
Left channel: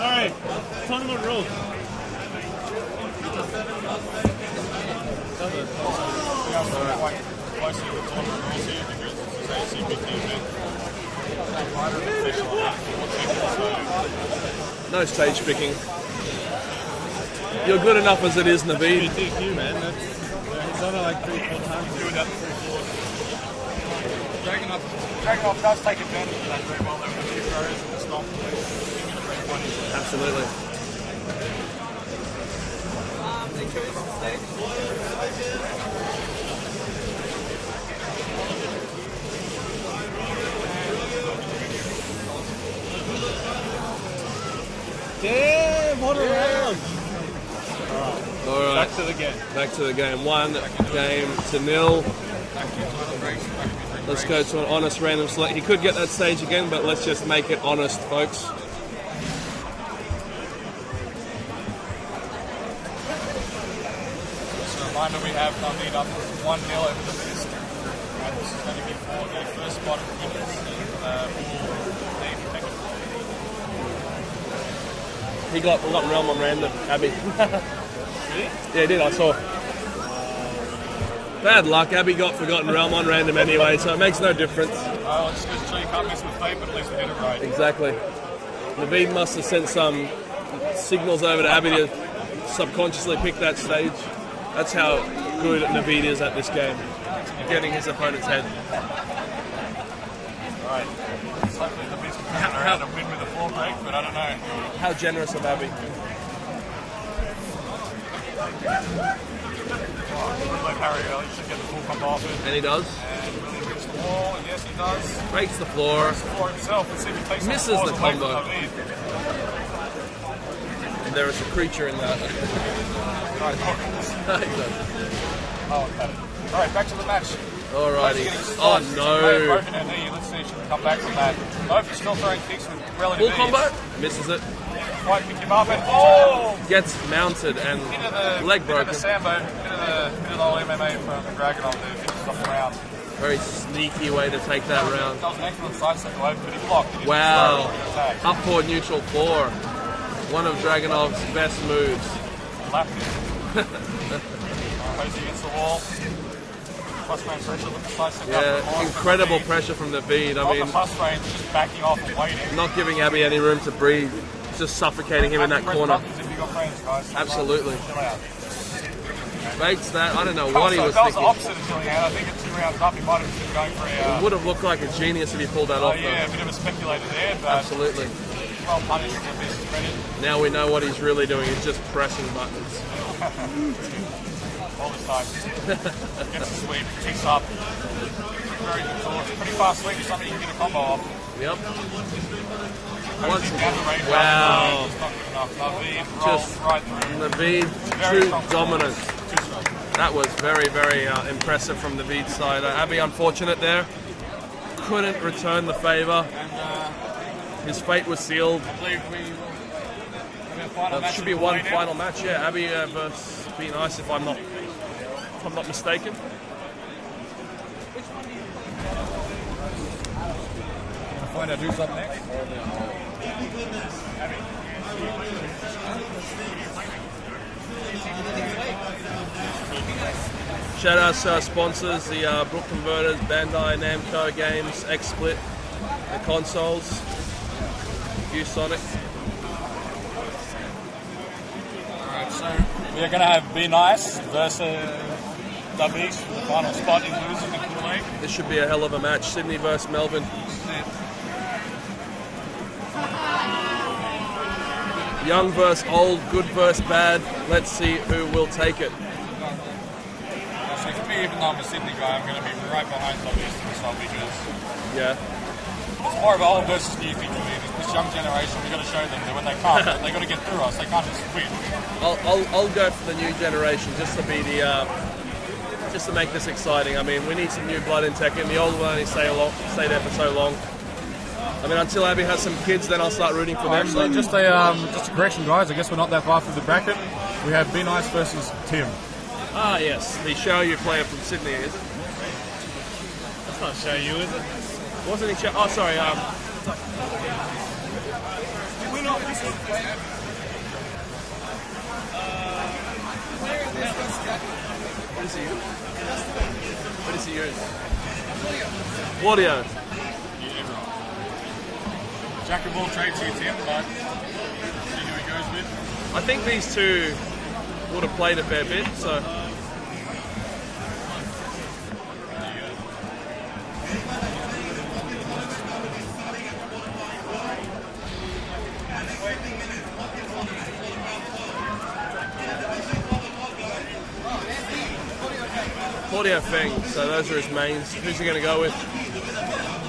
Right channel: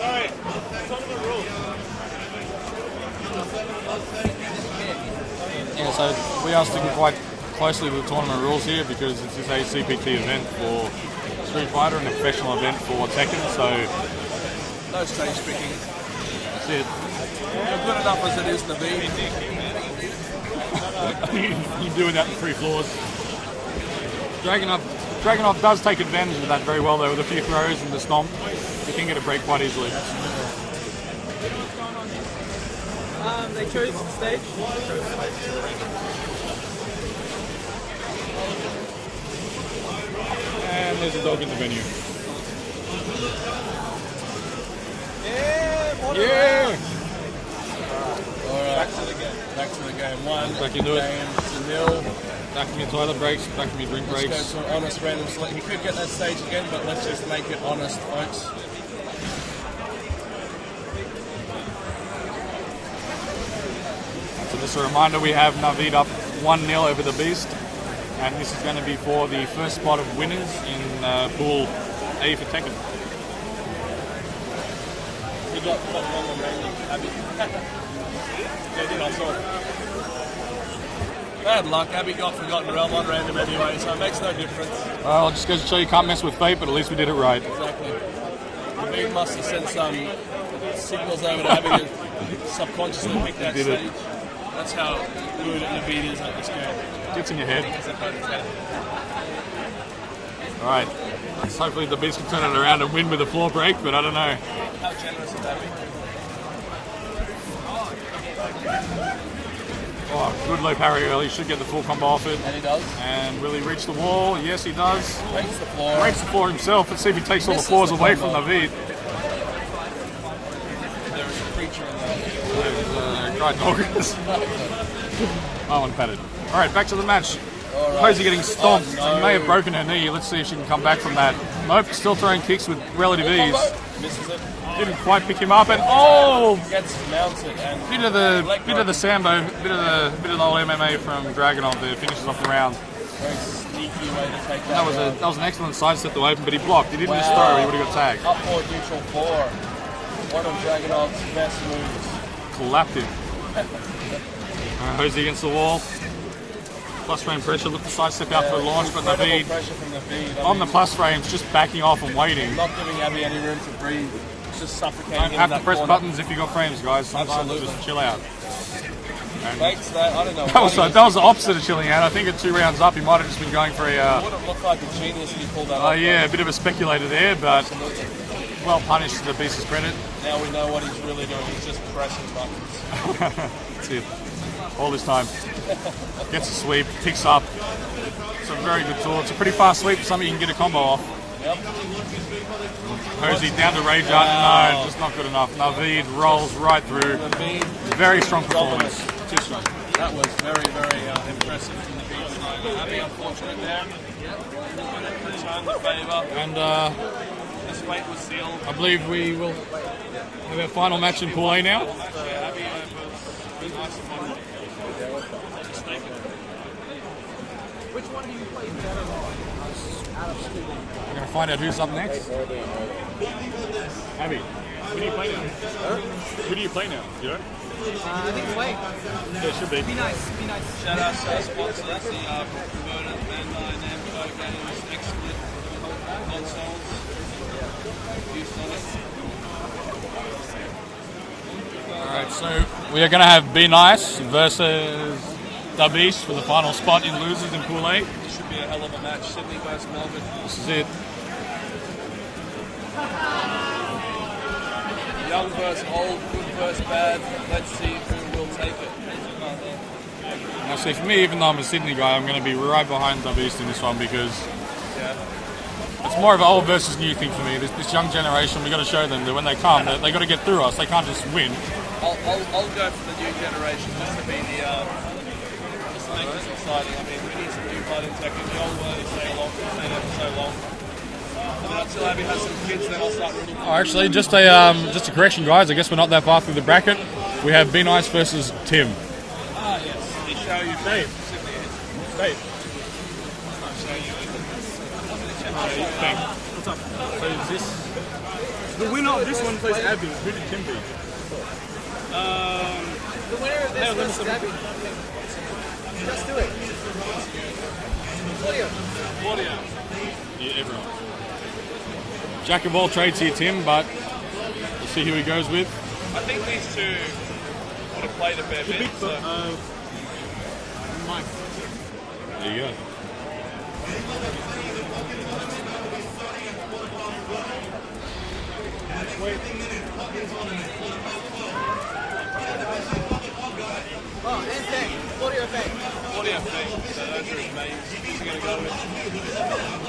alright, tournament rules. Yeah, so we are sticking quite closely with tournament rules here because this is a CPT event for Street Fighter and a professional event for Tekken, so No stage picking. yeah. You're good enough as it is, Naveed. You do without the 3 floors. Dragunov does take advantage of that very well though with a few throws and the stomp. You can get a break quite easily. They chose stage. And there's a dog in the menu. Yeah! Back to the game. Back to the game. Back into it. Game to nil. Back to your toilet breaks, back to your drink Let's breaks. go to an honest random select. He could get that stage again, but let's just make it honest, folks. Just a reminder, we have Naveed up 1-0 over the Beast, and this is going to be for the first spot of winners in Pool A for Tekken. He got realm on random. Abby. Yeah, he did. I saw it. Bad luck. Abby got forgotten realm on random anyway, so it makes no difference. Well, it just goes to show you can't mess with fate, but at least we did it right. Exactly. Naveed must have sent some signals over to Abby to subconsciously pick that stage. That's how good Naveed is at this game. It's in your Getting head. his opponent's head. Alright. So hopefully the Beast can turn it around and win with a floor break, but I don't know. How generous of Abby. Oh, good low parry early, should get the full combo off it. And he does. And will he reach the wall? Yes, he does. Breaks the floor. Breaks the floor himself. Let's see if he takes all the Misses floors the away combo. from Naveed. There is a creature in there. Right, oh, and patted. Alright, back to the match. Rosie getting stomped. Oh, no. She may have broken her knee. Let's see if she can come back from that. Nope, still throwing kicks with relative Full ease. combo. Misses it. Didn't quite pick him up, and oh! Gets mounted and Bit of the Sambo, bit of the old MMA from Dragunov there. Finishes off the round. very sneaky way to take that round. That was an excellent sidestep to open, but he blocked. He didn't just Wow. throw. He would have got tagged. Up forward neutral 4. One of Dragunov's best moves. Clapped him. Hosey against the wall. Plus frame pressure, look the sidestep out for a launch, but Incredible Naveed pressure from Naveed. I on mean, the plus frames, just backing off and waiting. not giving Abby any room to breathe. He's just suffocating him in Have to that press corner. buttons if you got frames, guys. Sometimes Absolutely. just chill out. Makes that, I don't know That what was, he was that was the thinking. opposite of chilling out. I think at 2 rounds up, he might have just been going for a, Would have looked like a genius if he pulled that off. yeah, a bit of a speculator there, but Absolutely. well punished to the beast's credit. Now we know what he's really doing. He's just pressing buttons. That's it. All this time. Gets a sweep, ticks up. Some very good tools. It's a pretty fast sweep for something you can get a combo off. Yep. Hosey down to rage Wow. no, just not good enough. Naveed rolls right through. Naveed, Very strong dominant. performance. Too strong. That was very, very impressive from the Naveed side. Abby unfortunate there. Couldn't return the favour. And His fate was sealed. I believe we will have a final match Should in be Pool one A now. final match. Yeah, Abby versus Be Nice if I'm not mistaken. Find out who's up next. Abby, who do you play now? Huh? Who do you play now? You know? Yeah, should be. Shout out to our sponsors, the Brook Converters, Bandai Namco Games, XSplit consoles, ViewSonic. Alright, so we are going to have Be Nice versus Dub East for the final spot in losers in Pool A. This should be a hell of a match. Sydney versus Melbourne. This is it. Young versus old, good versus bad. Let's see who will take it. Now, see, for me, even though I'm a Sydney guy, I'm going to be right behind Dub East in this one because Yeah. it's more of an old versus new thing for me. This young generation, we got to show them that when they come, they got to get through us. They can't just win. I'll go for the new generation just to be the just to make this exciting. I mean, we need some new blood in Tekken. The old one only stay there for so long. I mean, until Abby has some kids, then I'll start rooting for them. Actually, just a correction, guys. I guess we're not that far through the bracket. We have Be Nice versus Tim. Ah, yes, the show you player from Sydney is. Wait. I'll show you it. Wasn't he? Oh, sorry. So is this the winner of this one plays Abby. Who did Kim play? Hey, let me see. Claudio. Yeah, everyone. Jack of all trades here, Tim, but see who he goes with. I think these two would have played a fair bit, so. There you go. Claudio Feng, so those are his mains. Who's he going to go with?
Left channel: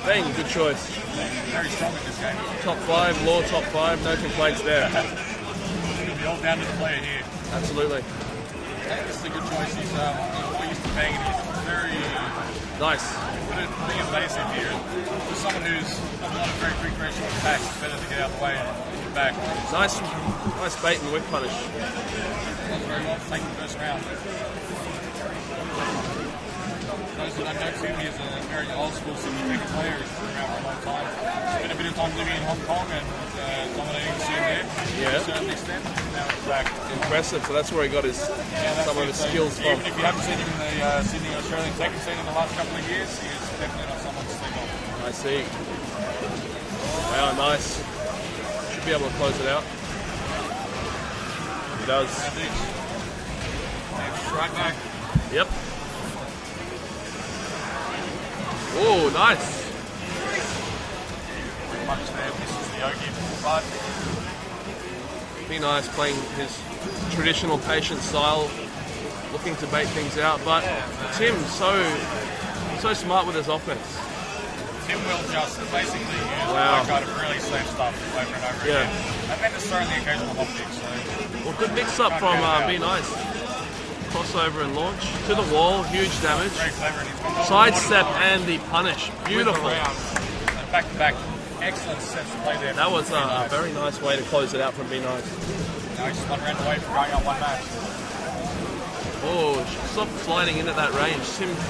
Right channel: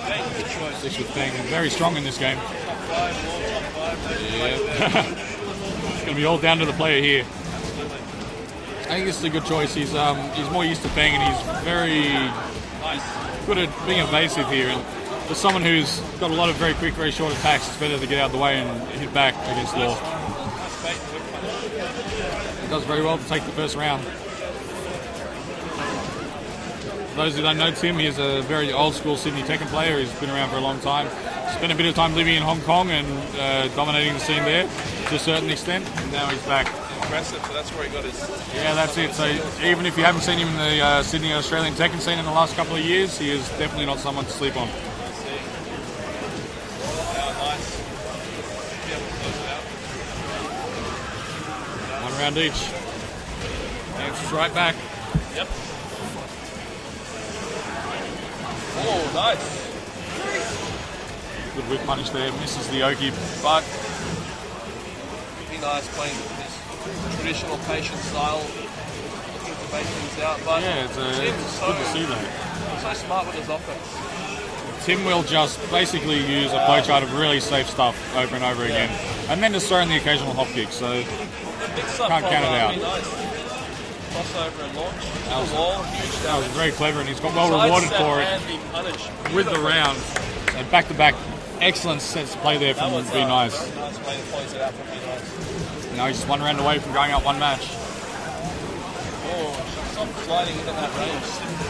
Feng, good choice. Thing. Very strong in this game. Top 5, Law top 5, no complaints there. It's going to be all down to the player here. Absolutely. I think this is a good choice. He's more used to Feng and he's very Nice. good at being evasive here. For someone who's got a lot of very quick, very short attacks, it's better to get out of the way and hit back against Nice, Law. nice bait and whip punish. Does very well to take the first round. For those who don't know Tim, he's a very old school Sydney Tekken player. He's been around for a long time. Spent a bit of time living in Hong Kong and dominating the scene there to a certain extent. Now he's back. Impressive, so that's where he got his. Yeah, that's some of it. his So skills from. even if you haven't seen him in the Sydney Australian Tekken scene in the last couple of years, he is definitely not someone to sleep on. I see. Oh, nice. Should be able to close it out. He does. Round each. And strike back. Yep. Oh, nice. Good whip punish there. Misses the Oki, but Be Nice playing his traditional patient style, looking to bait things out. But yeah, it's Tim's good to see that. so smart with his offense. Tim will just basically use a flowchart of really safe stuff over and over again. And then just throw in the occasional hop kick. So Well, good mix up Can't from count it out. Be Nice. Crossover and launch to the wall, huge damage. very clever and he's got well rewarded Sidestep for it and the punish. with the Beautiful. round. And back-to-back excellent sets to play there That from was Be a Nice. very nice way to close it out from Be Nice. Now he's just one round away from going out one match. Oh, soft sliding into that range. Tim's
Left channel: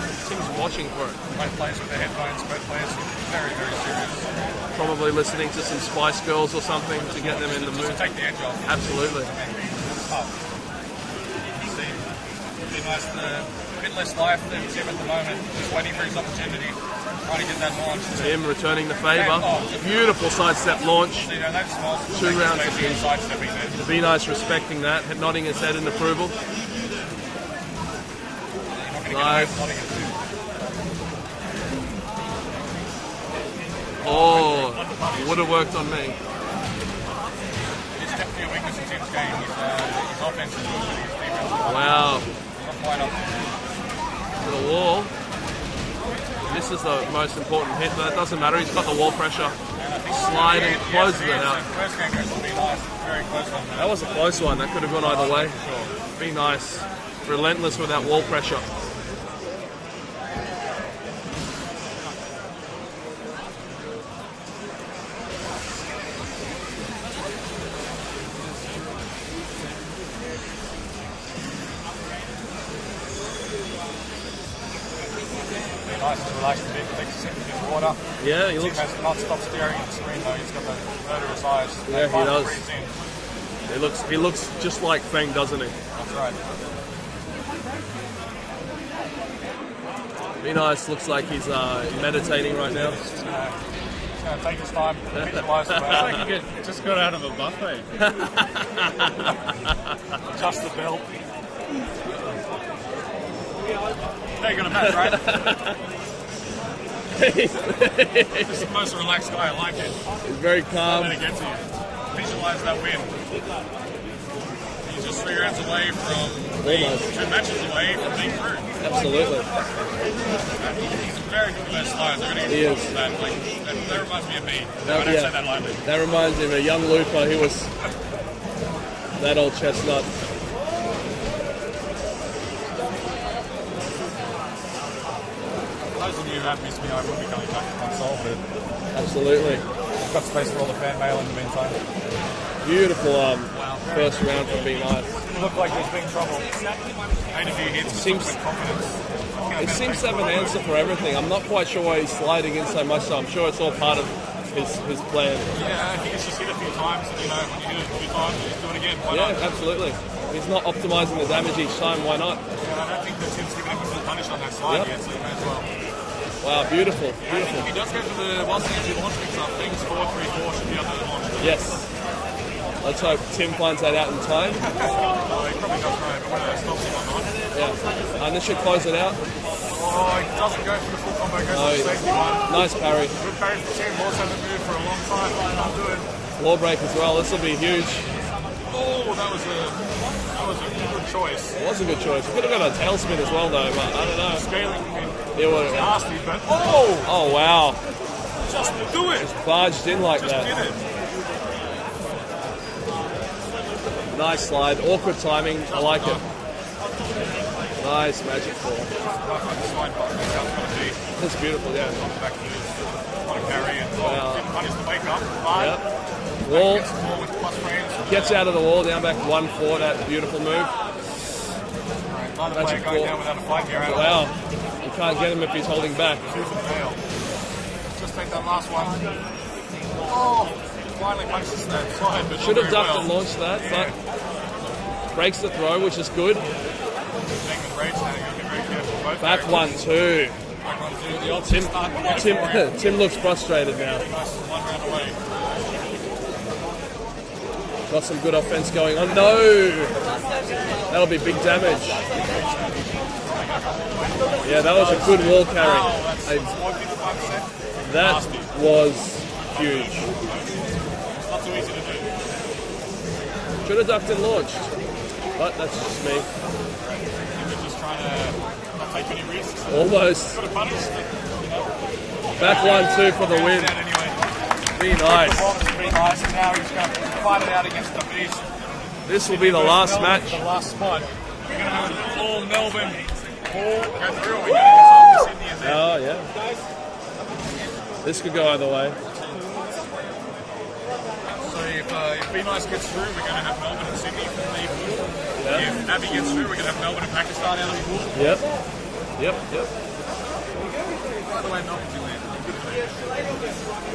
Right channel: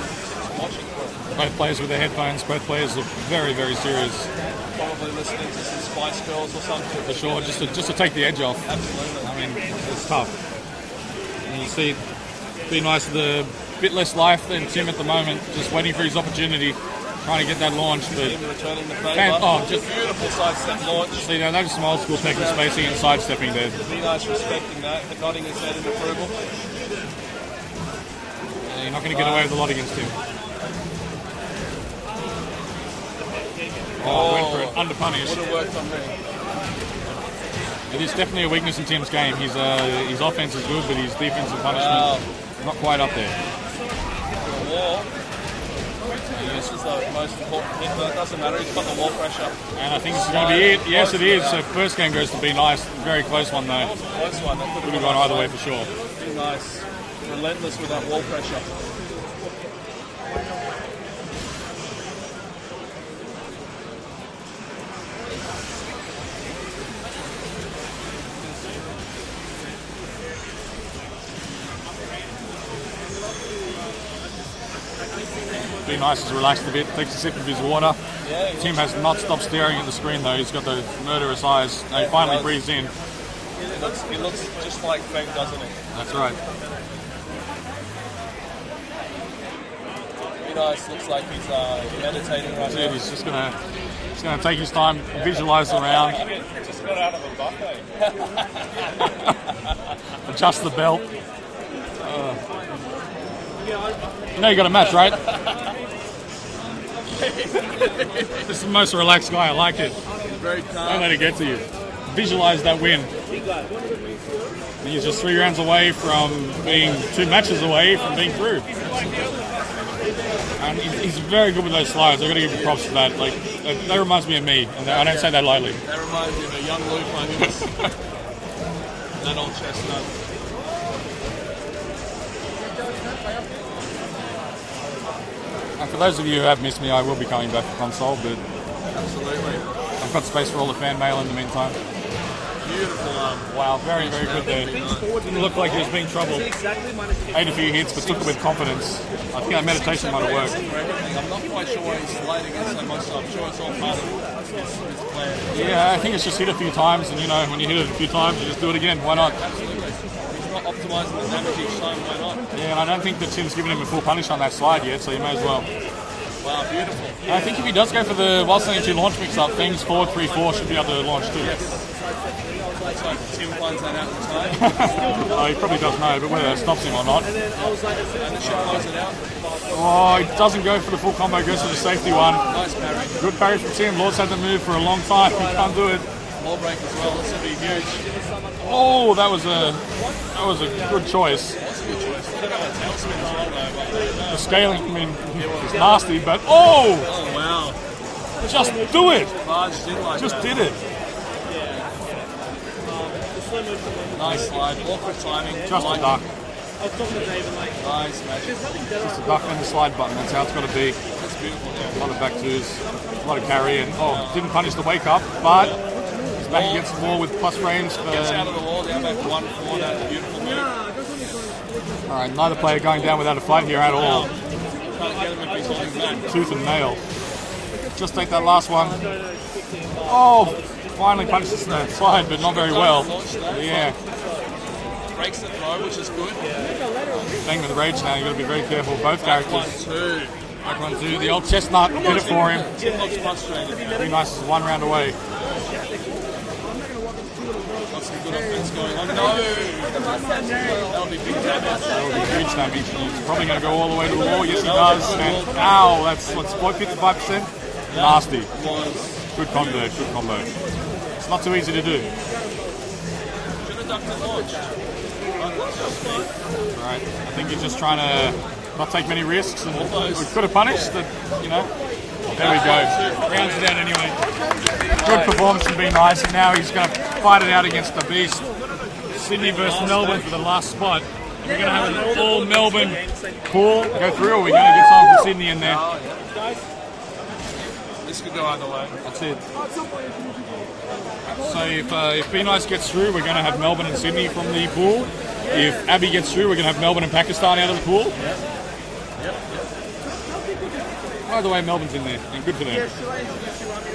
watching for it. Both players with their headphones, both players look very, very serious. Probably listening to some Spice Girls or something. Sure, just to take the edge off. Absolutely. I mean, it's tough. And you see, Be Nice with a bit less life than Tim at the moment, just waiting for his opportunity, trying to get that launch. Tim returning the favour. And- oh, just- Beautiful sidestep launch. See, now that's some old school Tekken spacing and sidestepping there. Be Nice respecting that and nodding his head in approval. You're not going to get away with a lot against him. Oh, Under punish. would have worked on me. It is definitely a weakness in Tim's game. His offense is good, but his defense and punishment Wow. not quite up there. To the wall. This is the most important hit, but it doesn't matter. He's got the wall pressure. And I think this is going to be it. Yes, it is. Close So first game goes to Be Nice. Very close one That though. was a close one. That could have Good gone one either either way. way for sure. Be Nice. Relentless with that wall pressure. Be Nice is relaxed a bit, takes a sip of his water. Yeah, he Tim looks, has not stopped staring at the screen though. He's got those murderous eyes. Yeah, He he finally does. breathes in. he looks just like Feng, doesn't he? That's right. Be Nice looks like he's meditating right now. He's just gonna take his time, visualize the round, Just got out of a buffet. adjust the belt. You know you got a match, right? This is the most relaxed guy. I like it. Very Don't calm. let it get to you. Visualize that win. He's just 3 rounds away from being 2 matches away from being through. And he's very good with those slides. I've got to give him props for that. Like, that reminds me of me. And I don't say that lightly. That reminds me of a young Luca who was that old chestnut. And for those of you who have missed me, I will be coming back to console. Absolutely. I've got space for all the fan mail in the meantime. Beautiful. Wow, very, very good there. Didn't look like he was being troubled. Made a few hits, but took it with confidence. I think that meditation might have worked. For everything. I'm not quite sure why he's sliding in so much, so I'm sure it's all part of his plan. Yeah, I think it's just hit a few times, and you know, when you hit it a few times, you just do it again. Why not? Absolutely. He's not optimising the damage each time, why not? Yeah, I don't think the Tim's given him a full punish on that slide yet, so you may as well. Wow, beautiful. And I think if he does go for the wild sling 2 launch mix-up, things 4-3-4 should be able to launch too. Yes. Let's hope Tim finds that out at the time. Oh, he probably does know, but whether that stops him or not. Initial finds it out. Oh, he doesn't go for the full combo, goes for the safety one. Nice parry. Good parry from Tim. Lords hasn't moved for a long time. He can't do it. Wall break as well. This would be huge. Oh, that was a good choice. That's a good choice. Could have got a tail spin as well, though. The scaling, I mean, It was. nasty, but oh, Oh, wow. just do it. Barge didn't like Just that. did it. Nice slide. Awkward timing. Just I like a duck. it. Nice magic. Just a duck on the slide button. That's how it's got to be. That's beautiful. A lot of back twos, a lot of parry, and didn't punish the wake up, but back against the wall with plus frames. Gets out of the wall, down back to 1-4. That's a beautiful move. All right, neither player going down without a fight here at all. Can't get him if he's holding back. Tooth and nail. Just take that last one. Oh, finally punishes the slide, but not very well. Yeah. Breaks the throw, which is good. Staying with rage now, you've got to be very careful. Both Back characters. 1-2. Back 1-2. The old chestnut did it for him. Tim looks frustrated now. Pretty nice 1 round away. Got some good offense going on. No! That'll be big damage. Reach now. He's probably going to go all the way to the wall. Yes, it That was does. a good wall carry. Ow, that's what's 55%. That Nasty. was Good combo, good combo. It's not too easy to do. could have ducked and launched. But that's just me. Alright, I think we're just trying to not take many risks. And Almost. we could have punished, but, you know. There we go. 1-2 from the Rounds win. down anyway. Be Good nice. performance from Be Nice, and now he's going to fight it out against the Beast. This will Sydney be the versus last Melbourne match. for the last spot. And we're going to have an all Melbourne pool go through, or we're going to get something for Sydney in there. Oh, yeah. This could go either way. That's it. So if Be Nice gets through, we're going to have Melbourne and Sydney from the pool. If Abby gets through, we're going to have Melbourne and Pakistan out of the pool. Yep. Either way, Melbourne's in there, and good for them.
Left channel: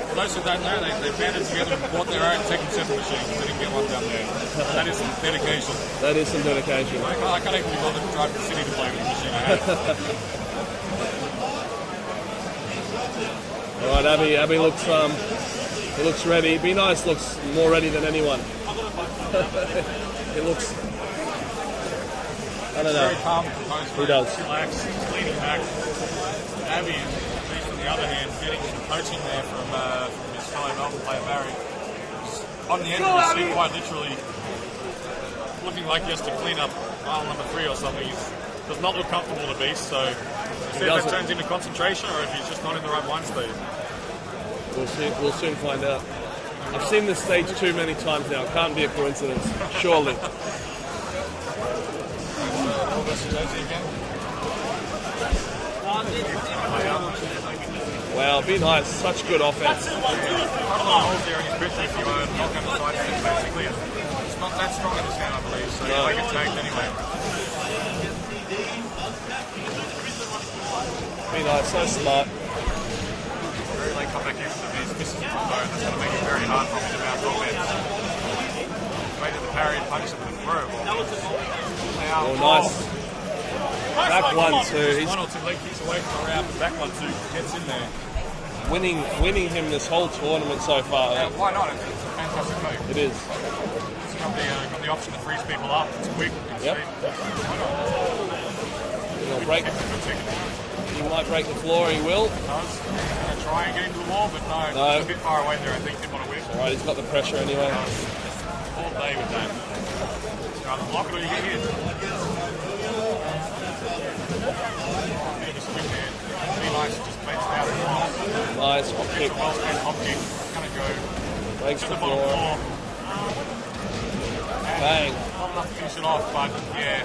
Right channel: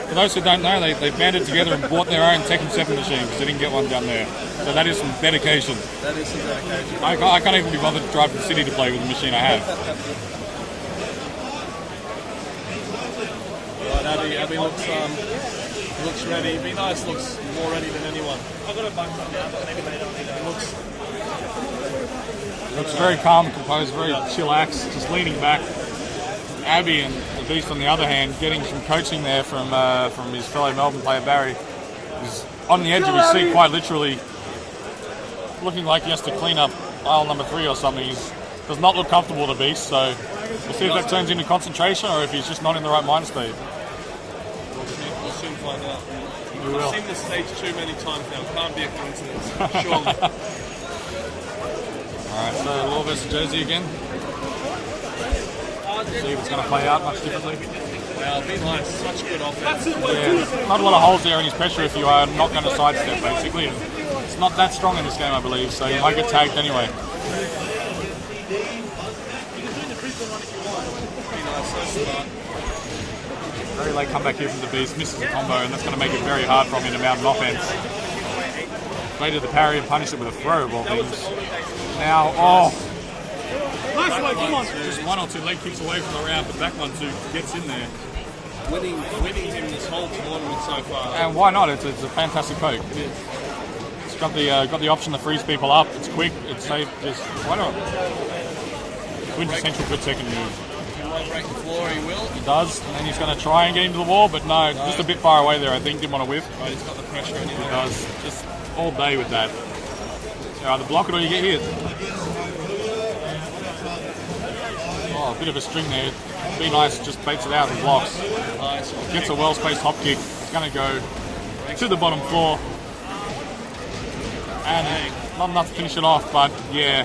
For those who don't know, they banded together and bought their own Tekken 7 machine because they didn't get one down there. So that is some dedication. That is some dedication. I can't even be bothered to drive to the city to play with the machine I have. Right, Abby looks ready. Be Nice looks more ready than anyone. It looks It's very calm, composed, very chillaxed, just leaning back. Abby and the Beast, on the other hand, getting some coaching there from his fellow Melbourne player Barry. He's on the edge of his seat, quite literally, looking like he has to clean up aisle number 3 or something. He does not look comfortable, the Beast, so we'll see if that turns into concentration or if he's just not in the right mind state. we'll soon find out. We I've will. seen this stage too many times now. Can't be a coincidence. Surely. Alright, so Law versus Josie again. See if it's going to play out much differently. Well, Be Nice, such good offense. Yeah. Not a lot of holes there in his pressure if you are not going to sidestep, basically. It's not that strong in this game, I believe, so you might get tagged anyway. Be Nice, so smart. Very late comeback here from the Beast, misses the combo, and that's going to make it very hard for him to mount an offense. Waited the parry and punish it with a throw of all things. Now, just 1 or 2 leg kicks away from a round, but back 1-2 gets in there. Winning him this whole tournament so far. And why not? It's a fantastic poke. It is. It's got the option to freeze people up. It's quick. It's safe. Just why not? quintessential good second move. Might break the floor, he will. He does, and he's going to try and get into the wall, but no, just a bit far away there. I think didn't want to whiff. Right, he's got the pressure anyway. He does. Just all day with that. So either block it or you get hit. Oh, a bit of a string there. Be nice, just baits it out and blocks. Nice. Gets a well-spaced hop kick. It's going to go to the bottom floor. And not enough to finish it off, but yeah,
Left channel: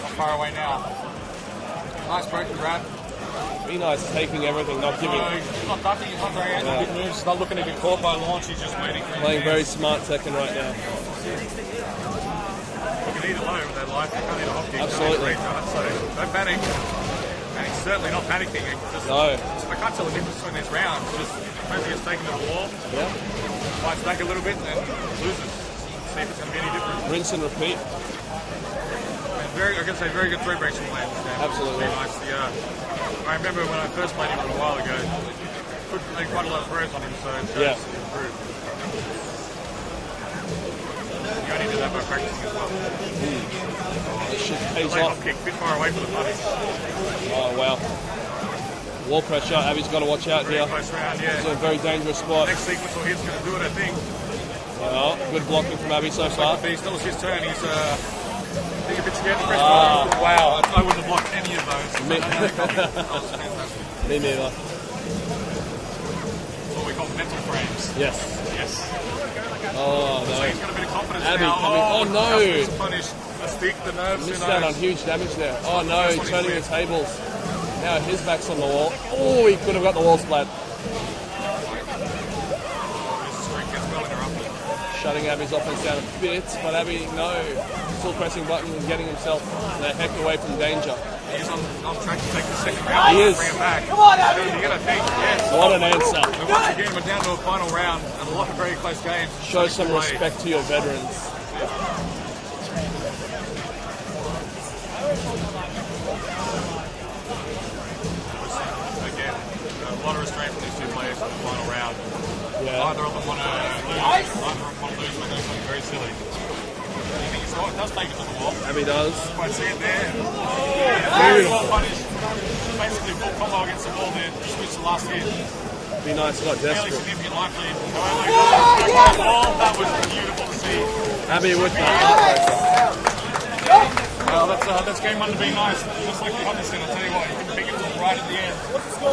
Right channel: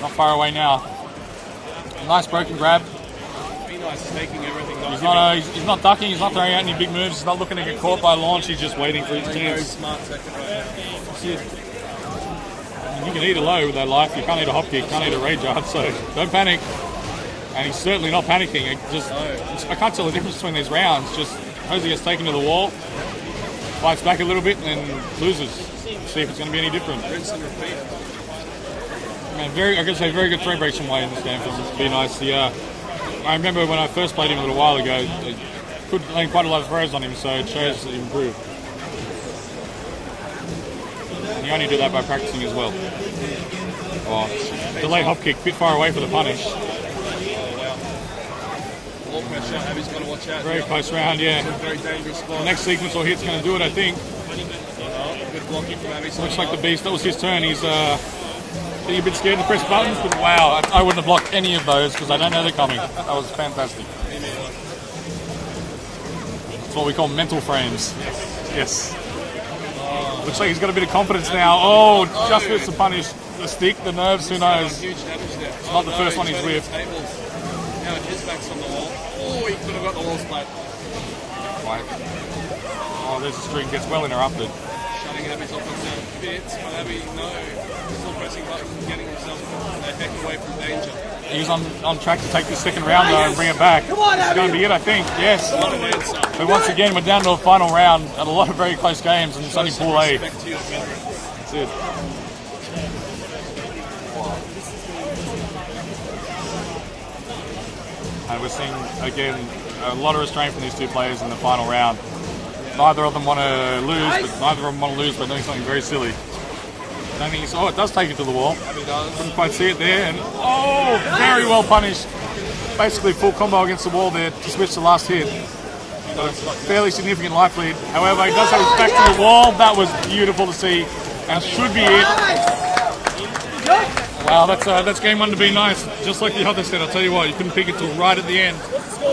not far away now. Nice broken grab. Be nice taking everything. He's not ducking, he's not throwing out any big moves, he's not looking to get caught by launch, he's just waiting for his Very chance. smart second move. You can eat a low with that life, you can't eat a hop kick, you can't eat a rage guard, so don't panic. And he's certainly not panicking. I can't tell the difference between these rounds. Just suppose he gets taken to the wall, fights back a little bit, and then loses. See if it's going to be any different. Rinse and repeat. Man, I can say very good throw breaks from Wayne in this game. It'd be nice. I remember when I first played him a little while ago, I could land quite a lot of throws on him, so it shows that he improved. And you only do that by practicing as well. Oh, delay hop kick, bit far away for the punish. Oh, wow. Wall pressure, Abby's got to watch out. Very now. close round, yeah. Very dangerous spot. Next sequence or hit's going to do it, I think. Good blocking from Abby. Looks like the beast. That was his turn. He's being a bit scared to press buttons, but wow, I wouldn't have blocked any of those because I don't know they're coming. That was fantastic. That's what we call mental frames. Yes. Looks like he's got a bit of confidence now. Oh, just missed the punish. The stick, the nerves, who knows? Huge damage there. It's not the first one he's whiffed. Now his back's on the wall. Oh, he could have got the wall splat. Oh, this streak gets well interrupted. Shutting Abby's off with that bit, but Abby, no. Full pressing button, getting himself back away from danger. He's on track to take the second round and bring it back. Come on, Abby! It's going to be it, I think. Yes. What an answer. But once again, we're down to a final round and a lot of very close games, and it's only Show some Pool A. respect to your veterans. That's it. And we're seeing, again, a lot of restraint from these two players in the final round. Neither of them want to lose, neither of them want to lose by doing something very silly. Oh, it does take it to the wall. Abby does. Doesn't quite see it there. And, oh, very well punished. Basically full combo against the wall there to switch the last hit. Fairly significant life lead. However, he does have his back to the wall. That was beautiful to see. And should be it. Wow, that's game one to be nice. Just like the other set, I'll tell you what, you couldn't pick it till right at the end.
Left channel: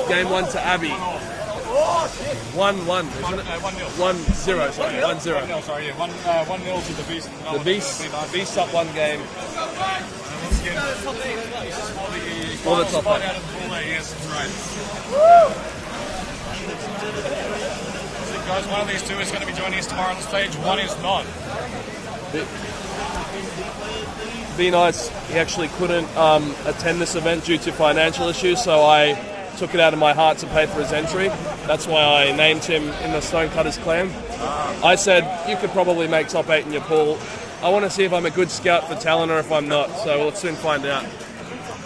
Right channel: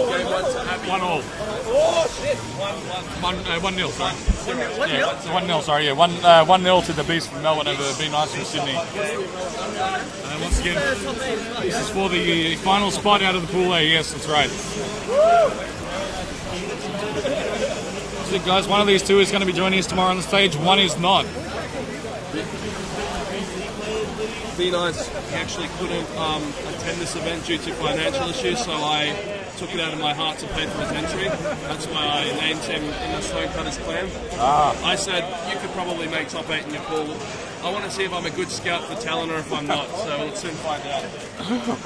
Game one to Abby. 1-1. 1-1. 1-0. 1-0. 1-0, sorry, yeah. 1-0 to the Beast from Melbourne. Beast, Be nice Beast up one game. And once again, this is for the final spot out of the Pool A. Yes, that's right. So guys, one of these two is going to be joining us tomorrow on the stage. One is not. Be nice. He actually couldn't attend this event due to financial issues, so I took it out of my heart to pay for his entry. That's why I named him in the Stonecutters clan. I said, you could probably make top 8 in your pool. I want to see if I'm a good scout for talent or if I'm not, so we'll soon find out.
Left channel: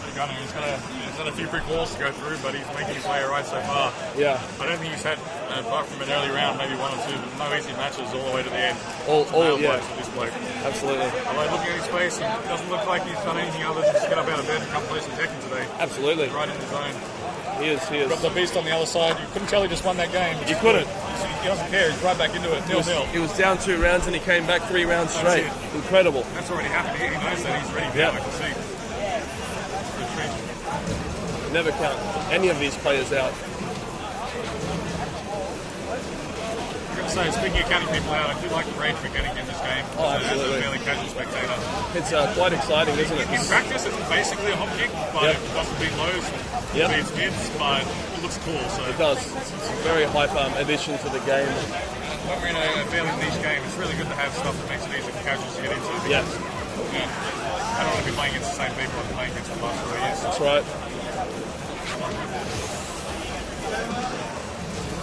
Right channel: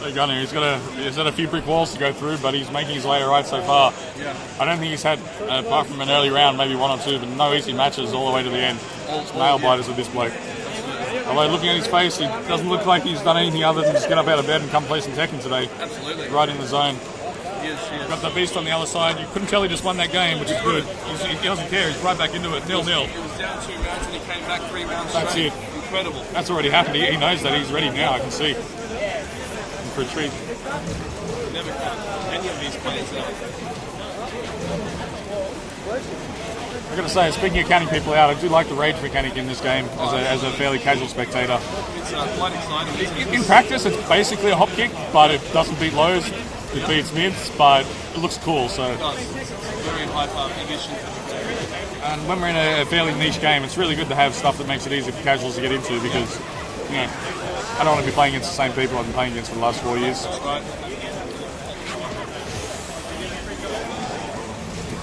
He's got a few brick walls to go through, but he's making his way alright so far. Yeah. I don't think he's had, apart from an early round, maybe one or two, but no easy matches all the way to the end. Nail biters with this bloke. Although looking at his face, he doesn't look like he's done anything other than just get up out of bed and come play some Tekken today. Absolutely. Right in the zone. He is. Got the Beast on the other side. You couldn't tell he just won that game, which is good. He doesn't care. He's right back into it. 0-0. He was down 2 rounds and he came back 3 rounds straight. That's it. Incredible. That's already happened. He knows that. He's ready now. I can see. For a treat. Never count any of these players out. I've got to say, speaking of counting people out, I do like the rage mechanic in this game as a fairly casual spectator. It's quite exciting, isn't it? In practice, it's basically a hop kick, but it doesn't beat lows. It beats mids, but it looks cool. So It does. Very hyper addition to the game. and when we're in a fairly niche game, it's really good to have stuff that makes it easy for casuals to get into because I don't want to be playing against the same people I've been playing against for the last 4 years. That's right.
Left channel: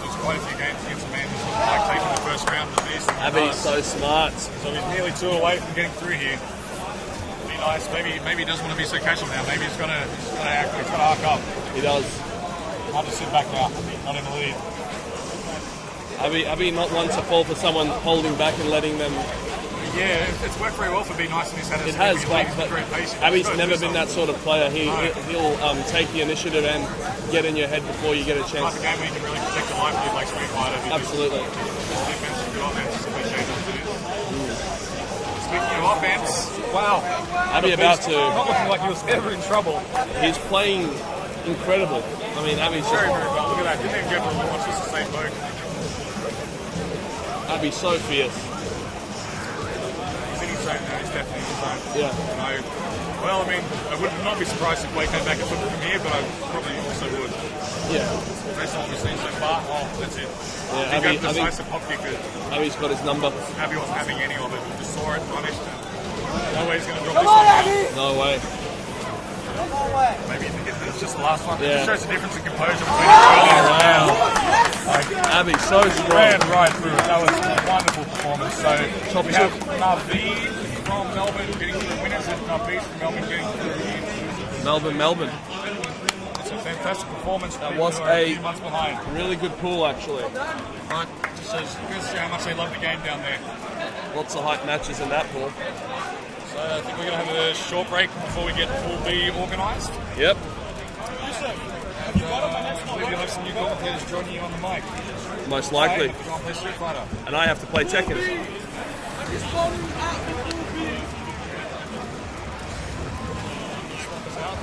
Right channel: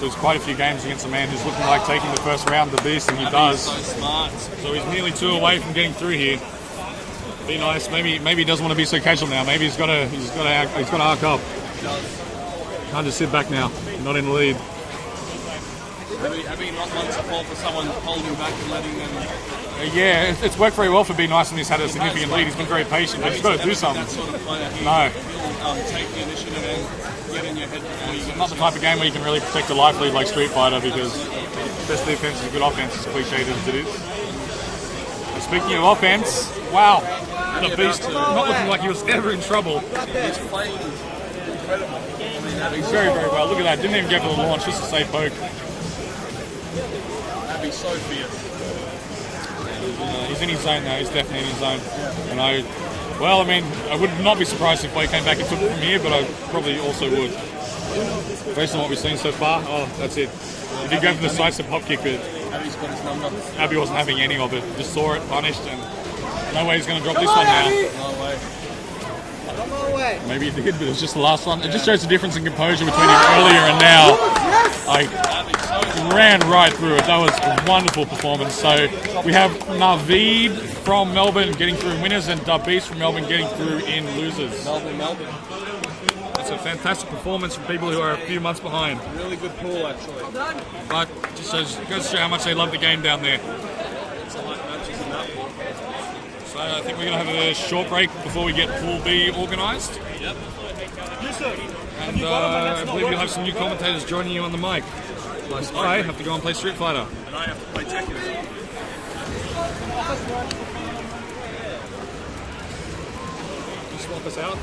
There's quite a few games against a man who's looking like taking the first round of the Beast, and he Abby's does. so smart. So he's nearly 2 away from getting through here. Be nice. Maybe he doesn't want to be so casual now. Maybe he's got to arc up. He does. Hard to sit back now, not in the lead. Abby not one to fall for someone holding back and letting them Yeah, it's worked very well for Be Nice when he's had a significant lead. He's been very patient. He's Abby's got to never do been something. that sort of player. He'll take the initiative and get in your head before you get Not a the chance. type of game where you can really protect a life lead like Street Fighter because best defense is a good offense, as cliche as it is. Speaking of offense, wow, Abby the beast about to- not looking like he was ever in trouble. He's playing incredible. I mean, Abby's Very, very well. Look at that. Didn't even go for the launch, just a safe poke. Abby's so fierce. He's in his zone though. He's definitely in his zone. And I would not be surprised if Wei came back and took it from here, but I probably also would. Based on what we've seen so far, that's it. If you go for the slicer pop kick, but Abby's got his number. Abby wasn't having any of it. Just saw it, punished, and no way he's going to drop this one now. No way. Maybe he did, but it's just the last one. It just shows the difference in composure between him earlier and now. Like, Abby so ran right through it. That was a wonderful performance. So we have Naveed from Melbourne getting through in winners and Beast from Melbourne getting through in losers. Melbourne. It's a fantastic performance for people who are a few months behind. Really good pool actually. But just goes to show how much they love the game down there. Lots of hype matches in that pool. So I think we're going to have a short break before we get Pool B organised. Yep. And I believe you'll have some new commentators joining you on the mic. Most I likely. have to go and play Street Fighter. And I have to play Tekken. Swap us out.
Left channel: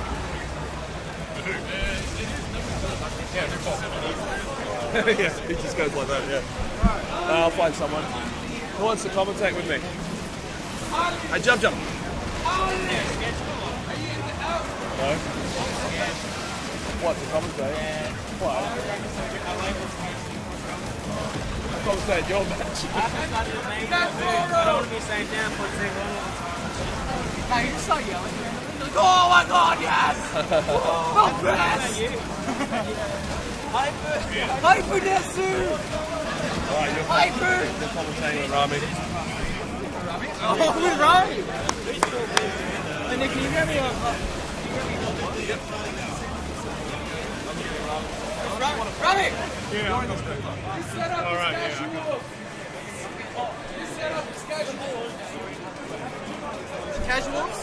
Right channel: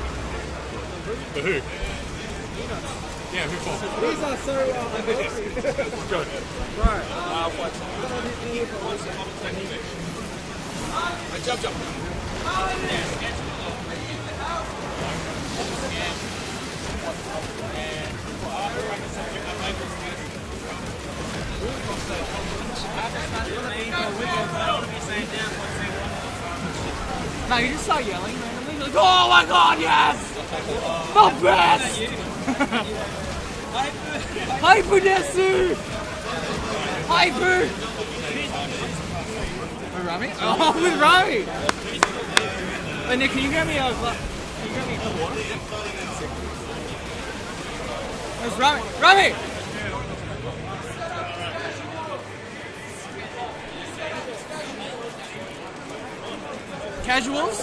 For who? Yeah, who for? Yes, it just goes like that. Yeah. I'll find someone. Who wants to commentate with me? Hey, jump. What? Commentate? Commentate your match. I don't want to be saying damn for 3-1. No, you just start yelling randomly. You're like, oh my god, yes! The best! Hyper Desu! Hyper! Rami? Oh, with Rami! Hey, Nick, can you get me a cup of water? Where's Rami? Rami! Casuals?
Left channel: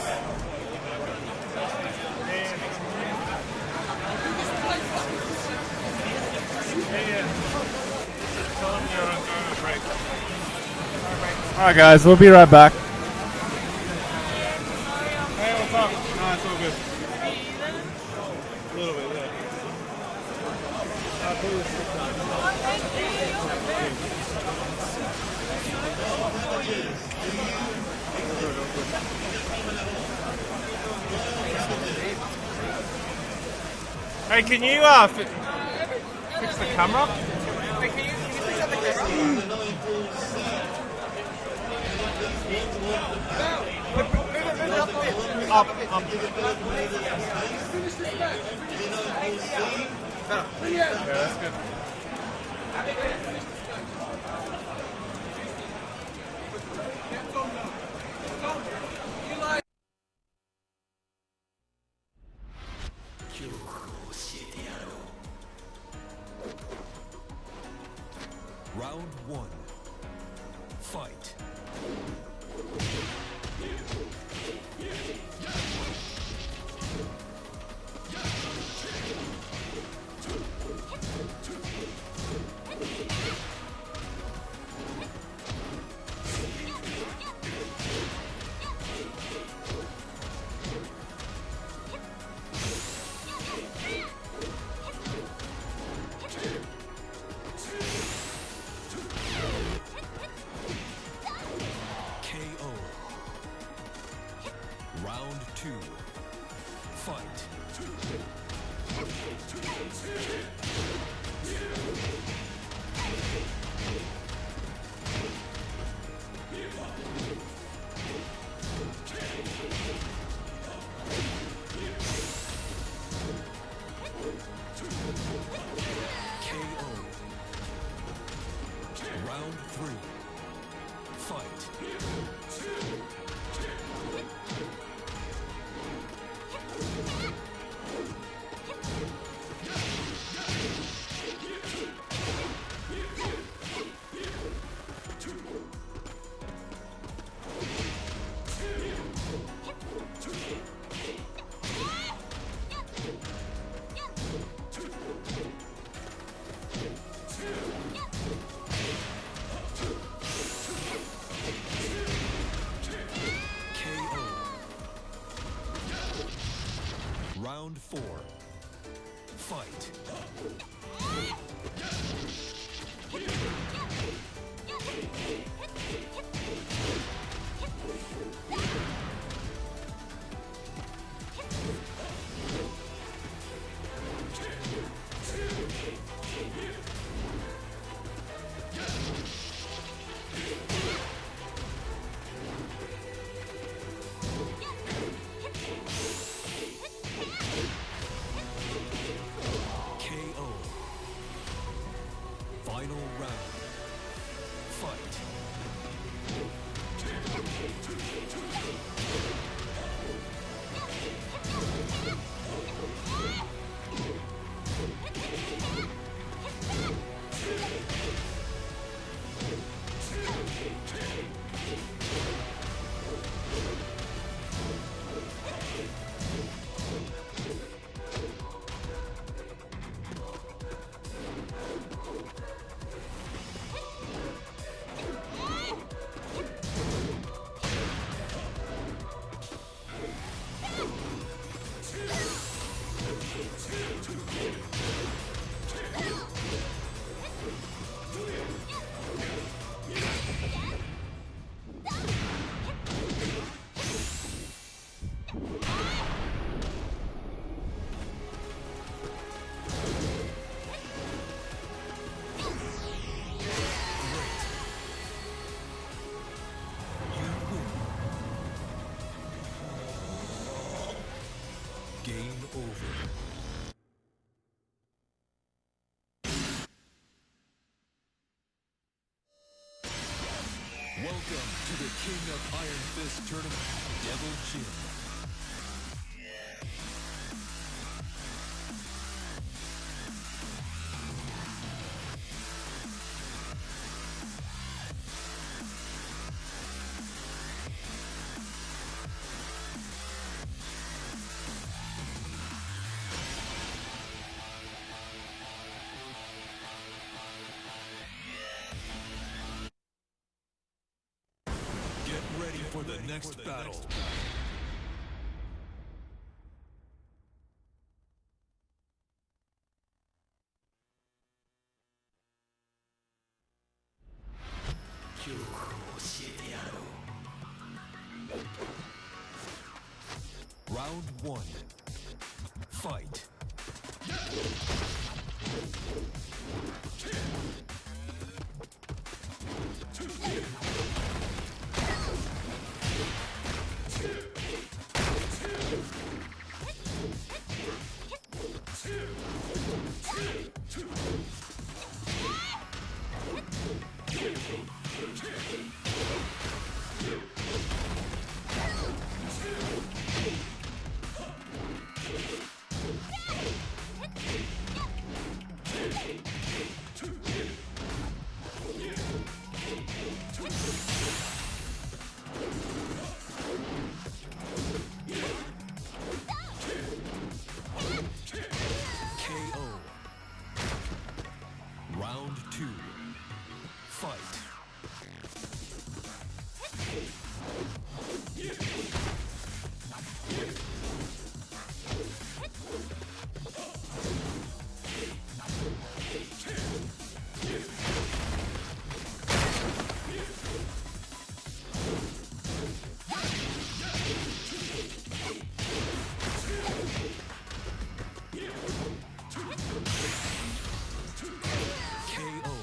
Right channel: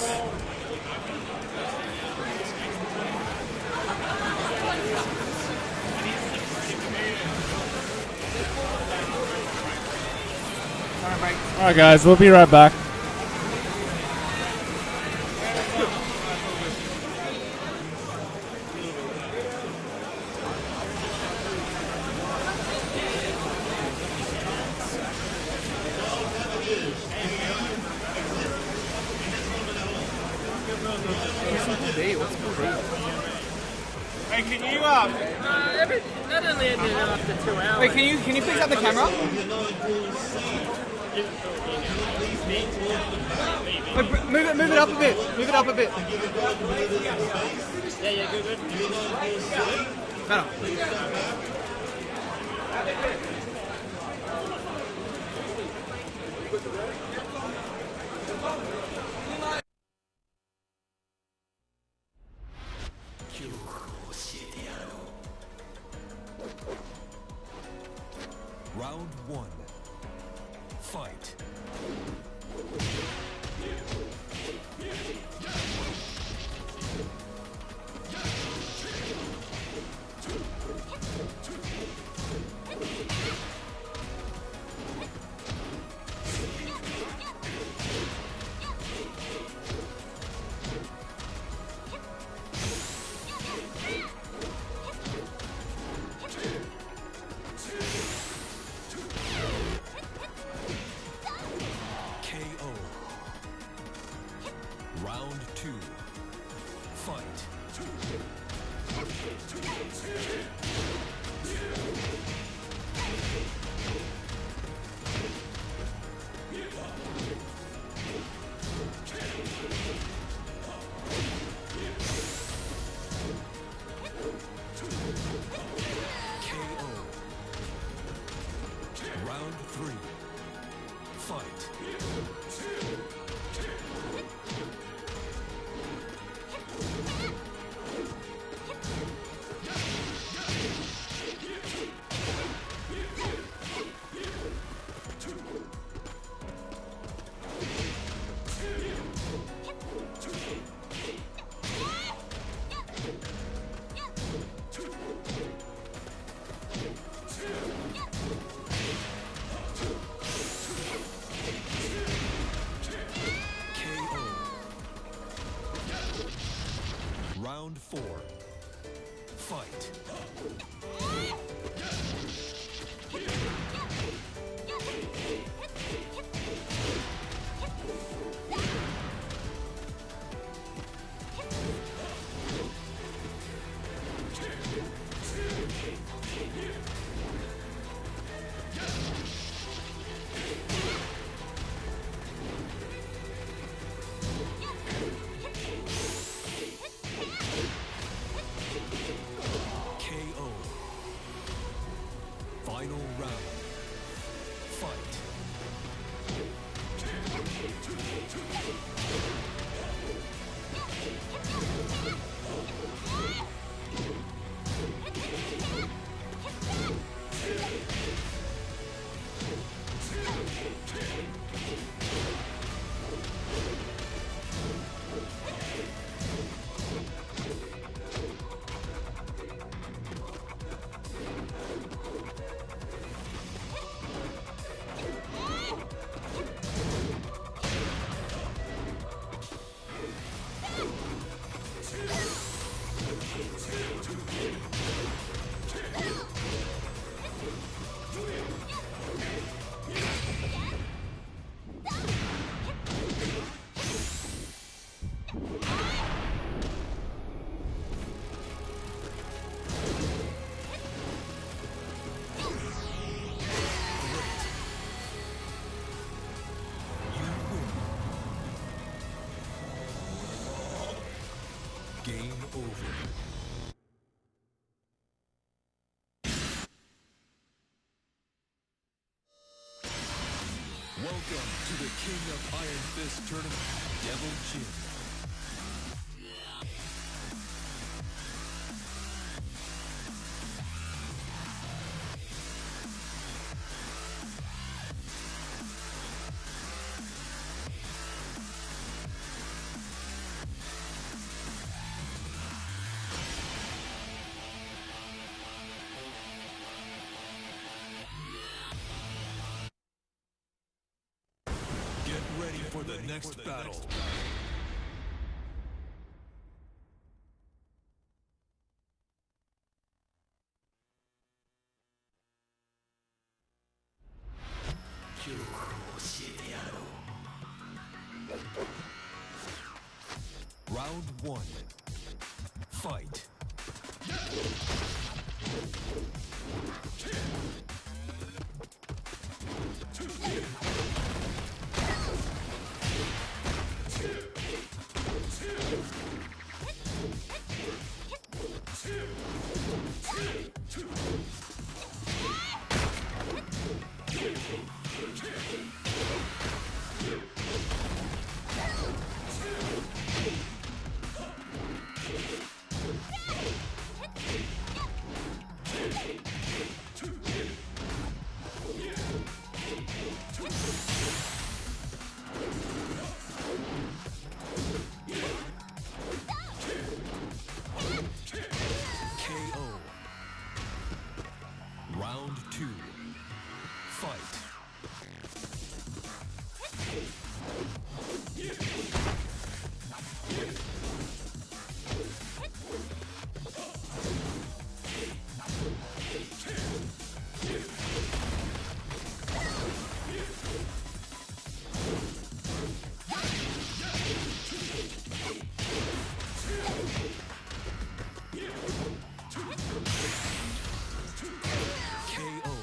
Alright guys, we'll be right back. Hey, what's up? No, it's all good. A little bit, yeah. Hey, can you camera? Wait, can you fix up the camera? Wait, move it up a bit. Move it up a bit. Better. Round 1. Fight. KO. Round 2. Fight. KO. Round 3. Fight. Fight. KO. Final round. Fight. Game over. Welcome to the King of Iron Fist tournament, Devil Chin. Get ready for the next battle. Round one. Fight. KO. Round two. Fight. KO.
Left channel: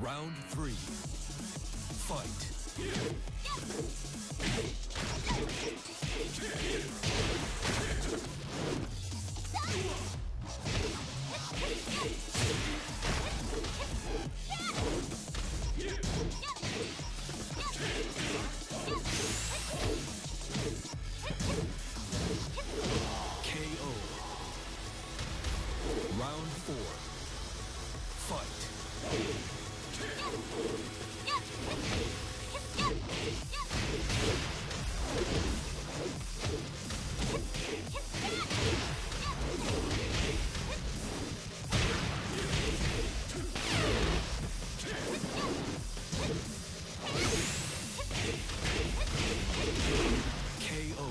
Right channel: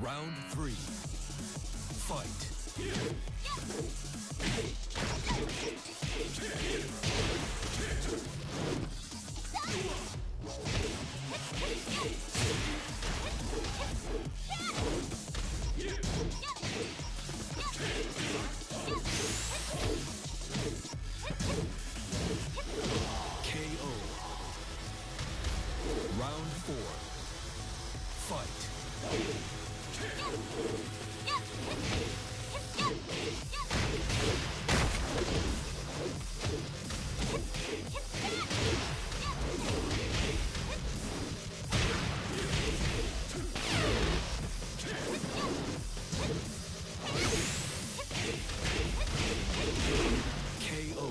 Round three. Fight. KO. Round four. Fight. KO.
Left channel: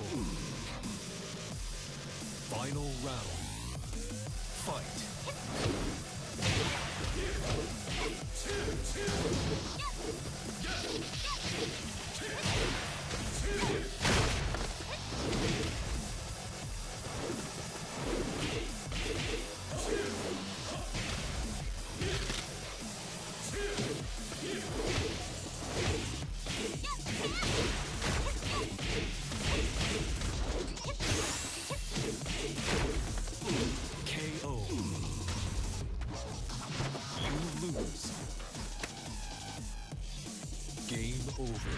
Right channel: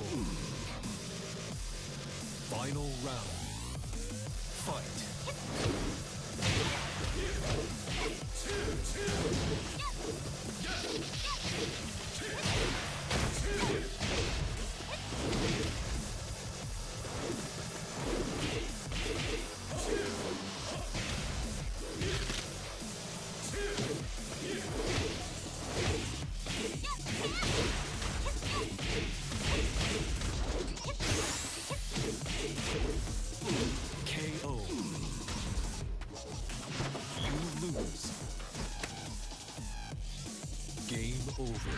Final round. Fight. KO. You lose. Game over.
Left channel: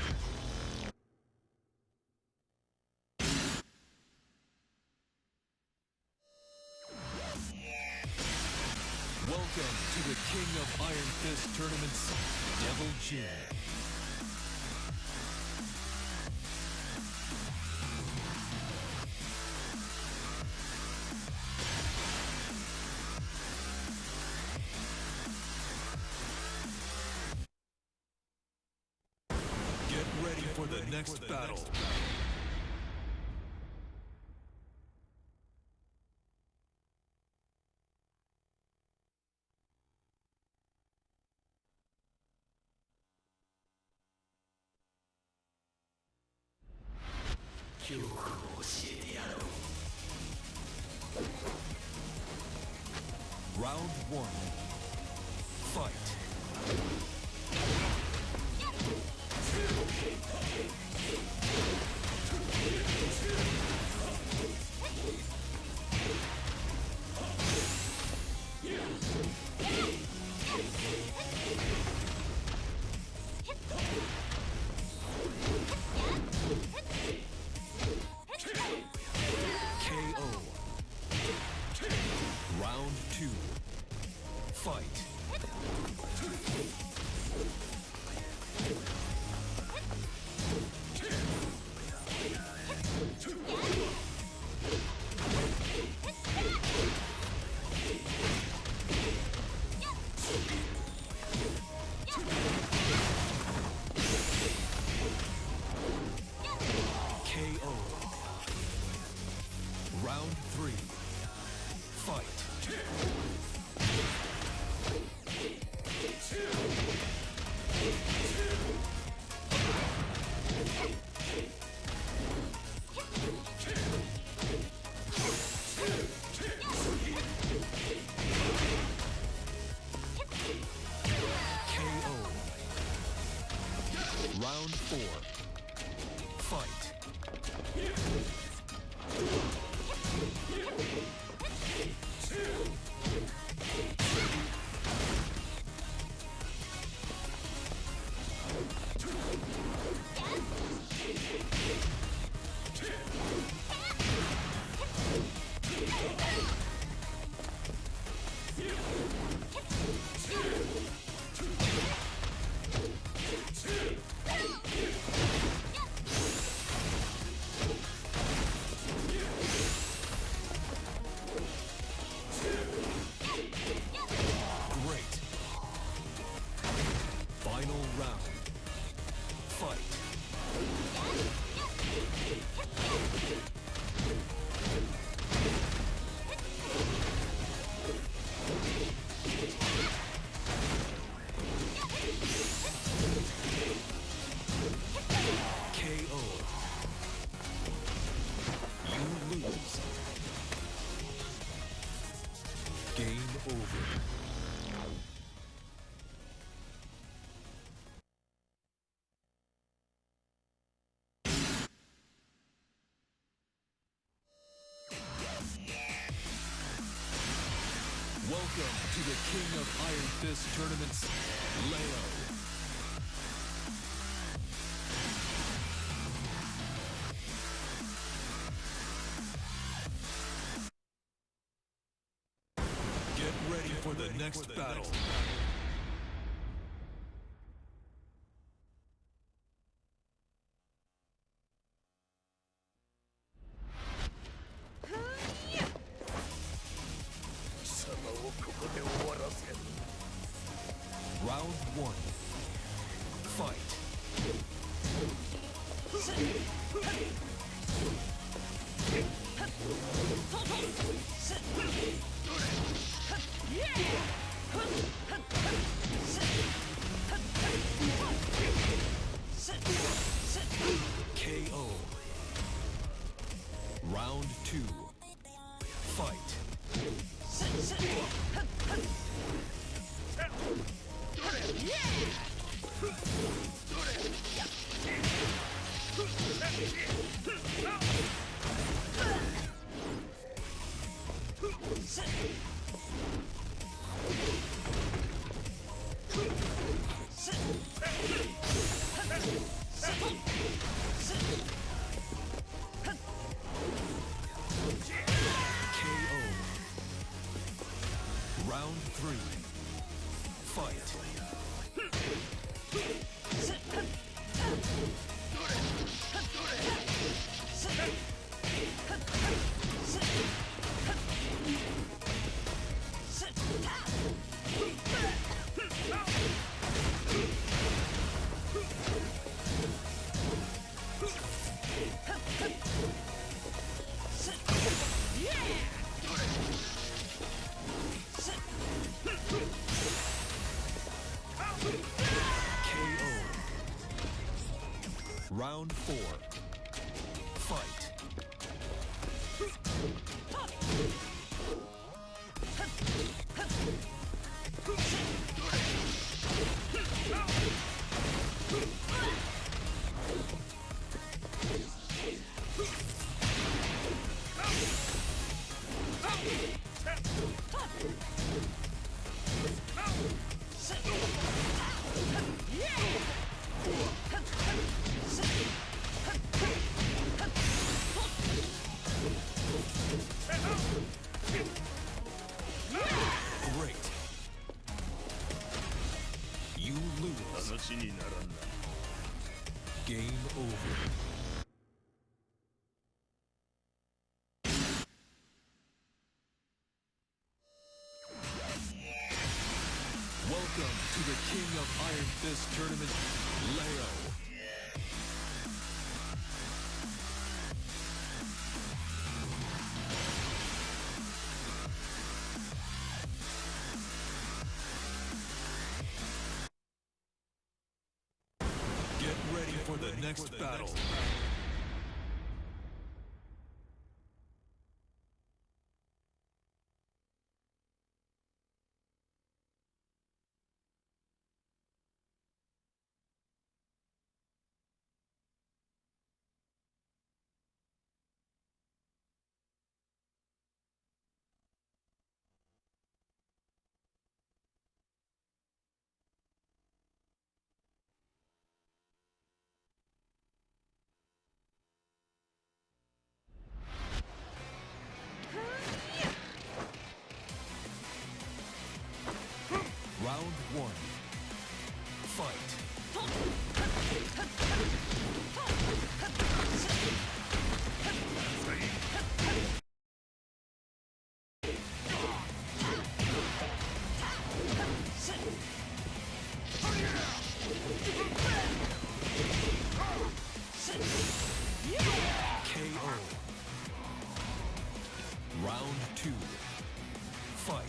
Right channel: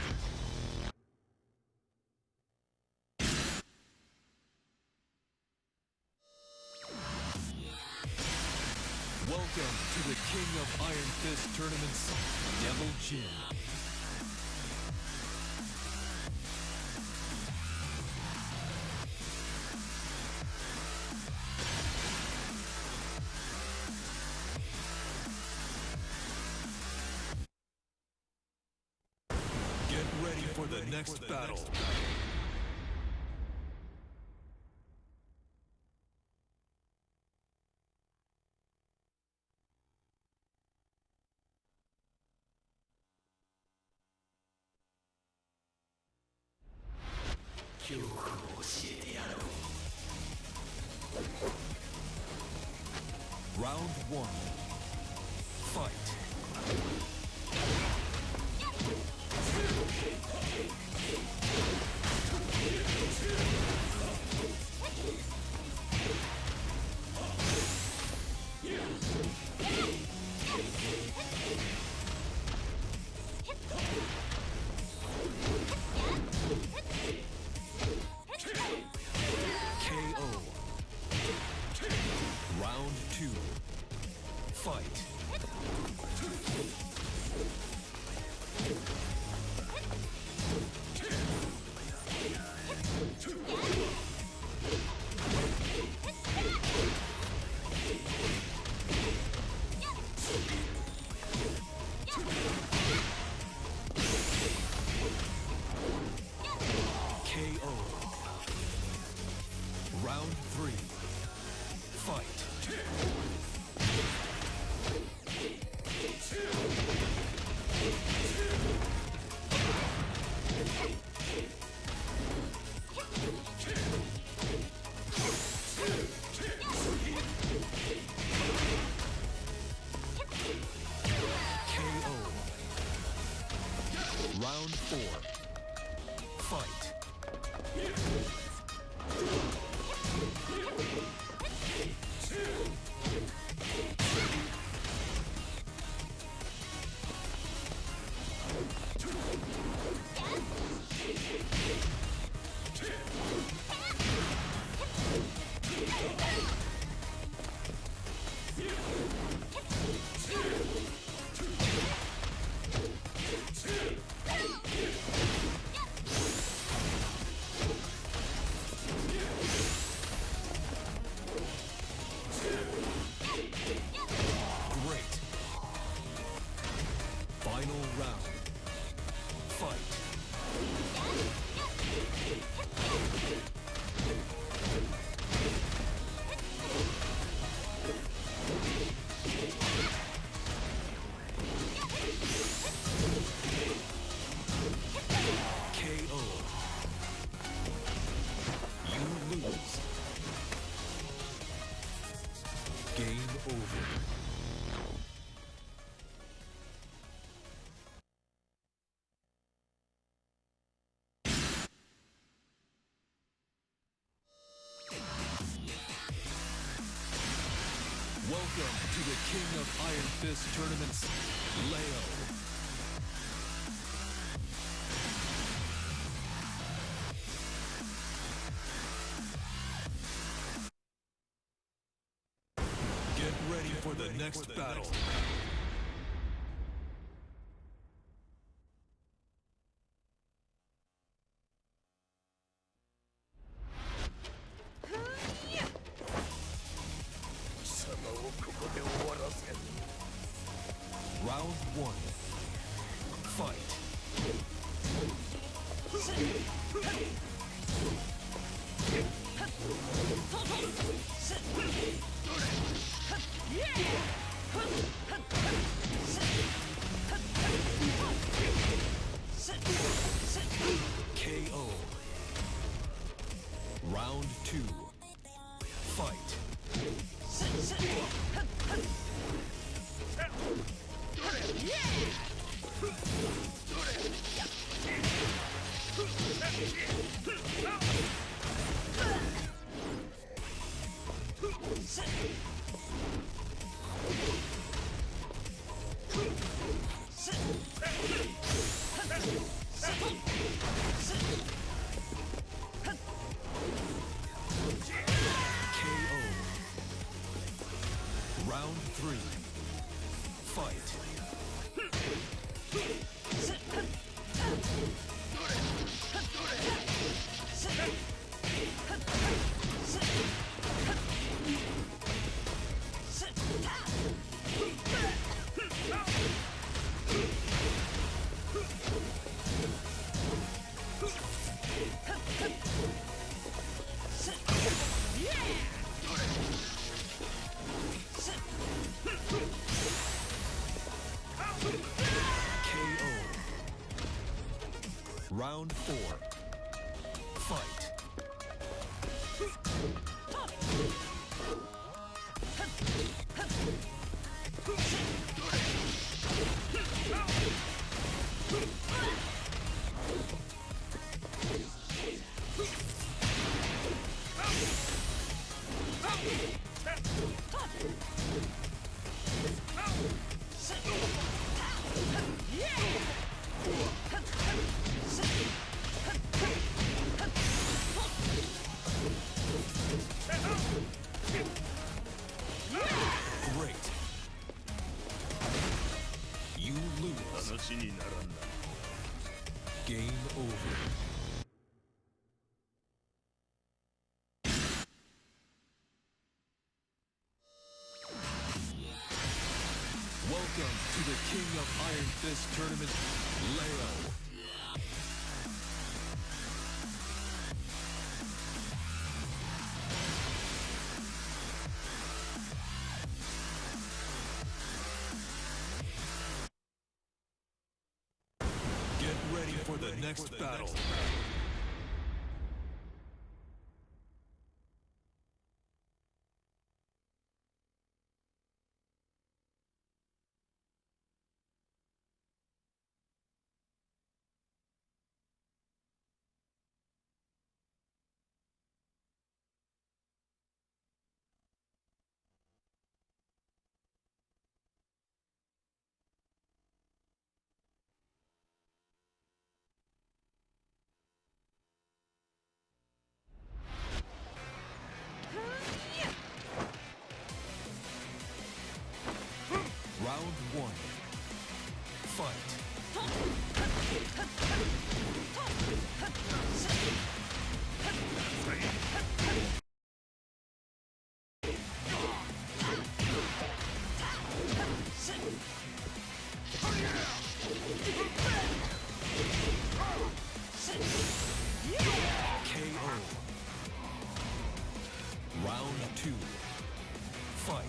Welcome to the King of Iron Fist tournaments, Devil Jin. Get ready for the next battle. Round one. Fight. KO. Round two. Fight. KO. Round three. Fight. KO. Round four. Fight. Great. Final round. Fight. KO. You lose. Game over. Welcome to the King of Iron Fist tournaments, Leo. Get ready for the next battle. Round one. Fight. KO. Round 3. Fight. KO. Round 4. Fight. Great. You lose. Game over. Welcome to the King of Iron Fist tournament, Leo. Get ready for the next battle. Round 1. Fight. KO. Round 2. Fight.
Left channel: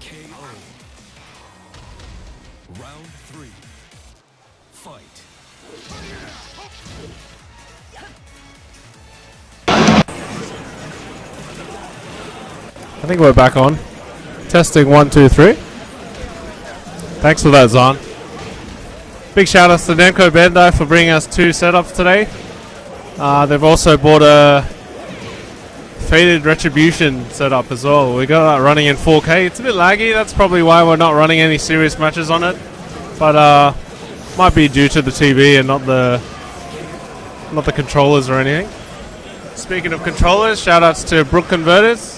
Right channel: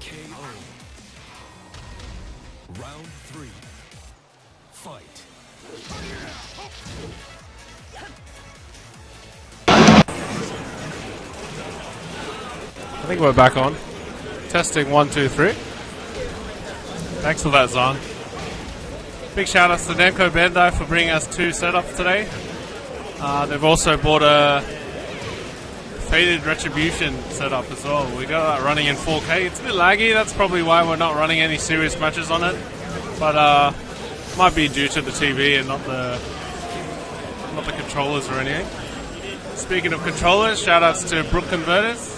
KO. Round 3. Fight. I think we're back on. Testing 1, 2, 3. Thanks for that, Zahn. Big shout outs to Namco Bandai for bringing us 2 setups today. They've also bought a Faded Retribution setup as well. We got that running in 4K. It's a bit laggy. That's probably why we're not running any serious matches on it. But might be due to the TV and not the controllers or anything. Speaking of controllers, shout outs to Brook Converters.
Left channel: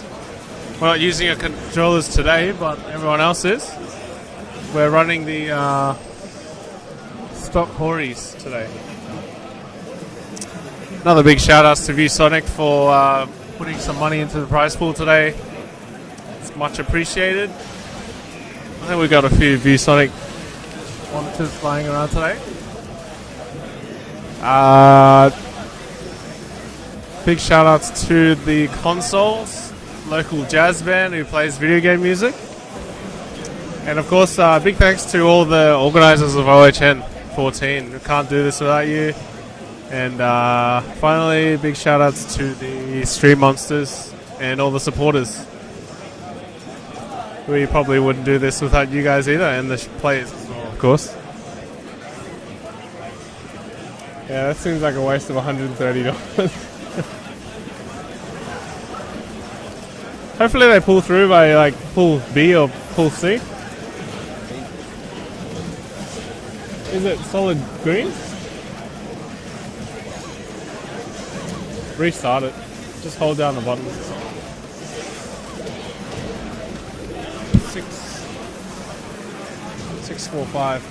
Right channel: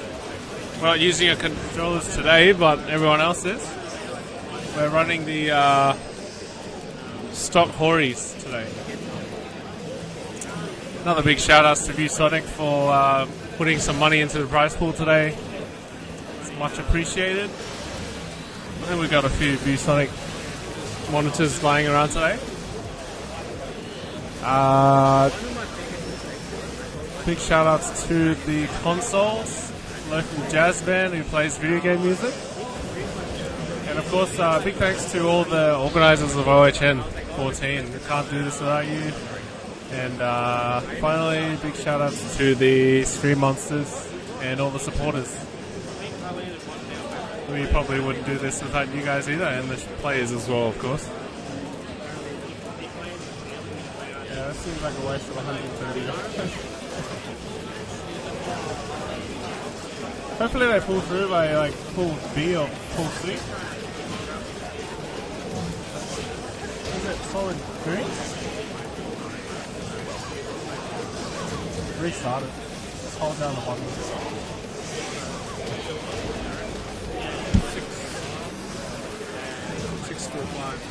We're not using our controllers today, but everyone else is. We're running the stock Horis today. Another big shout outs to ViewSonic for putting some money into the prize pool today. It's much appreciated. I think we got a few ViewSonic monitors flying around today. Big shout outs to the Consoles, local jazz band who plays video game music. And of course, big thanks to all the organizers of OHN 14. We can't do this without you. And finally, big shout outs to the Stream Monsters and all the supporters. We probably wouldn't do this without you guys either, and the players as well, of course. Yeah, that seems like a waste of $130. Hopefully they pull through by like pool B or pool C. Is it solid green? Restart it. Just hold down the button. 645.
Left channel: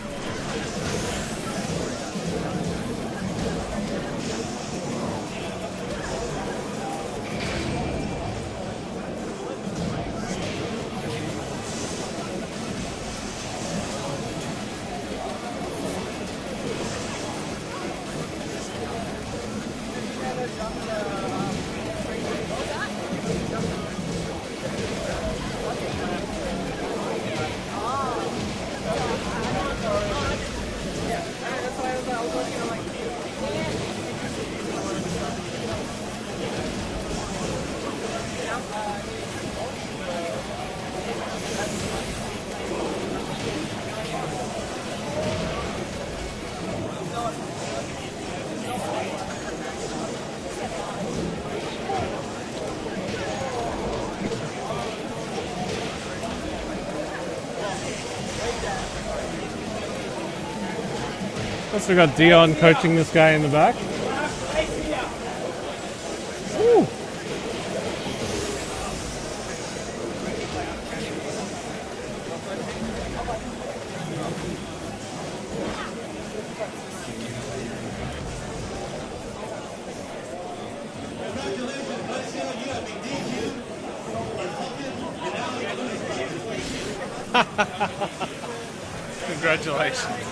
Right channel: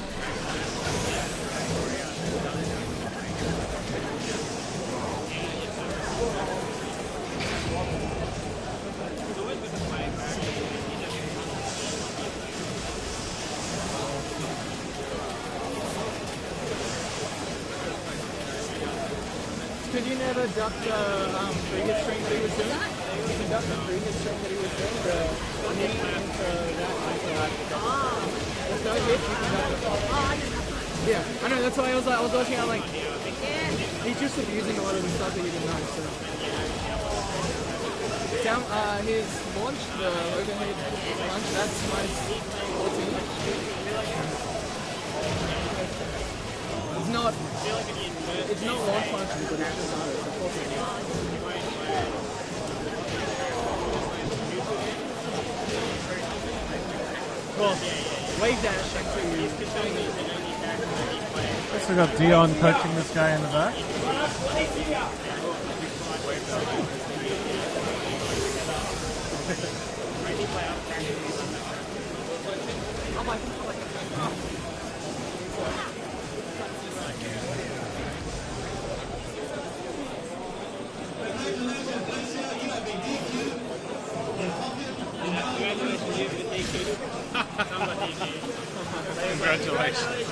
We got Dion coaching this guy in the back. Woo. Congratulations.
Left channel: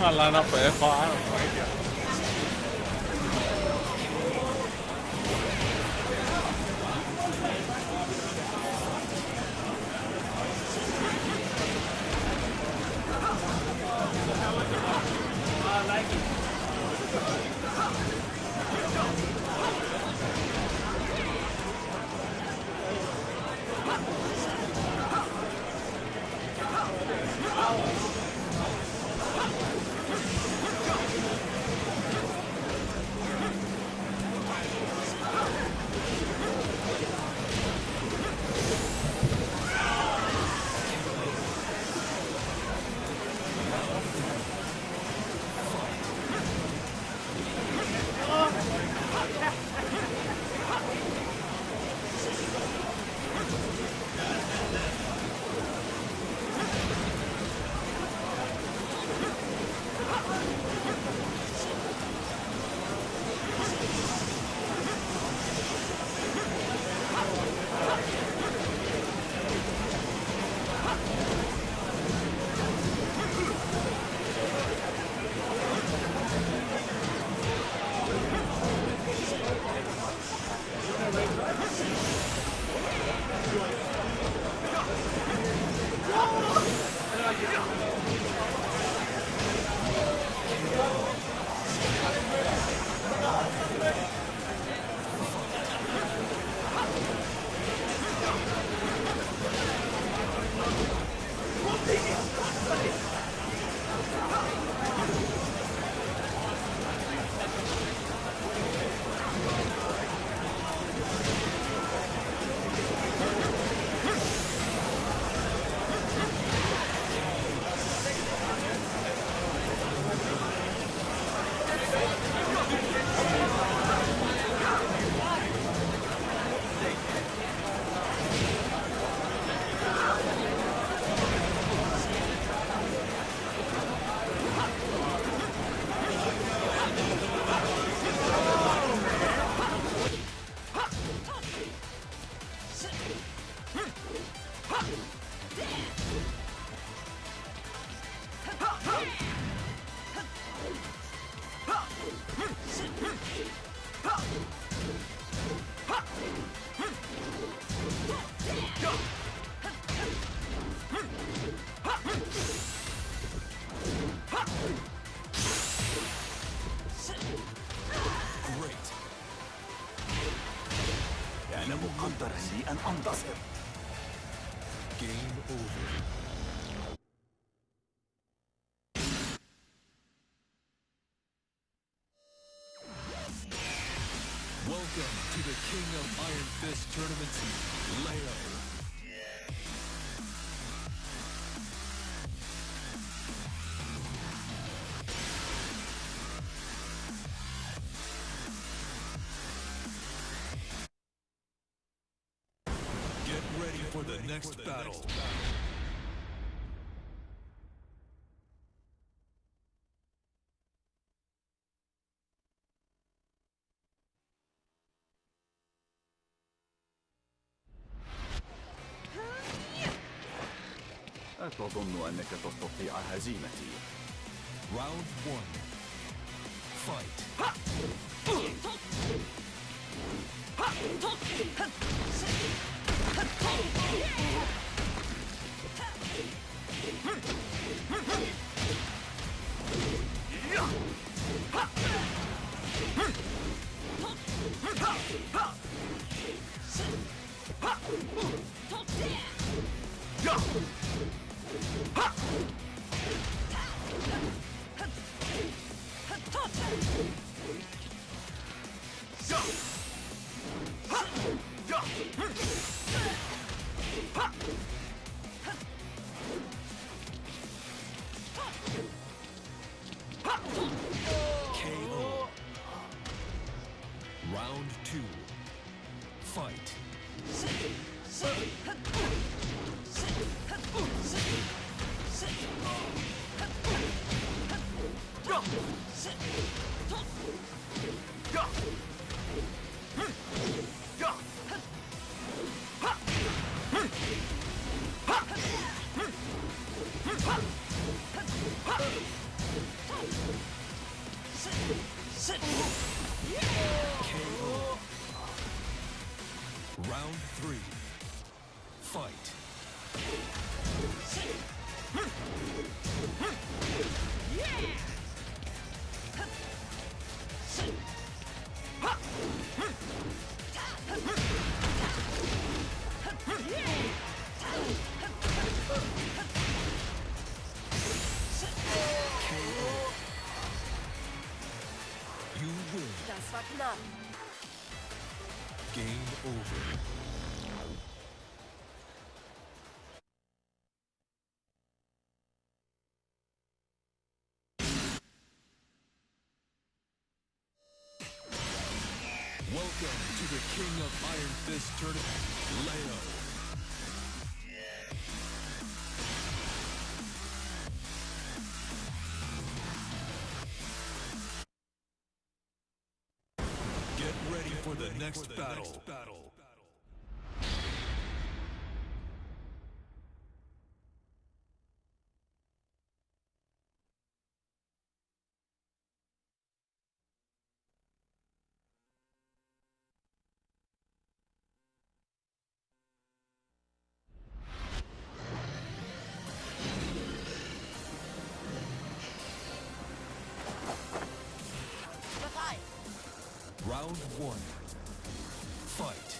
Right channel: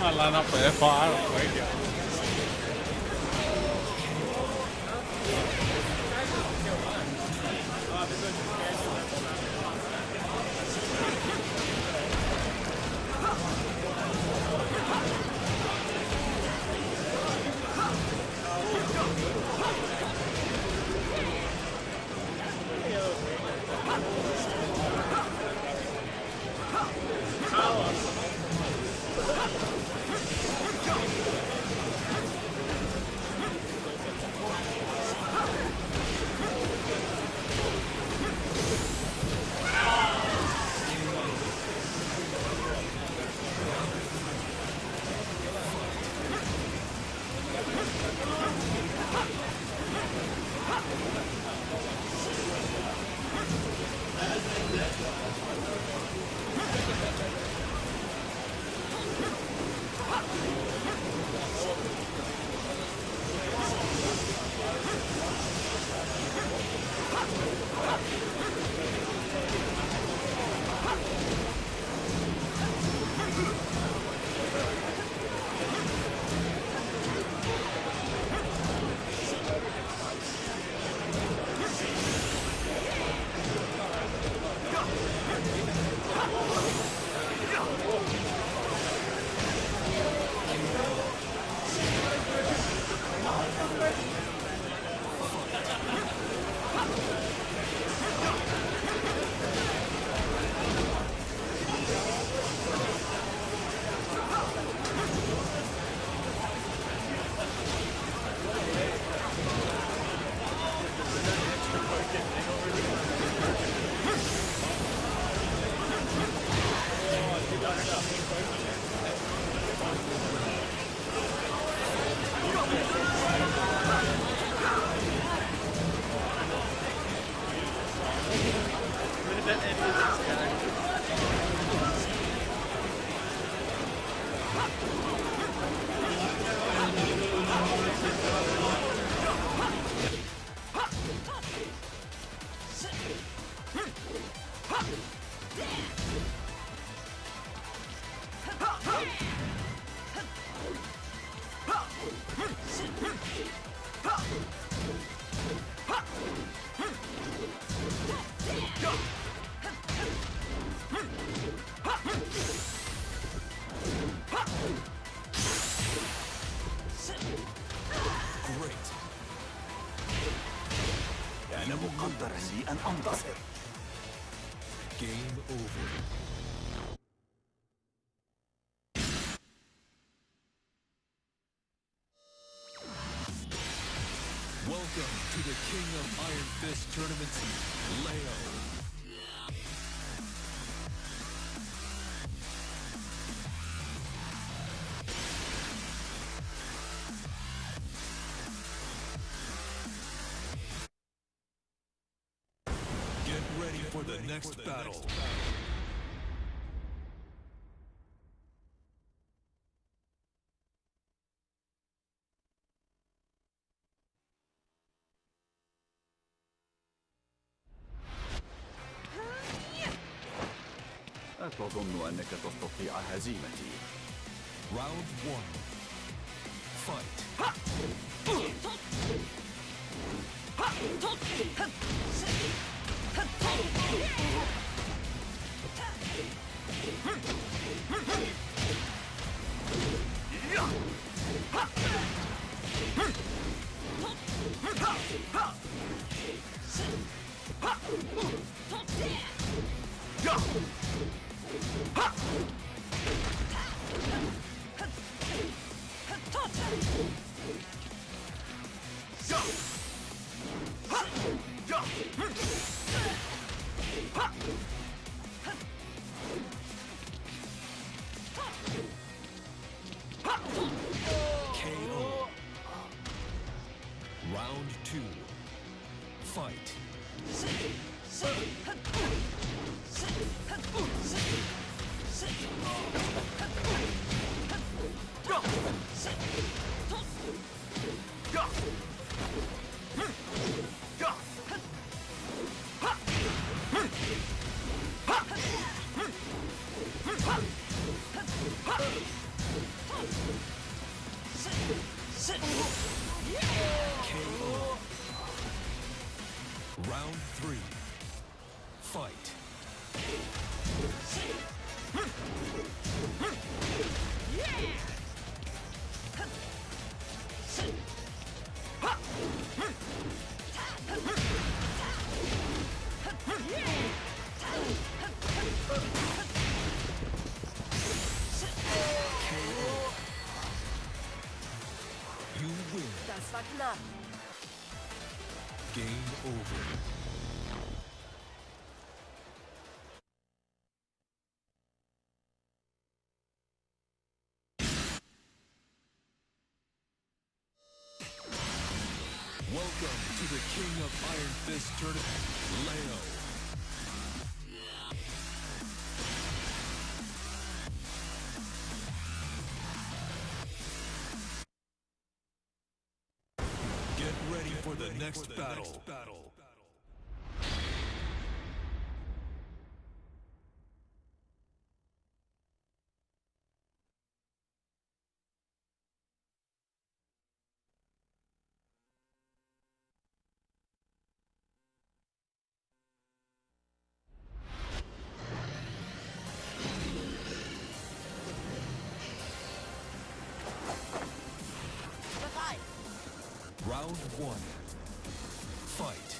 Try to line up for F5. I don't know. great. كان مقدرا لي أن أنتصر. Game over. Welcome to the King of Iron Fist Tournament, Leo. Get ready for the next battle. أتظن أنك تستطيع هزيمتي. Round 1. Fight. KO. Round 2. Fight. KO. Round 3. Fight. KO. You win. Das war knapp. Game over. Welcome to the King of Iron Fist Tournament, Leo. Get ready for the next battle. Round 1. Fight.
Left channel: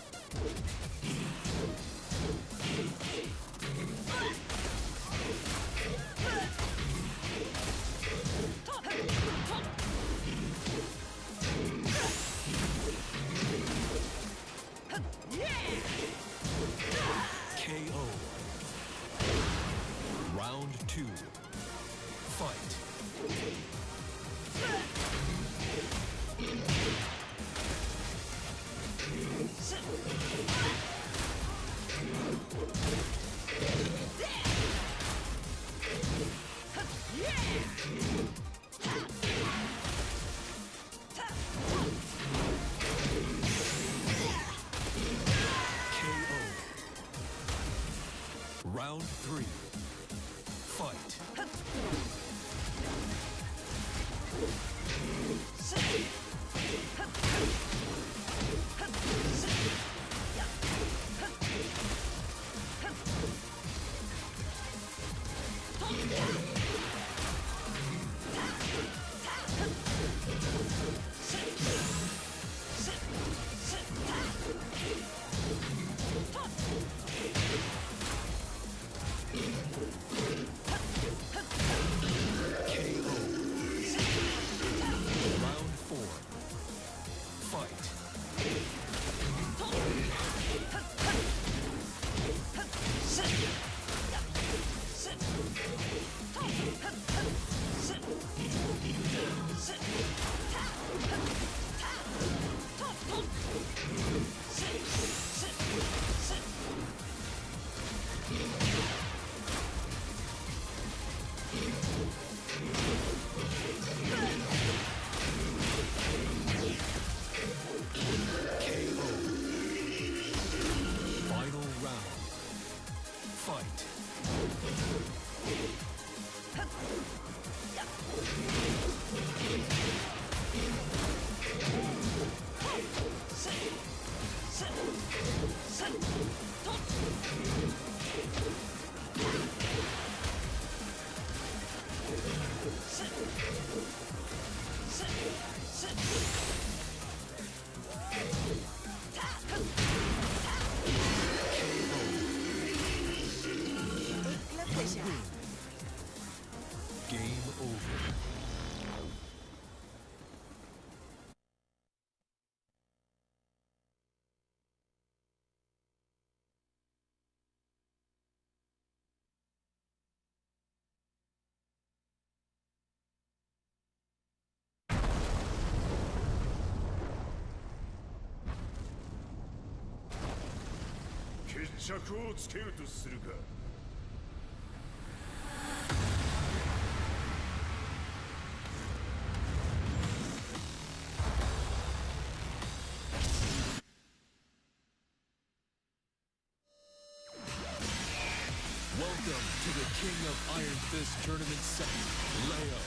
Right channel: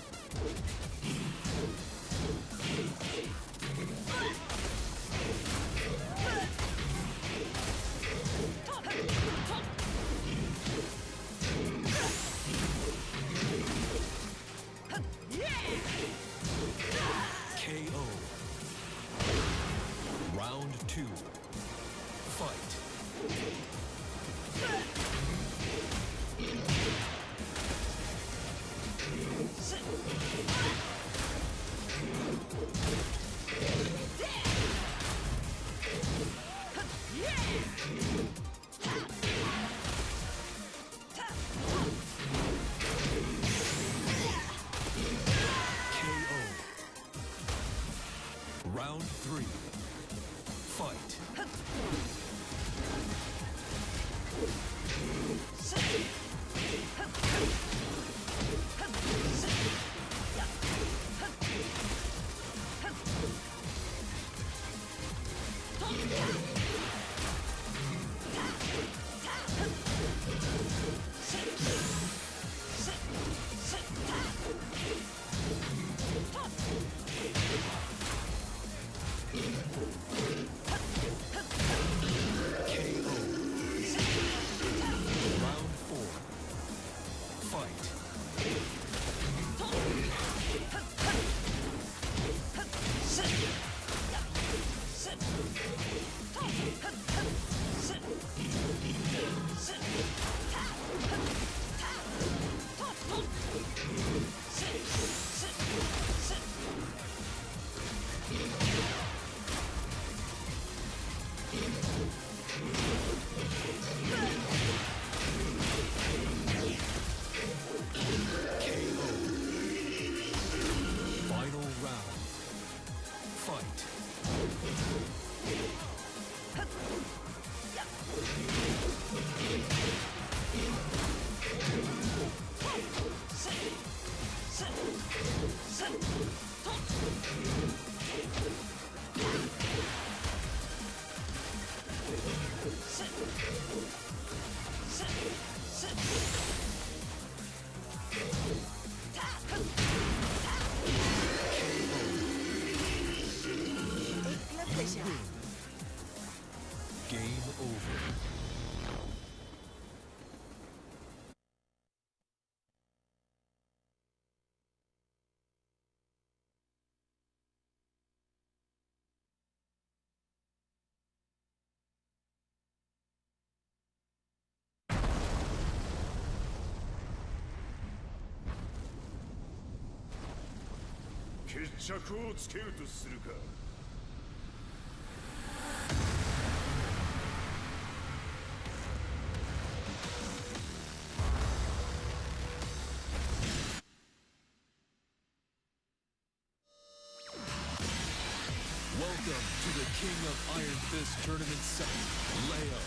KO. Round 2. Fight. KO. Round 3. Fight. 決着をつけるとするか。Welcome to the King of Iron Fist Tournament set, Leo.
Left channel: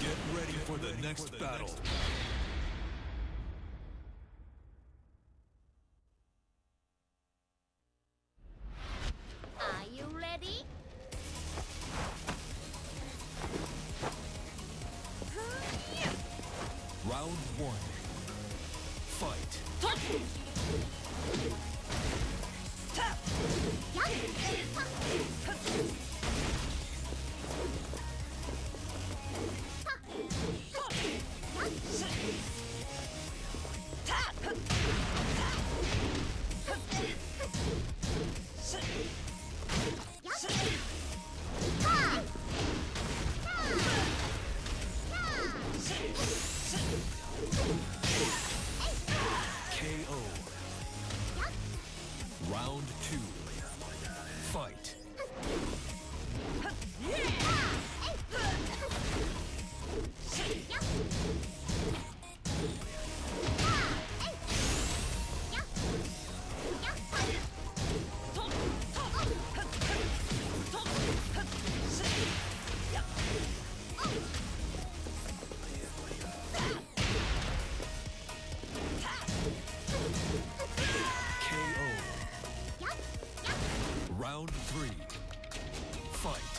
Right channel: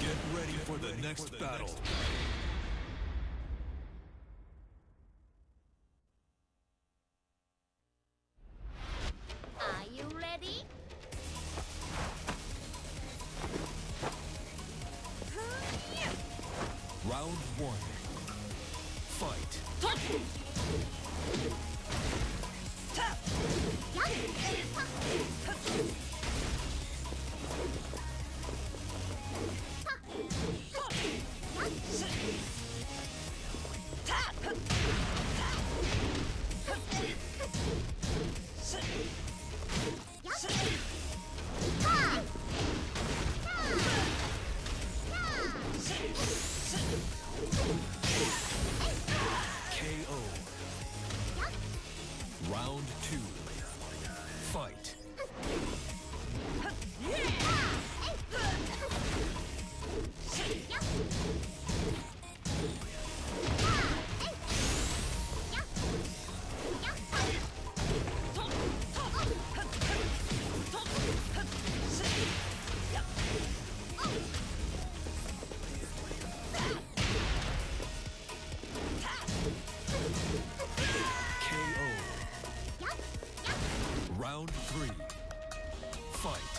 Get ready for the next battle. Are you ready? Round 1. Fight. KO. Round 2. Fight. Round 3. Fight.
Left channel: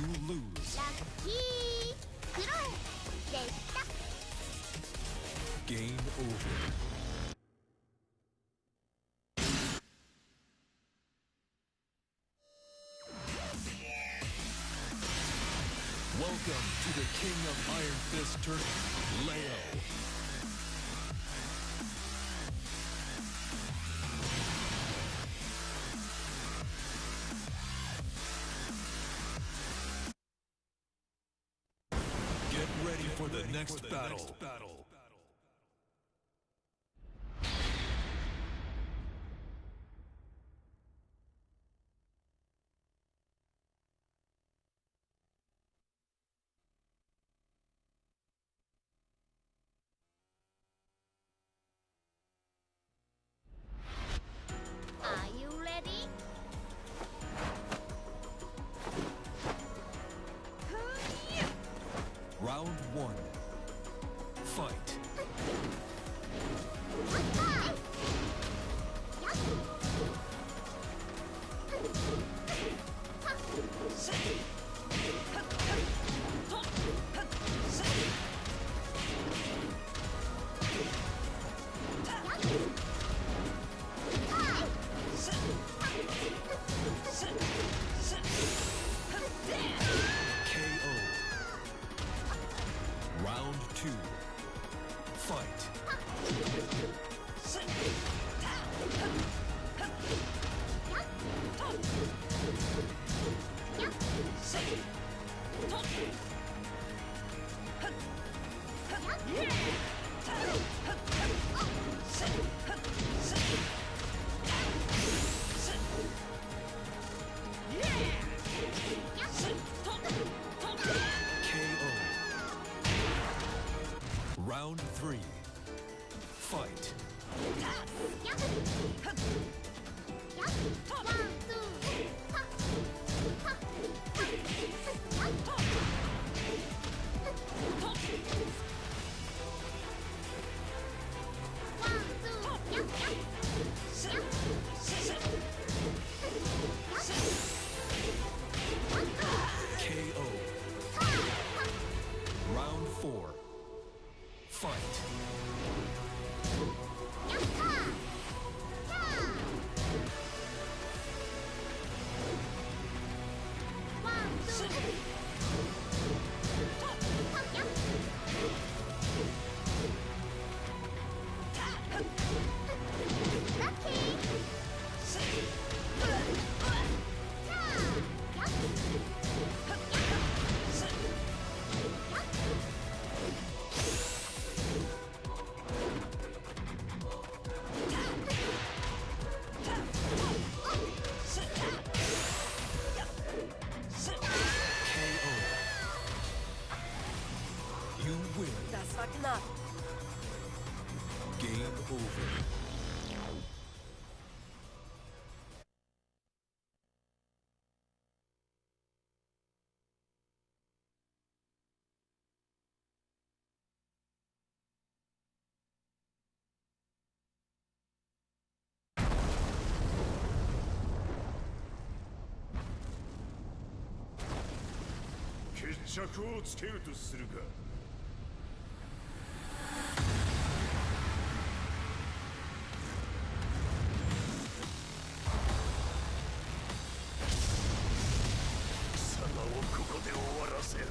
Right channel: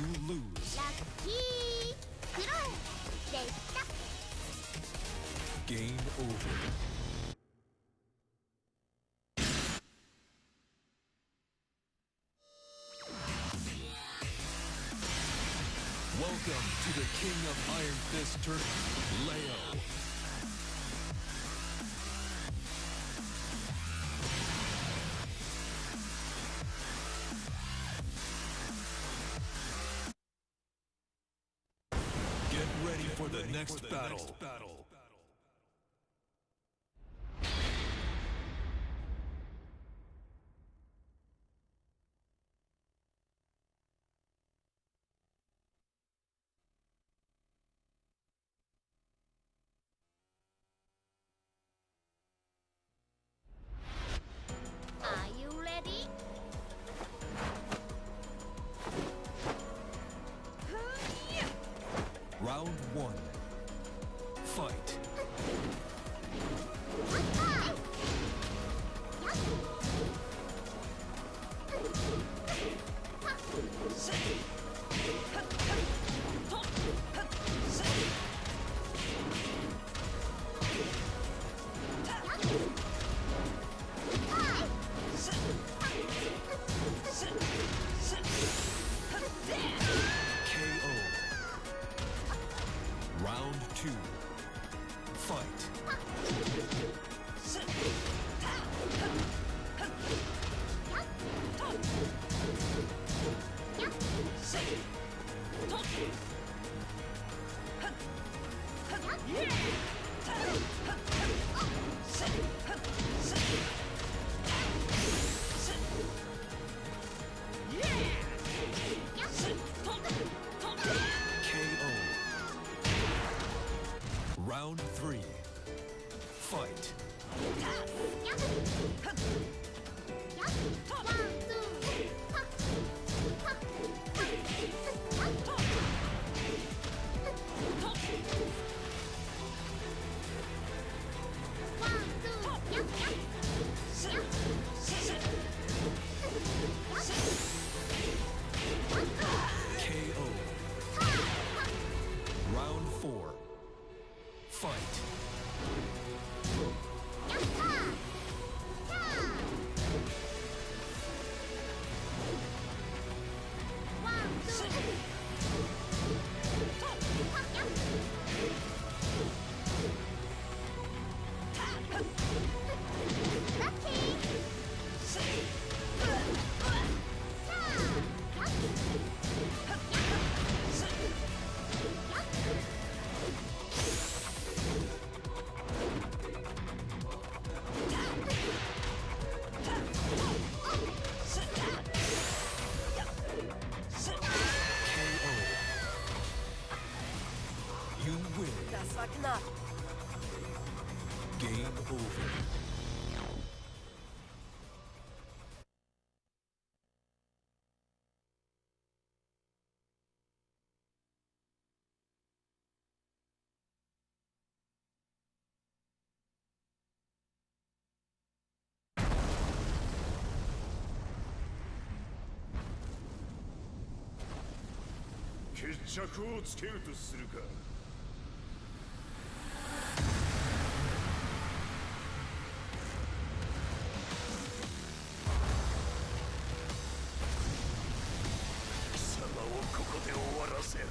You lose. ラッキークロエでした。 Game over. Welcome to the King of Iron Fist Tournament, Leo. Get ready for the next battle. Are you ready? Round 1. Fight. KO. Round 2. Fight. KO. Round 3. Fight. Button up. Game over.決着をつけるとするか。貴様をここで終わらせる。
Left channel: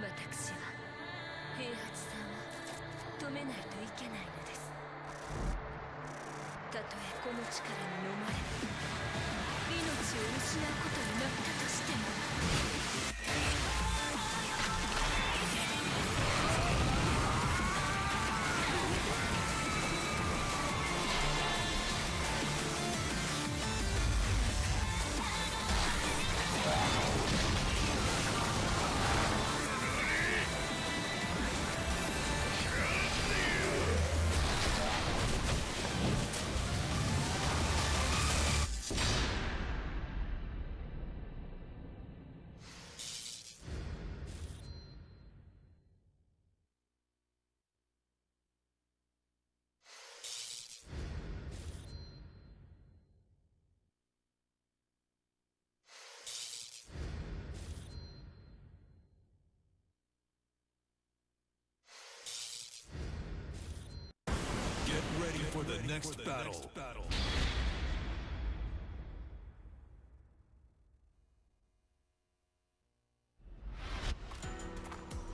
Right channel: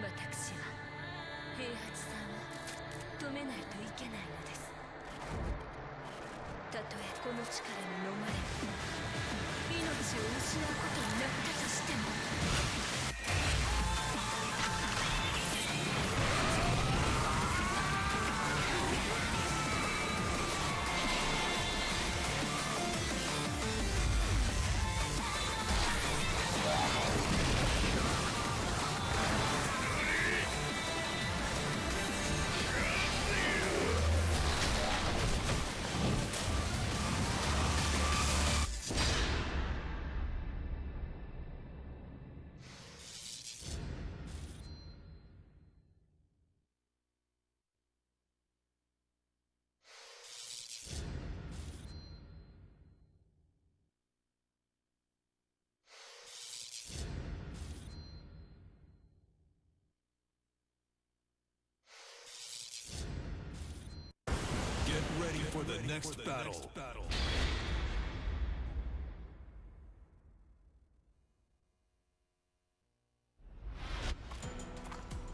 私は平八さんを止めないといけないのです。たとえこの力に飲まれ命を失うことになったとしても。Get ready for the next battle.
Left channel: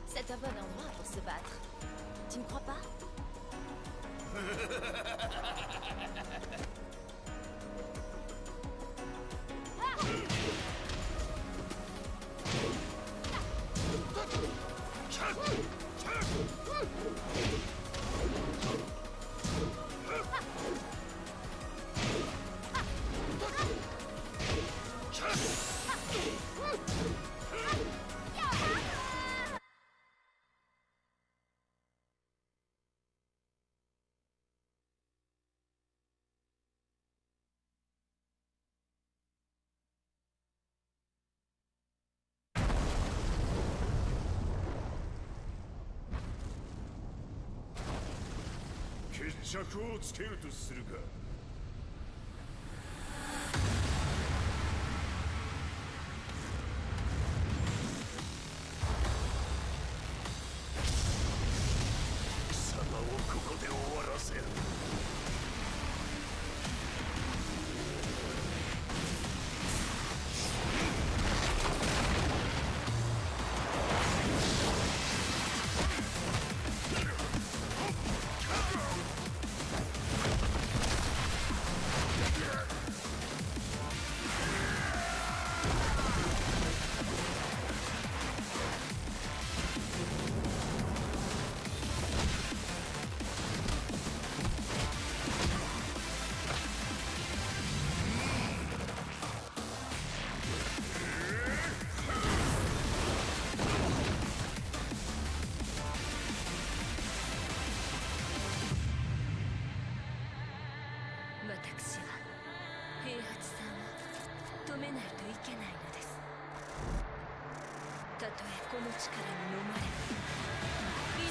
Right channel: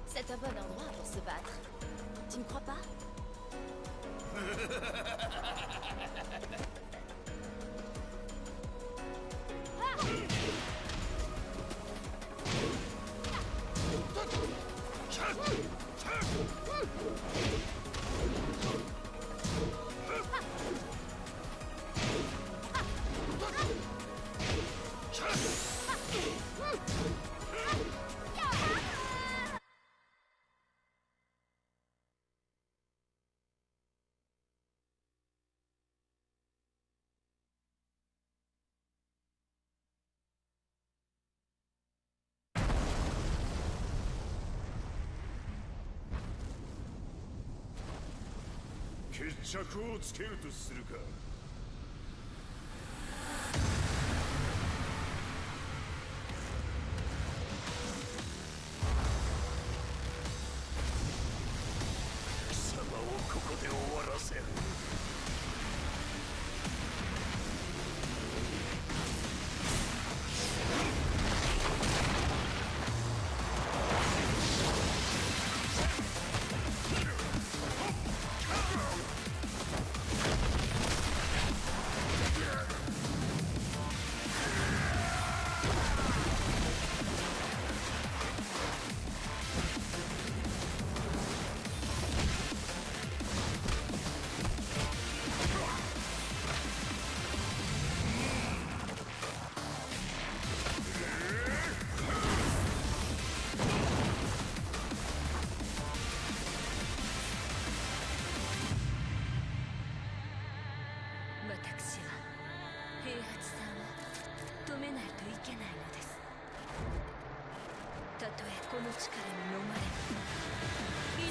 C'est un bon endroit pour se battre. Tu ne crois pas?決着をつけるとするか。貴様をここで終わらせる。私は平八さんを止めないといけないのです。たとえこの力に飲まれ命を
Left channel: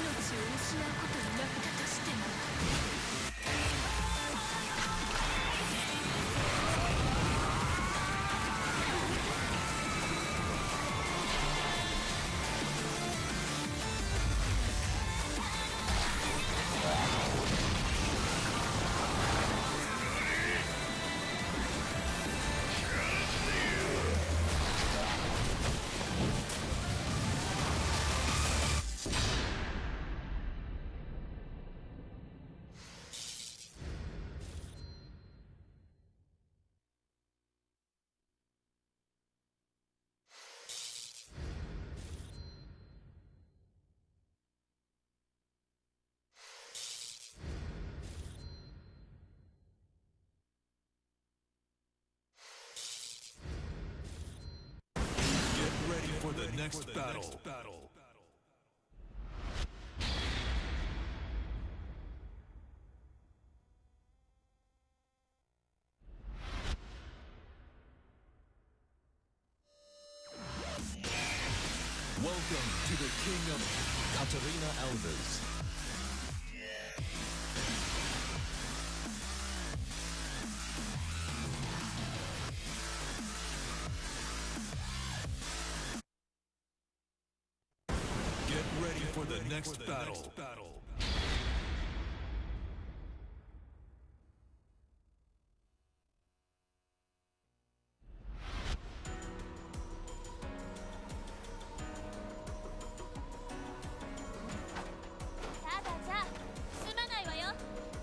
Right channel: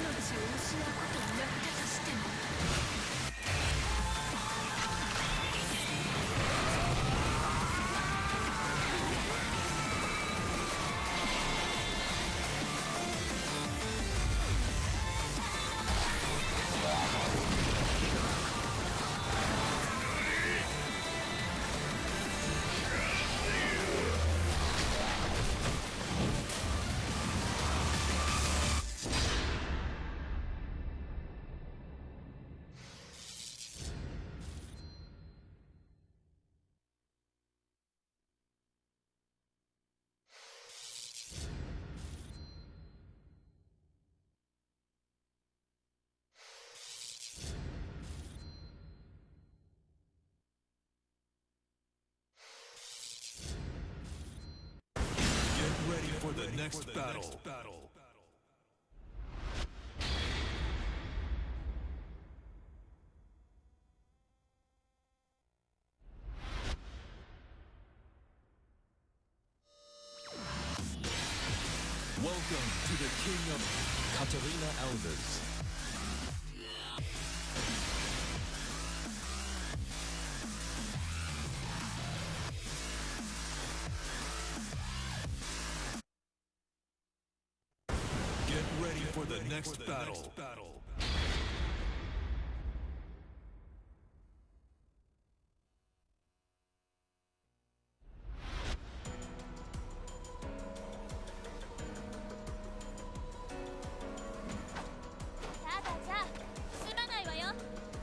失うことになったとしても。ready for the next battle. Welcome to the King of Katarina Alves. Get ready for the next battle.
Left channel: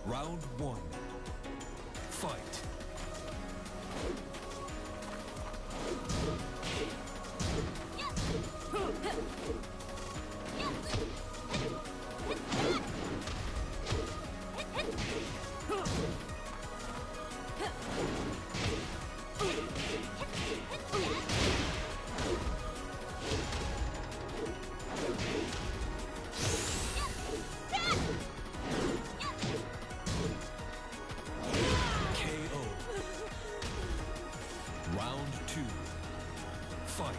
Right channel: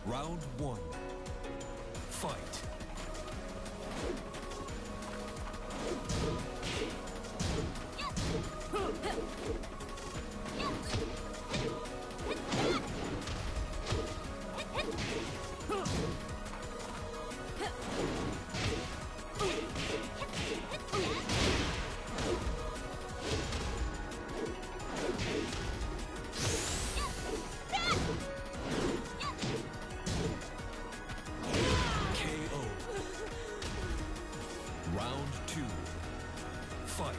Round 1. Fight. Round 2. Fight.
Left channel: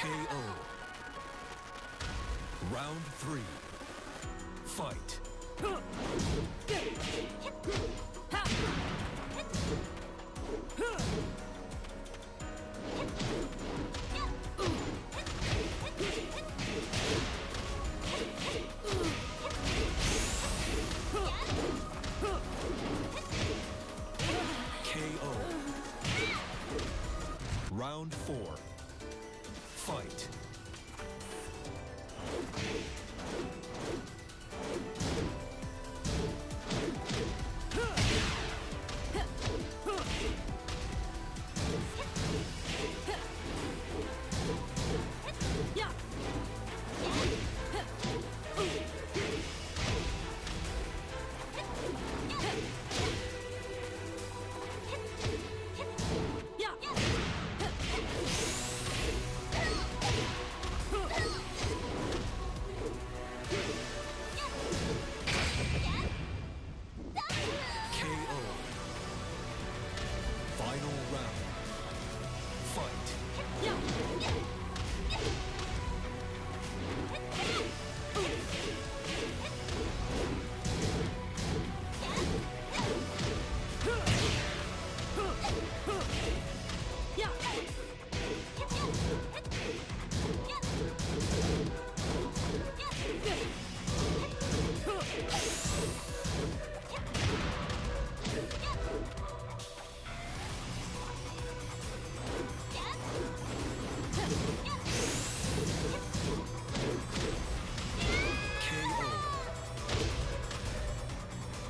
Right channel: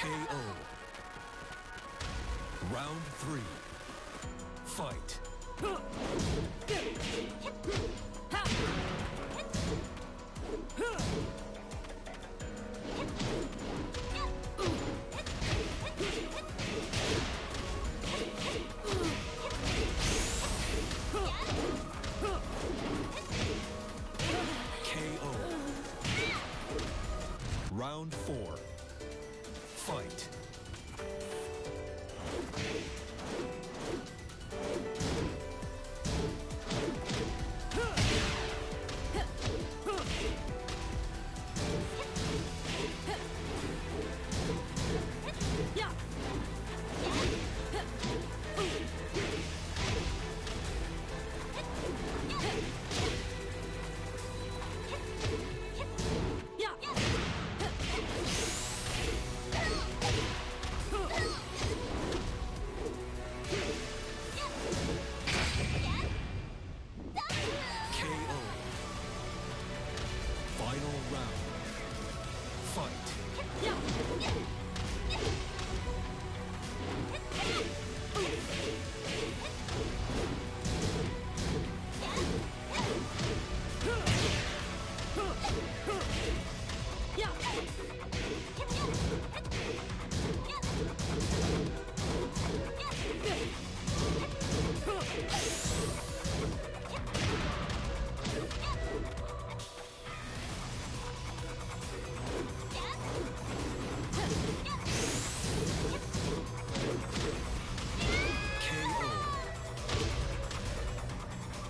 KO. Round 3. Fight. KO. Round 4. Fight. KO. Final round. Fight.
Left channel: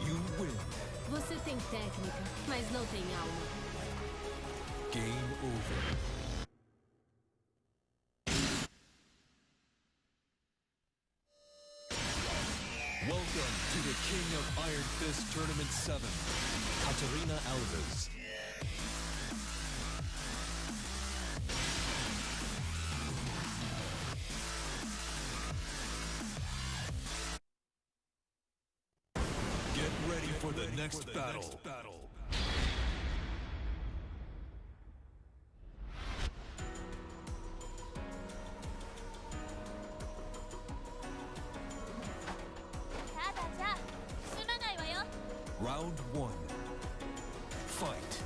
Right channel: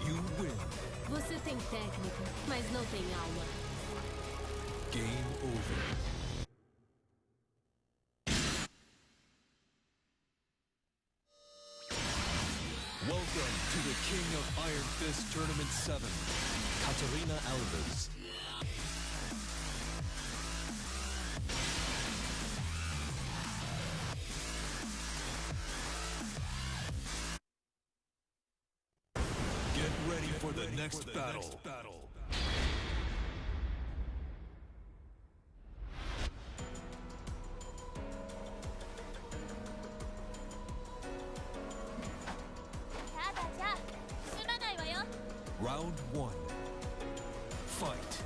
You win. Você tem técnica, mas não tem alma. Game over. Welcome to the King of Iron Fist Tournament 7, Katarina Alves. Get ready for the next battle. Round 1. Fight.